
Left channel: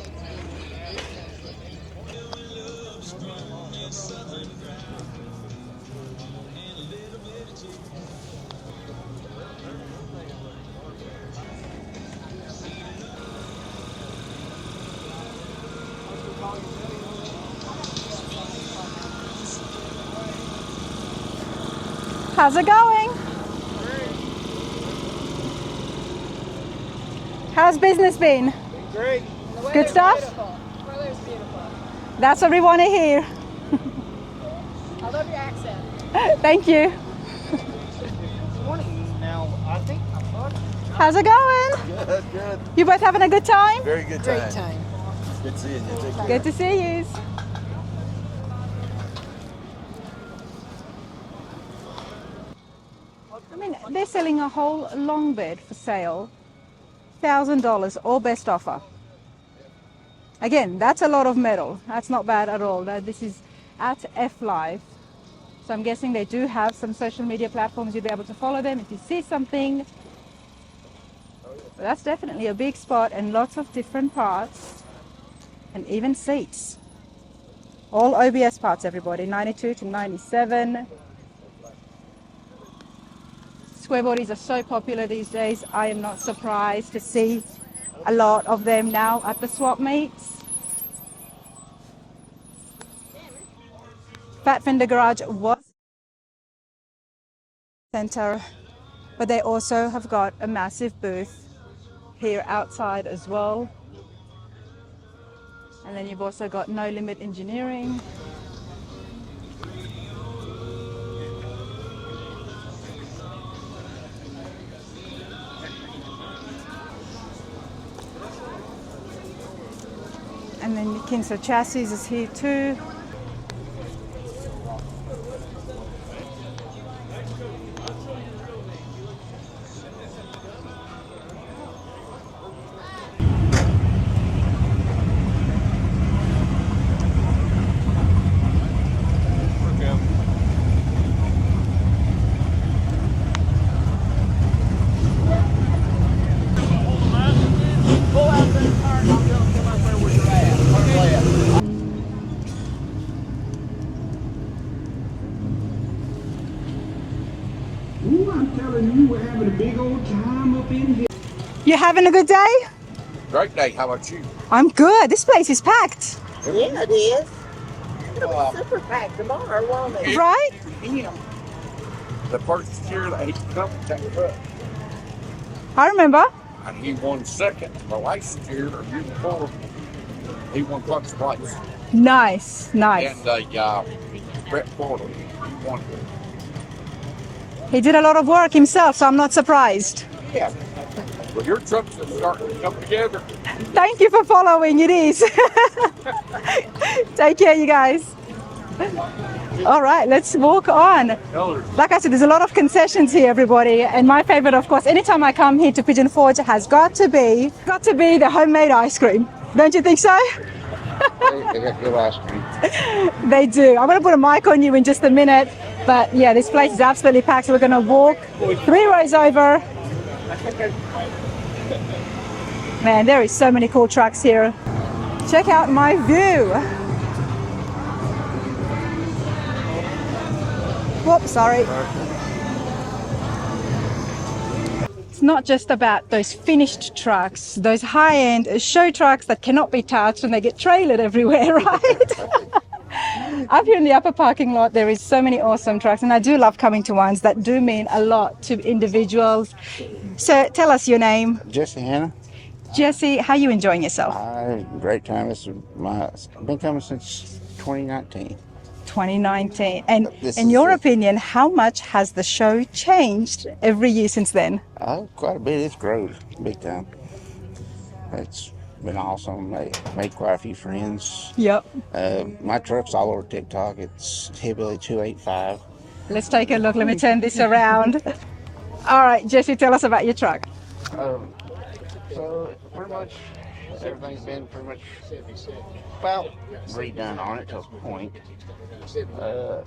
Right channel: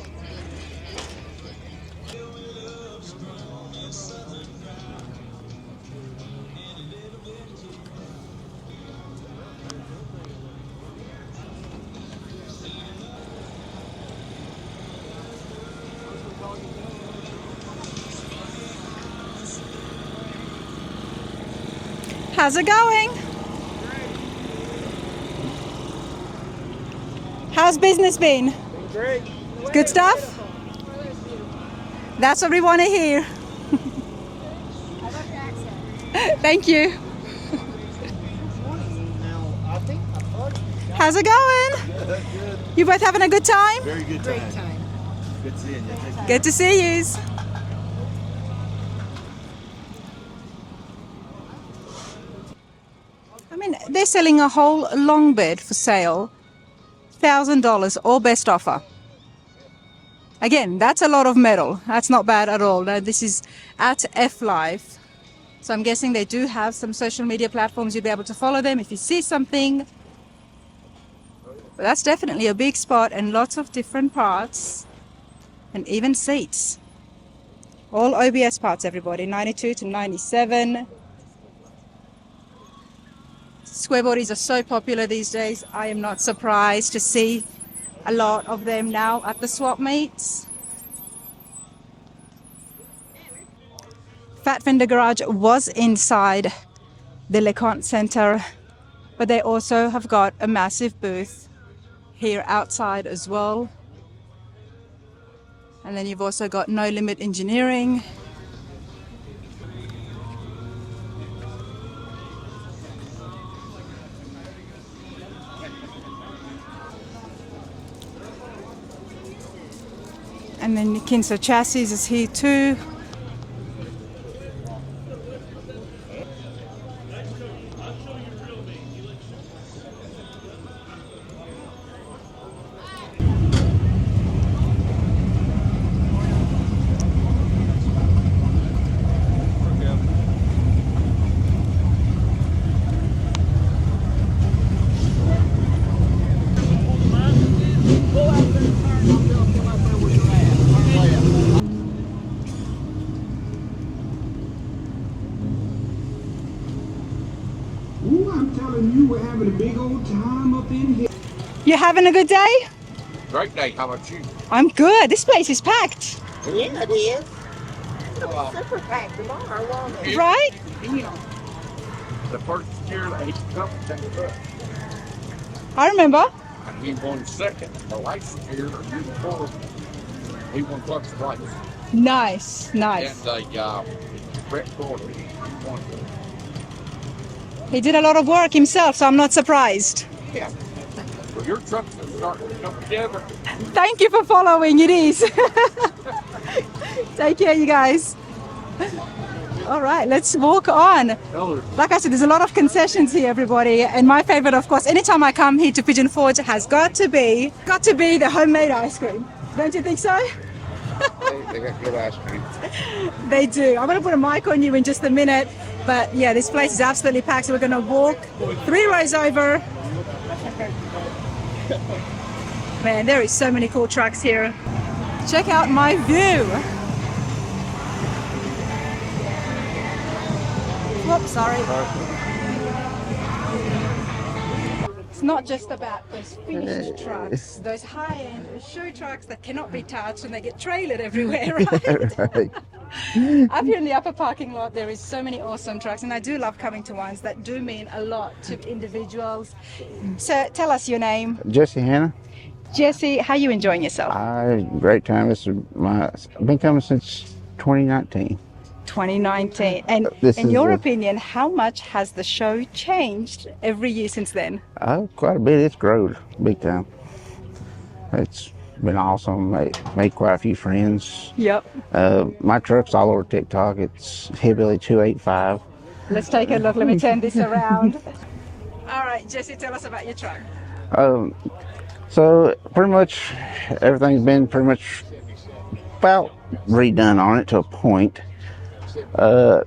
How's it going? How's business been? Great. Good stuff? That's what we want to hear. Thank you. How's it going? Good, good. You both having a good time? Very good time. Great time. Good seeing you. Take care. Good to see you. I mean, they're selling a whole long bed for sale, $1,000 or best offer. Again, that's a lot of metal. That's not bad at all. Now, this is at F Life. So I'm guessing they do have some social media platforms. You'll be able to follow them if you see something. But that's definitely a big spot and lots of different parts and even seats. All OBS parts, everybody, 92 to 97. Square bodies are so popular these days. I am not surprised to see a lot of them now at the swap meets. Fat Fender Garage was inside the Conte Centre, but they also have got a massive booth here outside as well. And then you've also got No Limit Engineering. And then Kinso Chassis is here too. Ooh, I'm telling you, we're having a big old time up in here. You having a good day? Great day. How about you? I'm good. This place is packed. Yeah, it is. It'll be super packed tomorrow, won't it? Right? Yeah. The first year they come take it up. I remember. And he won second the last year, or year before. He won first place. Nice, nice. And Brett Porter won. He did a lot of work himself, so I'm not surprised. Yeah. Well, your trucks are starting to come together. Thank you for following. It is. Take care, you guys. All right, let's walk on. Like I said, there's a lot of concessions here, everybody. And my favorite, of course, anytime I come here to Pigeon Forge, has got to be the homemade ice cream. Don't you think so? They got good ice cream. They do. I'm going to put a mic on you in just a minute. But yeah, this place is absolutely packed. So we're going to walk 3 rows over. Man, there is so many cool trucks here. Check out my view. Whoops, sorry. It's not just about those finished trucks, those high-end show trucks that cannot be touched and they get trailered everywhere, right? Up here in the upper parking lot, there is so many awesome trucks, and I do love coming to ones that do mean a lot to individuals. So tell us your name. Jesse Hannah. Jesse, how are you enjoying yourself? Great time. I've been coming since 2019. 2019. And This in is your the- opinion, how much has the show changed every year since then? Quite a bit. It's grown big time. It's been awesome. Made quite a few friends. Yep. My truck's all over TikTok. It's Hillbilly 285. Let's take a look. Let me turn this around. All right, Jesse, tell us about your truck. So pretty much everything's been pretty much about redone on it to a point. It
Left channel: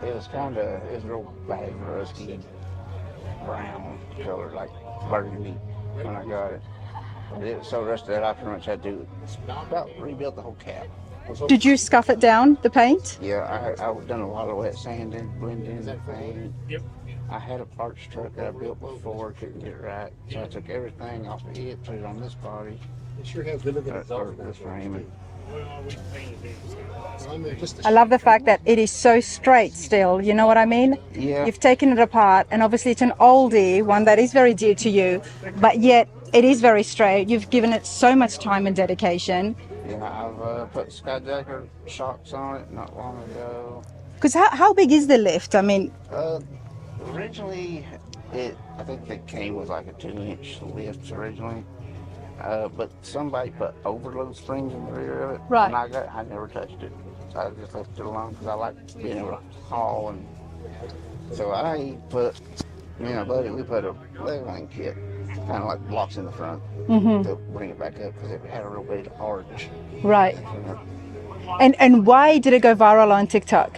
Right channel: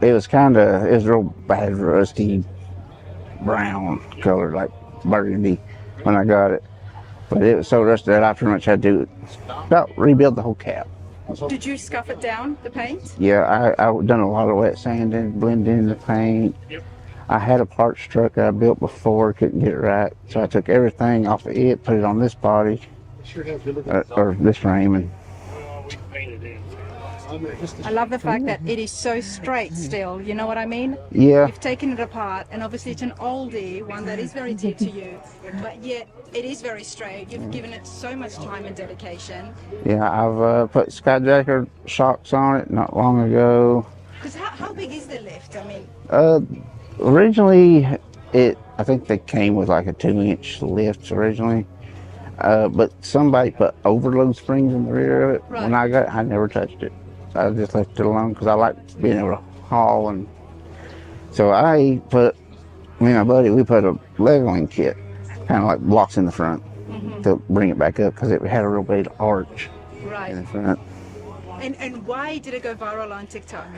was real bad, rusty brown color, like burgundy when I got it. But it was so rusty that I pretty much had to about rebuild the whole cab. Did you scuff it down, the paint? Yeah, I've done a lot of wet sanding, blending the paint. I had a parts truck that I built before, couldn't get it right. So I took everything off of it, put it on this body, or this frame. And I love the fact that it is so straight still, you know what I mean? Yeah. You've taken it apart, and obviously it's an oldie, one that is very dear to you, but yet it is very straight. You've given it so much time and dedication. yeah, I've put Skyjacker shocks on it not long ago. Because how big is the lift? I mean, Originally, I think they came with like a 2-inch lift originally. But somebody put overload springs in the rear of it. Right. When I never touched it. I just left it alone because I like being able to haul. And so me and my buddy, we put a leveling kit, kind of like blocks in the front to bring it back up because it had a real big arch right. in front. And why did it go viral on TikTok?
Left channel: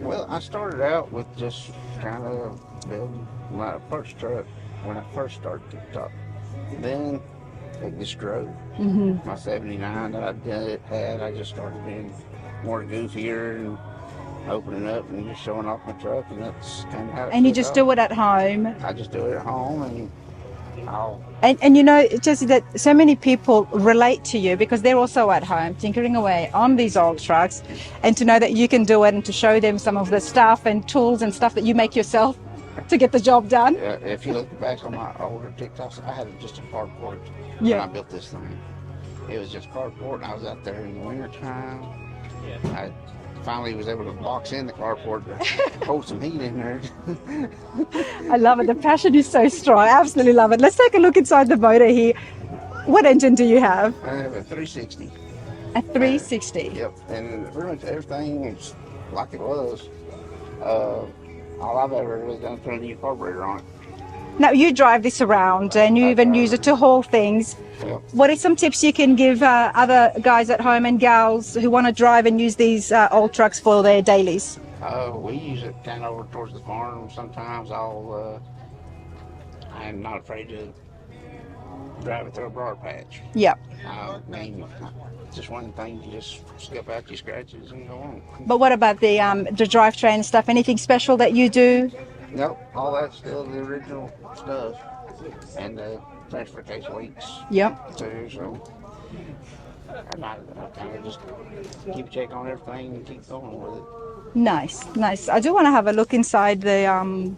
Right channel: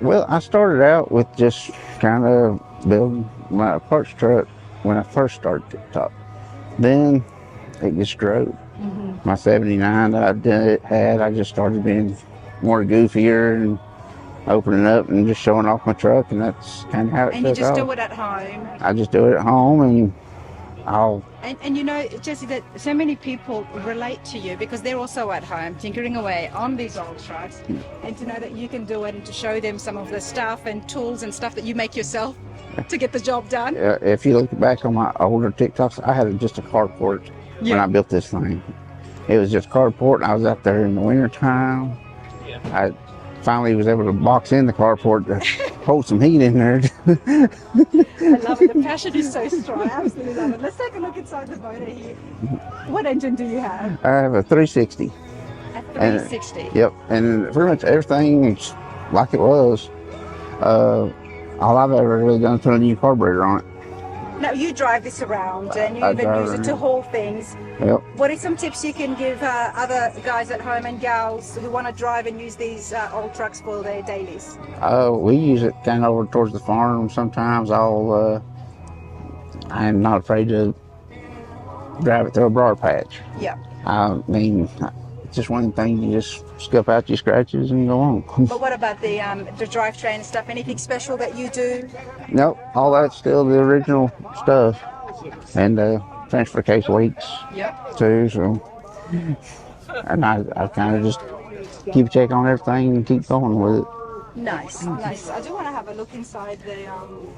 Well, I started out with just trying to build my parts truck when I first started TikTok. Then it just grew. My 79 that I just started being more goofier and opening up and just showing off my truck, and that's kind of how it And you took just off. do it at home. I just do it at home, and And you know, Jesse, that so many people relate to you because they're also at home tinkering away on these old trucks, and to know that you can do it and to show them some of the stuff and tools and stuff that you make yourself to get the job done. If you look back on my older TikToks, I had just a carport when I built this thing. It was just carport, and I was out there in the winter time. I finally was able to box in the carport to hold some heat in there. I love it. The passion is so strong. I absolutely love it. Let's take a look inside the motor here. What engine do you have? I have a 360. A 360. Yep, and pretty much everything's like it was. All I've ever really done is put a new carburetor on it. Now you drive this around and you even use it to haul things. Yep. What are some tips you can give other guys at home and gals who want to drive and use these old trucks for their dailies? We use it kind of over towards the farm. Sometimes I'm not afraid to drive it through a briar patch. Yeah. I mean, it's just one thing, you just scuff out your scratches and go on. But what about the drivetrain stuff? Anything special that you do? Nope, all that's still the original stuff. And the transfer case leaks too, so. And I kind of just keep a check on everything and keep going with it. Nice, nice. I do want to have a look inside the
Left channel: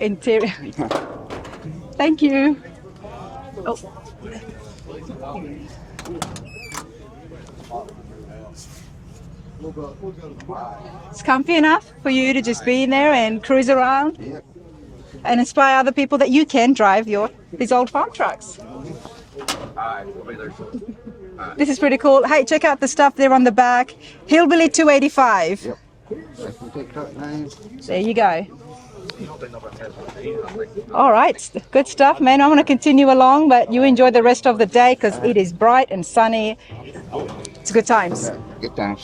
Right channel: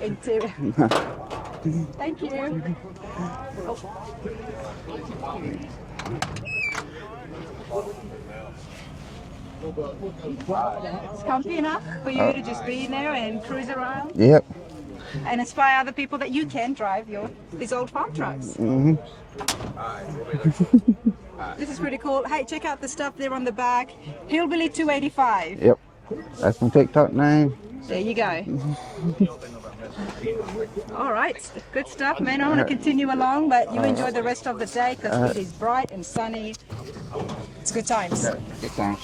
interior. Thank you. Oh. It's comfy enough for you to just be in there and cruise around? Yep. And inspire other people that you can drive these old farm trucks. This is pretty cool. Hey, check out the stuff there on the back. Hillbilly 285. Yep. That's my TikTok name. There you go. All right, good stuff, man. I'm going to continue along, but you enjoy the rest of the day because it is bright and sunny. It's good times. Good times.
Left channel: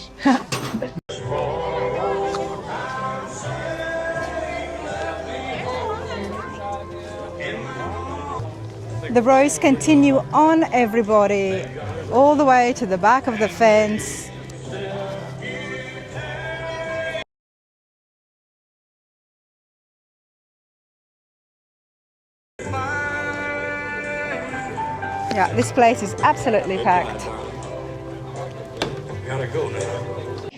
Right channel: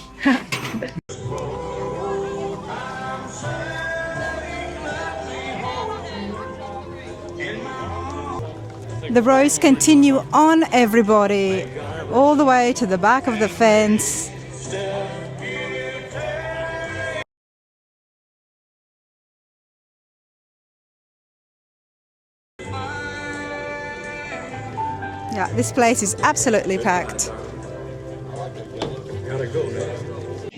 The rows continue on, everybody, all the way to the back of the fence. Yeah, this place is absolutely packed.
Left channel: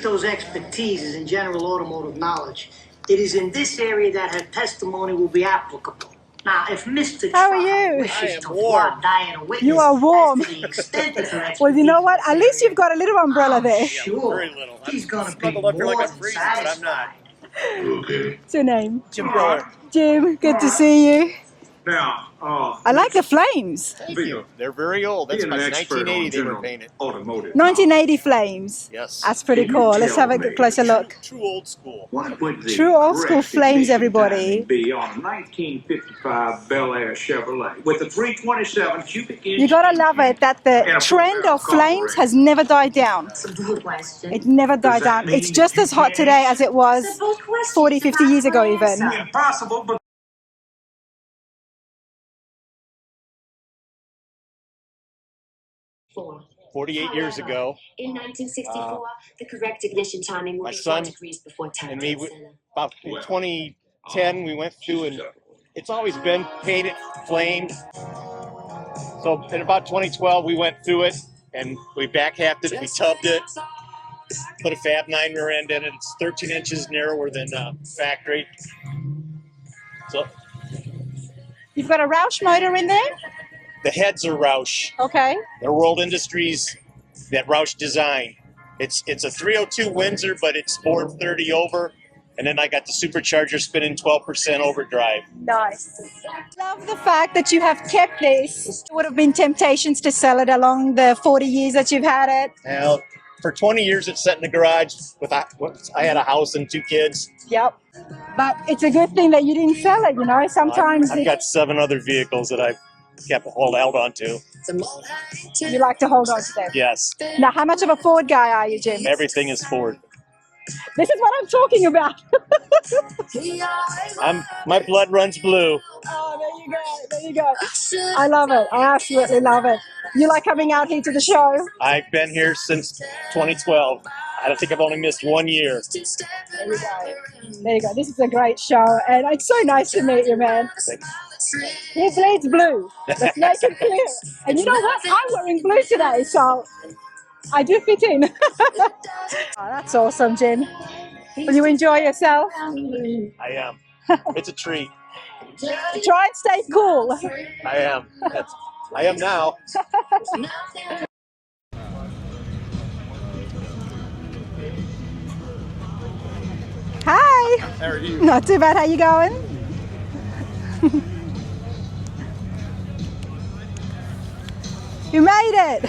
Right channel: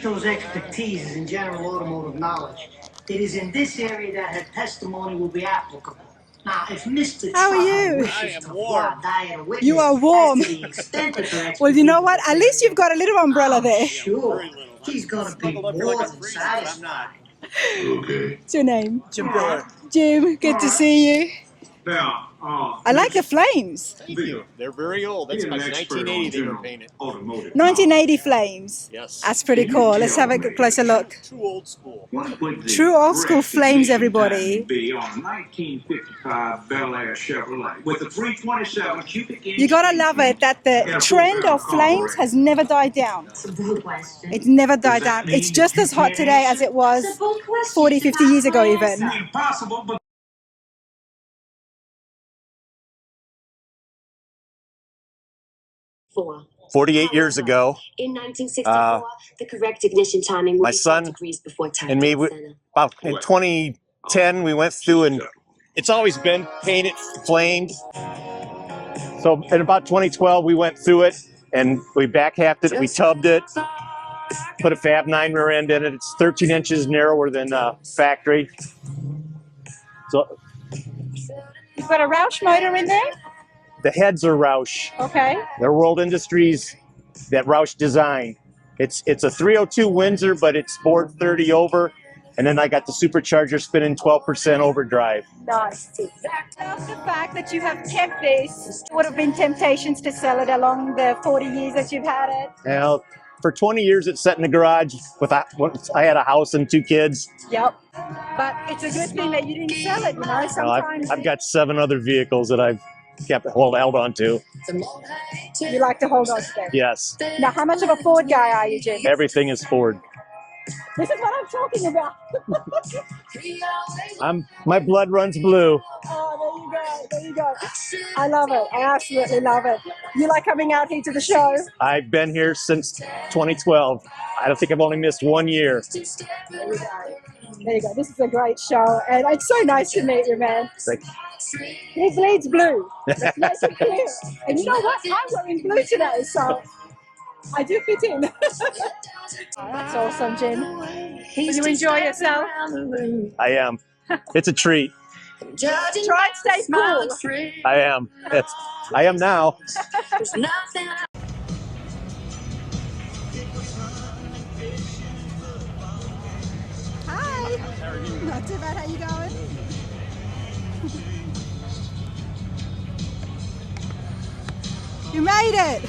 Those expertise in general automotive knowledge. It is in this area that her testimony will be applicable. Now, if Mr. How are Trump you? wishes to flood Diana Whitney, You are warm. as to the extent of her Well, you know what? At least you've got a little umbrella there. sure, she's gonna be more than satisfied. Okay. What's your name? Jim Miller. Jim, good to see you. Now, I like the flames. They're very old. That's like 1980 they were painted. Automotive. 1980 flames. Yes. That's pretty cool. Let's have a closer look. True old school. True old school flames, everybody. Be on a 1955 Bel Air Chevrolet with a 327 cubic inch. You gotta love it that the trend of flames has never died down. It's never died down. It's just as hot today as it was 40, 50 years ago even. Impossible, but 48 years ago, in 1964, the correct ignition timing my was son 4 degrees before and me, about in 2010, we went through and it's always been painted, flamed. So in about 2012, we went through it and we back halved it, we tubbed it, put a Fab 9 rear end in it. It's 13 inches narrower than factory. So You've got a Roush motor in there? the heads are Roush. Okay. They're World Industries that Roush designed. It's a 302 Windsor, but it's 430 over. And then I got the supercharger spinning 12% overdrive. Nice. I love the fact that you have kept this. Would have been temptations to sell it along the 40 years that you've had it. Now, for 20 years, it's sat in the garage. I had a house and 2 kids. Yep. But it's a good thing that you didn't sell it, you know. Sometimes I've got 7 other vehicles that I've held on to. you like to hold on to them. Yes. Now, how much of a Ford guy are you, Jim? Everything is Ford. This is what I'm talking about. My blood runs blue. Oh, there you go. I love it. I absolutely love it. You like coming out here to the show? I've been here since 2012. I don't think I've only missed 1 year. There you go. There you go. This is a great show, and it's so nice to meet you, man. He bleeds blue. Let's make it clear. And you know what? I'm wearing blue today, so I do fit in. Oh, that's awesome, Jen. Will you enjoy yourself? I am. It's a treat. Try and stay cool. I am. I am now. Hi. How are you? Not too bad. How you going? You made it.